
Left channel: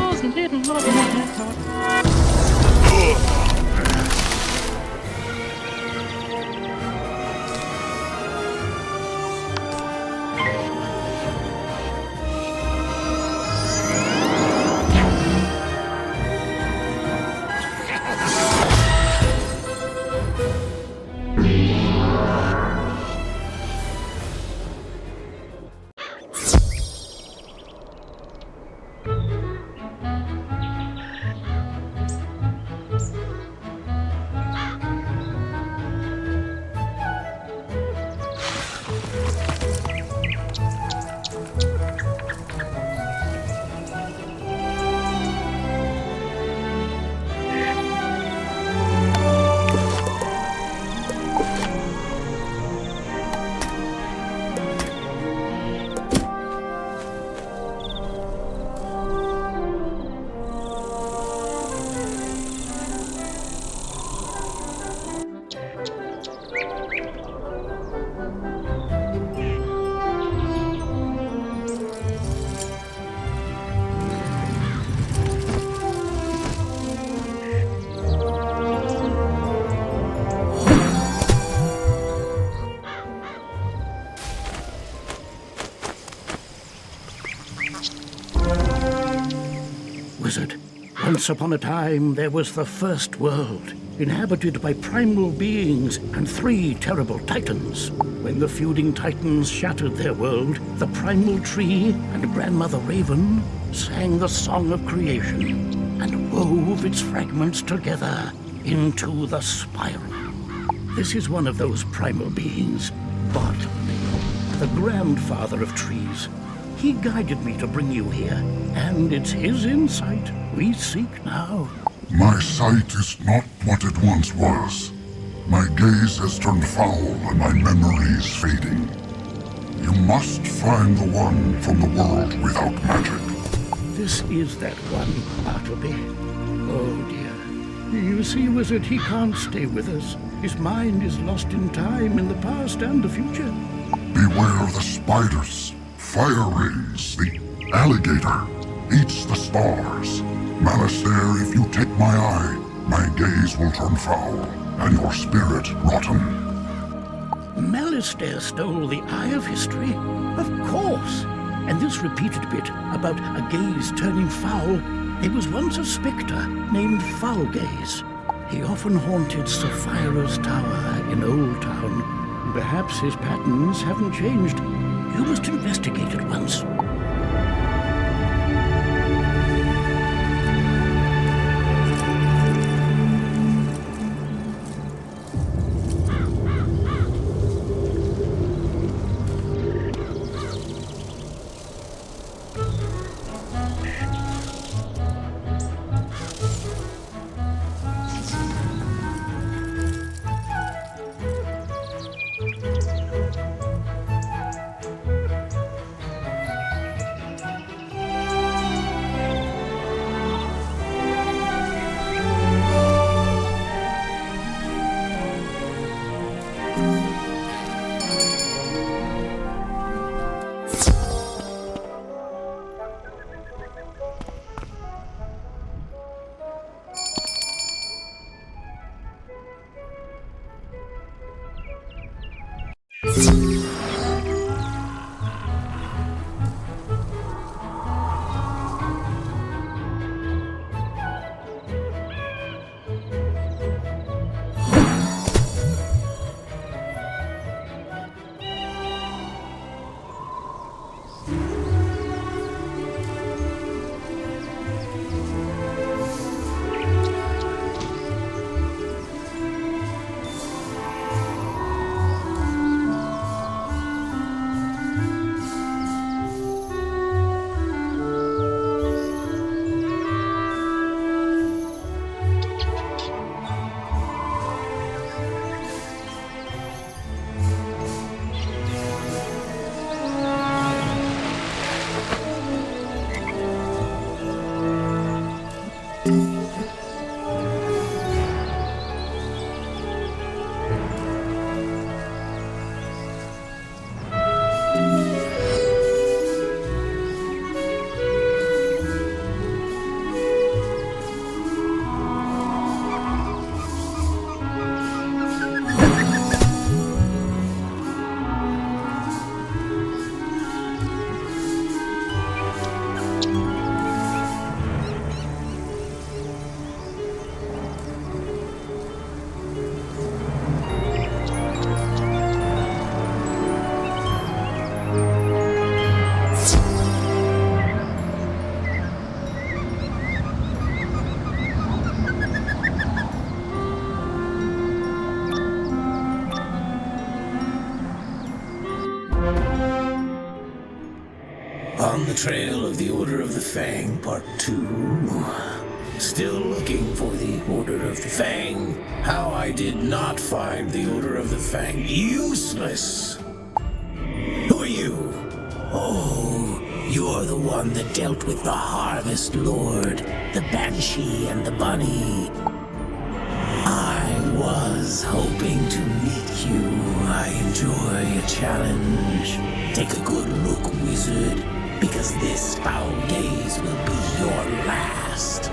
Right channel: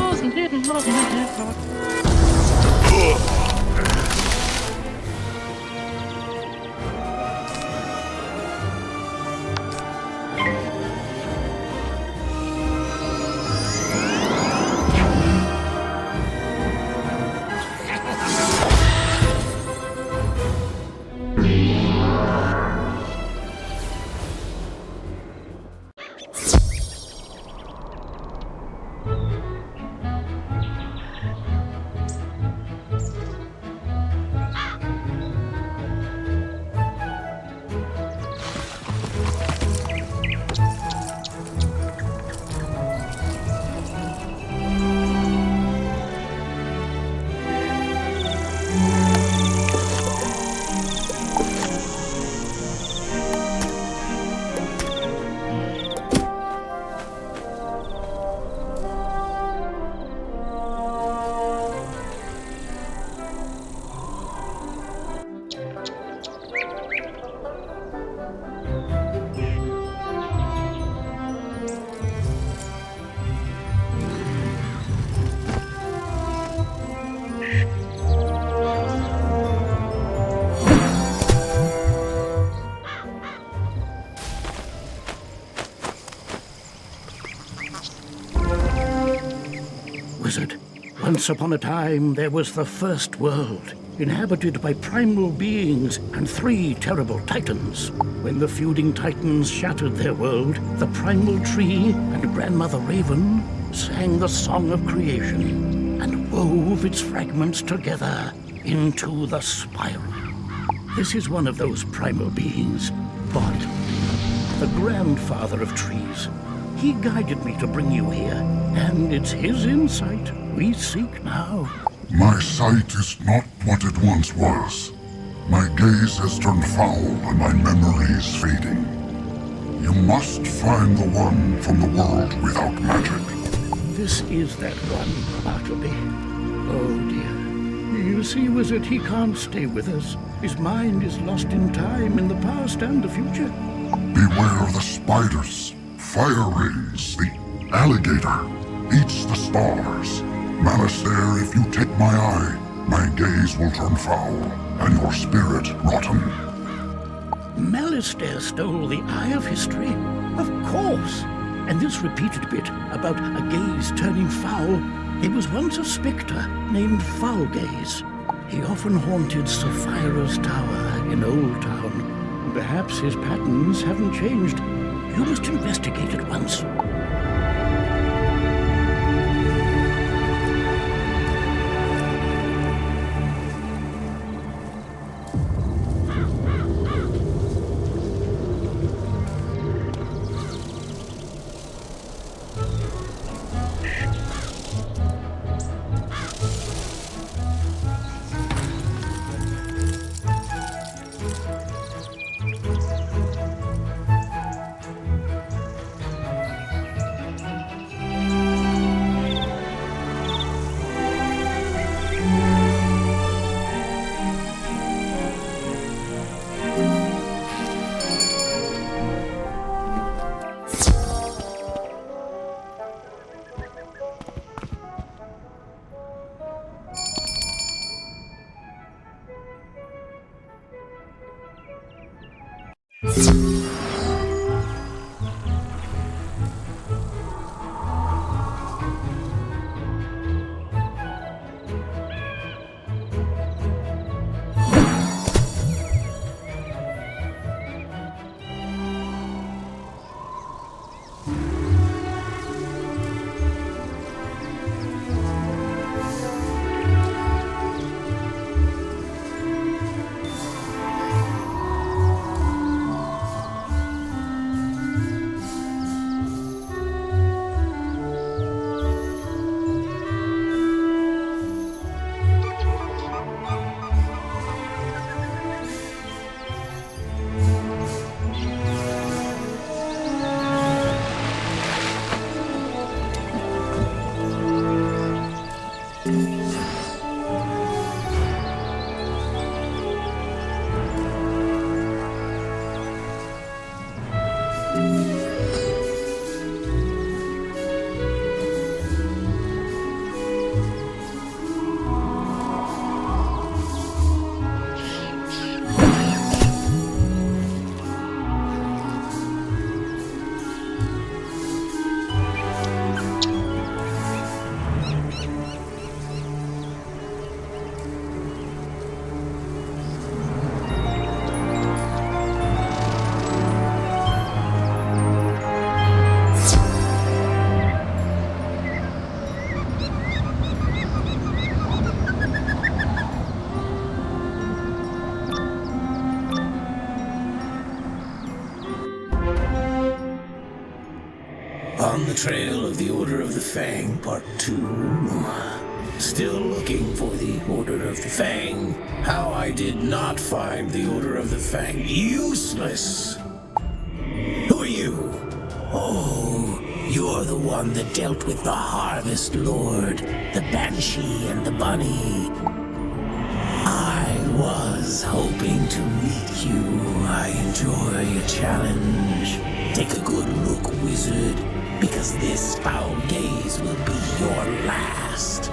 wasn't it lovely? Wizard, once upon a time there was the first world, inhabited by primal beings and 3 terrible titans. When the feuding titans shattered their world, the primal tree and Grandmother Raven sang the song of creation and wove its fragments together into the spiral. This is one of those primal beings, Bartleby, the grandfather of trees. He guided me to bring you here, and it's his insight we seek now. My sight is not what it once was. My gaze has turned foul and my memory is fading. You must find the one from the world without magic. This is that one, Bartleby. Oh dear. You see, Wizard, he can't stay with us. His mind is lost in time, in the past and the future. Beware of the spiders, fire rings, the alligator eats the stars. Malastair, if you take my eye, my gaze will turn foul, and your spirit rotten. Malastair stole the Eye of History? Of course! And this repeated bit about a gaze turning foul, there was once a spectre named Foulgaze. He often haunted Sapphira's Tower in Old Town. Perhaps his patterns haven't changed. You must investigate it once. On the trail of the Order of the Fang, Part 2. Still looking for the Order of the Fang. How I did not find the Order of the Fang useless. Who are you? Oh, you're the one that dealt with the Harvest Lord, the Banshee and the Bunny. I was hoping to meet you. I enjoy a challenge. Take a good look, wizard, because this foul gaze will be your last.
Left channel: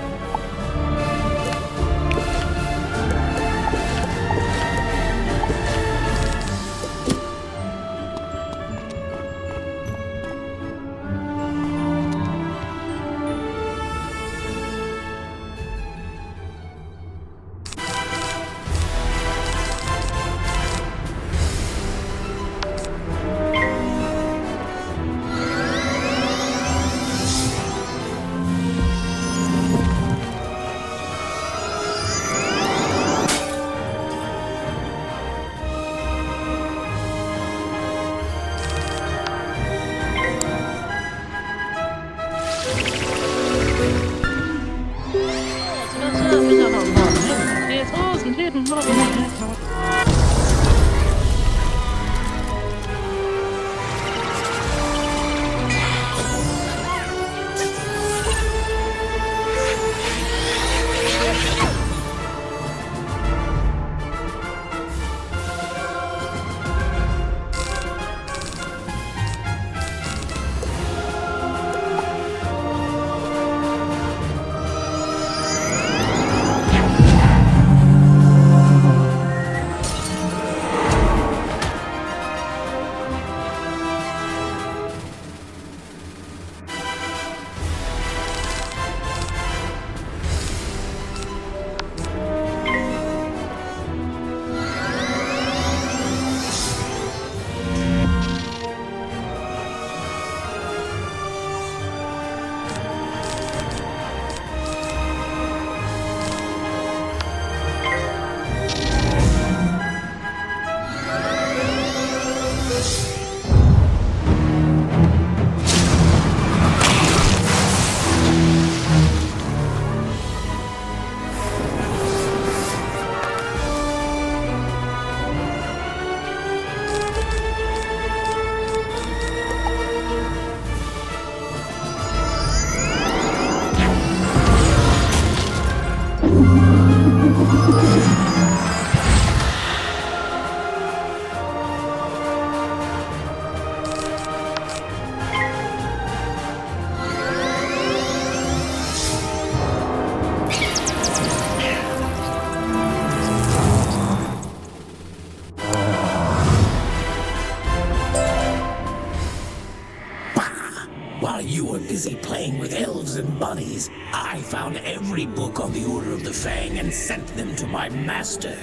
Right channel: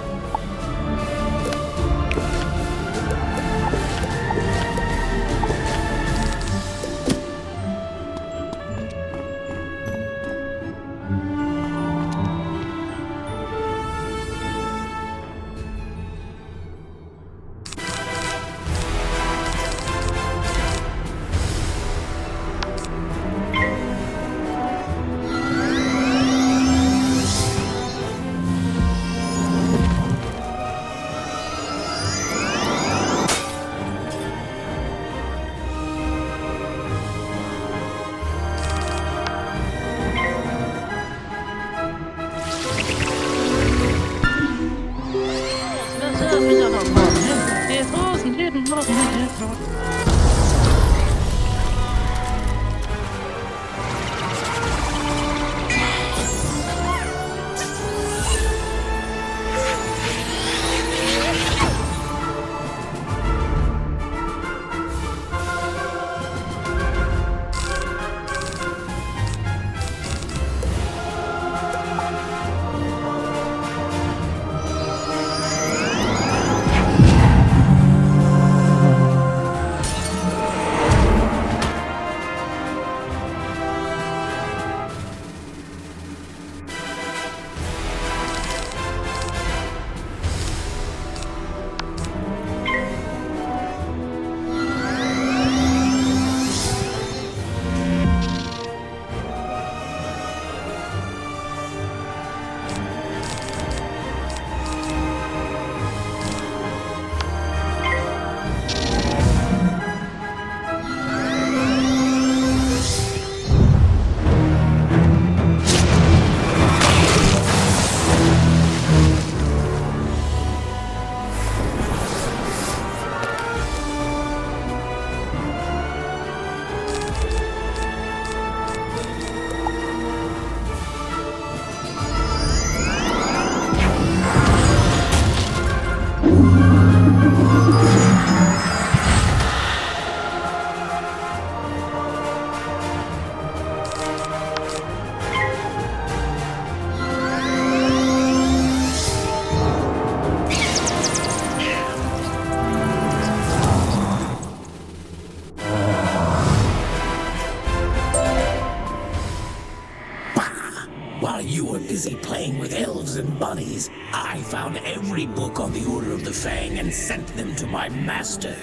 While you were busy playing with elves and bunnies, I found every book on the Order of the Fang and sent them to my master.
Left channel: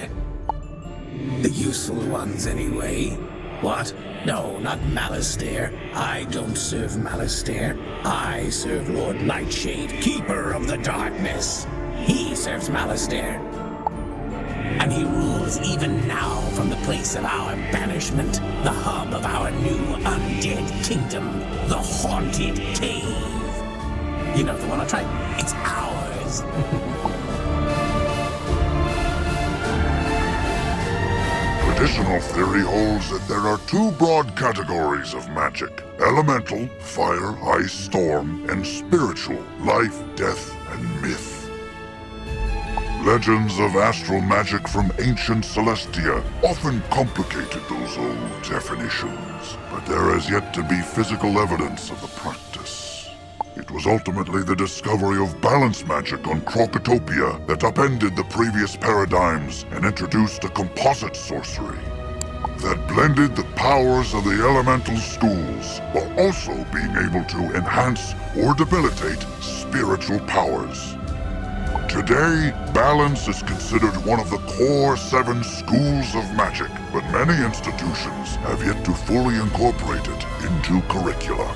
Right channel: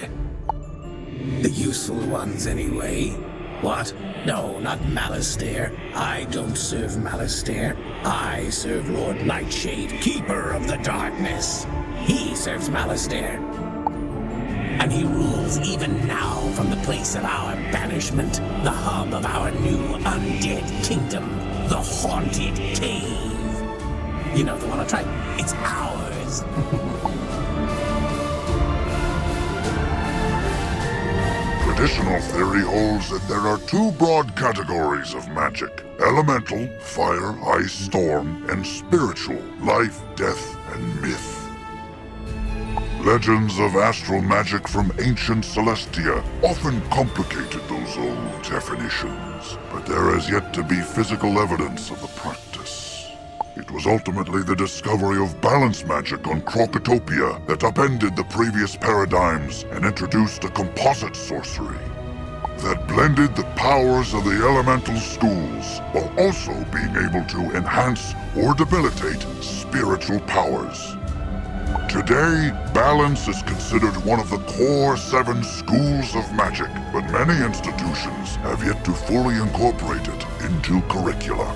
The useful ones, anyway. What? No, not Malastare. I don't serve Malastare. I serve Lord Nightshade, Keeper of the Darkness. He serves Malastare. And he rules even now from the place of our banishment, the hub of our new undead kingdom, the Haunted Cave. You know the one I tried? It's ours. Traditional theory holds that there are two broad categories of magic: elemental, fire, ice, storm, and spiritual, life, death, and myth. Legends of astral magic from ancient Celestia often complicated those old definitions, but there has yet to be physical evidence of the practice. It was ultimately the discovery of balance magic on Krokotopia that upended the previous paradigms and introduced a composite sorcery that blended the powers of the elemental schools while also being able to enhance or debilitate spiritual powers. Today, balance is considered one of the core 7 schools of magic, but many institutions have yet to fully incorporate it into curricula.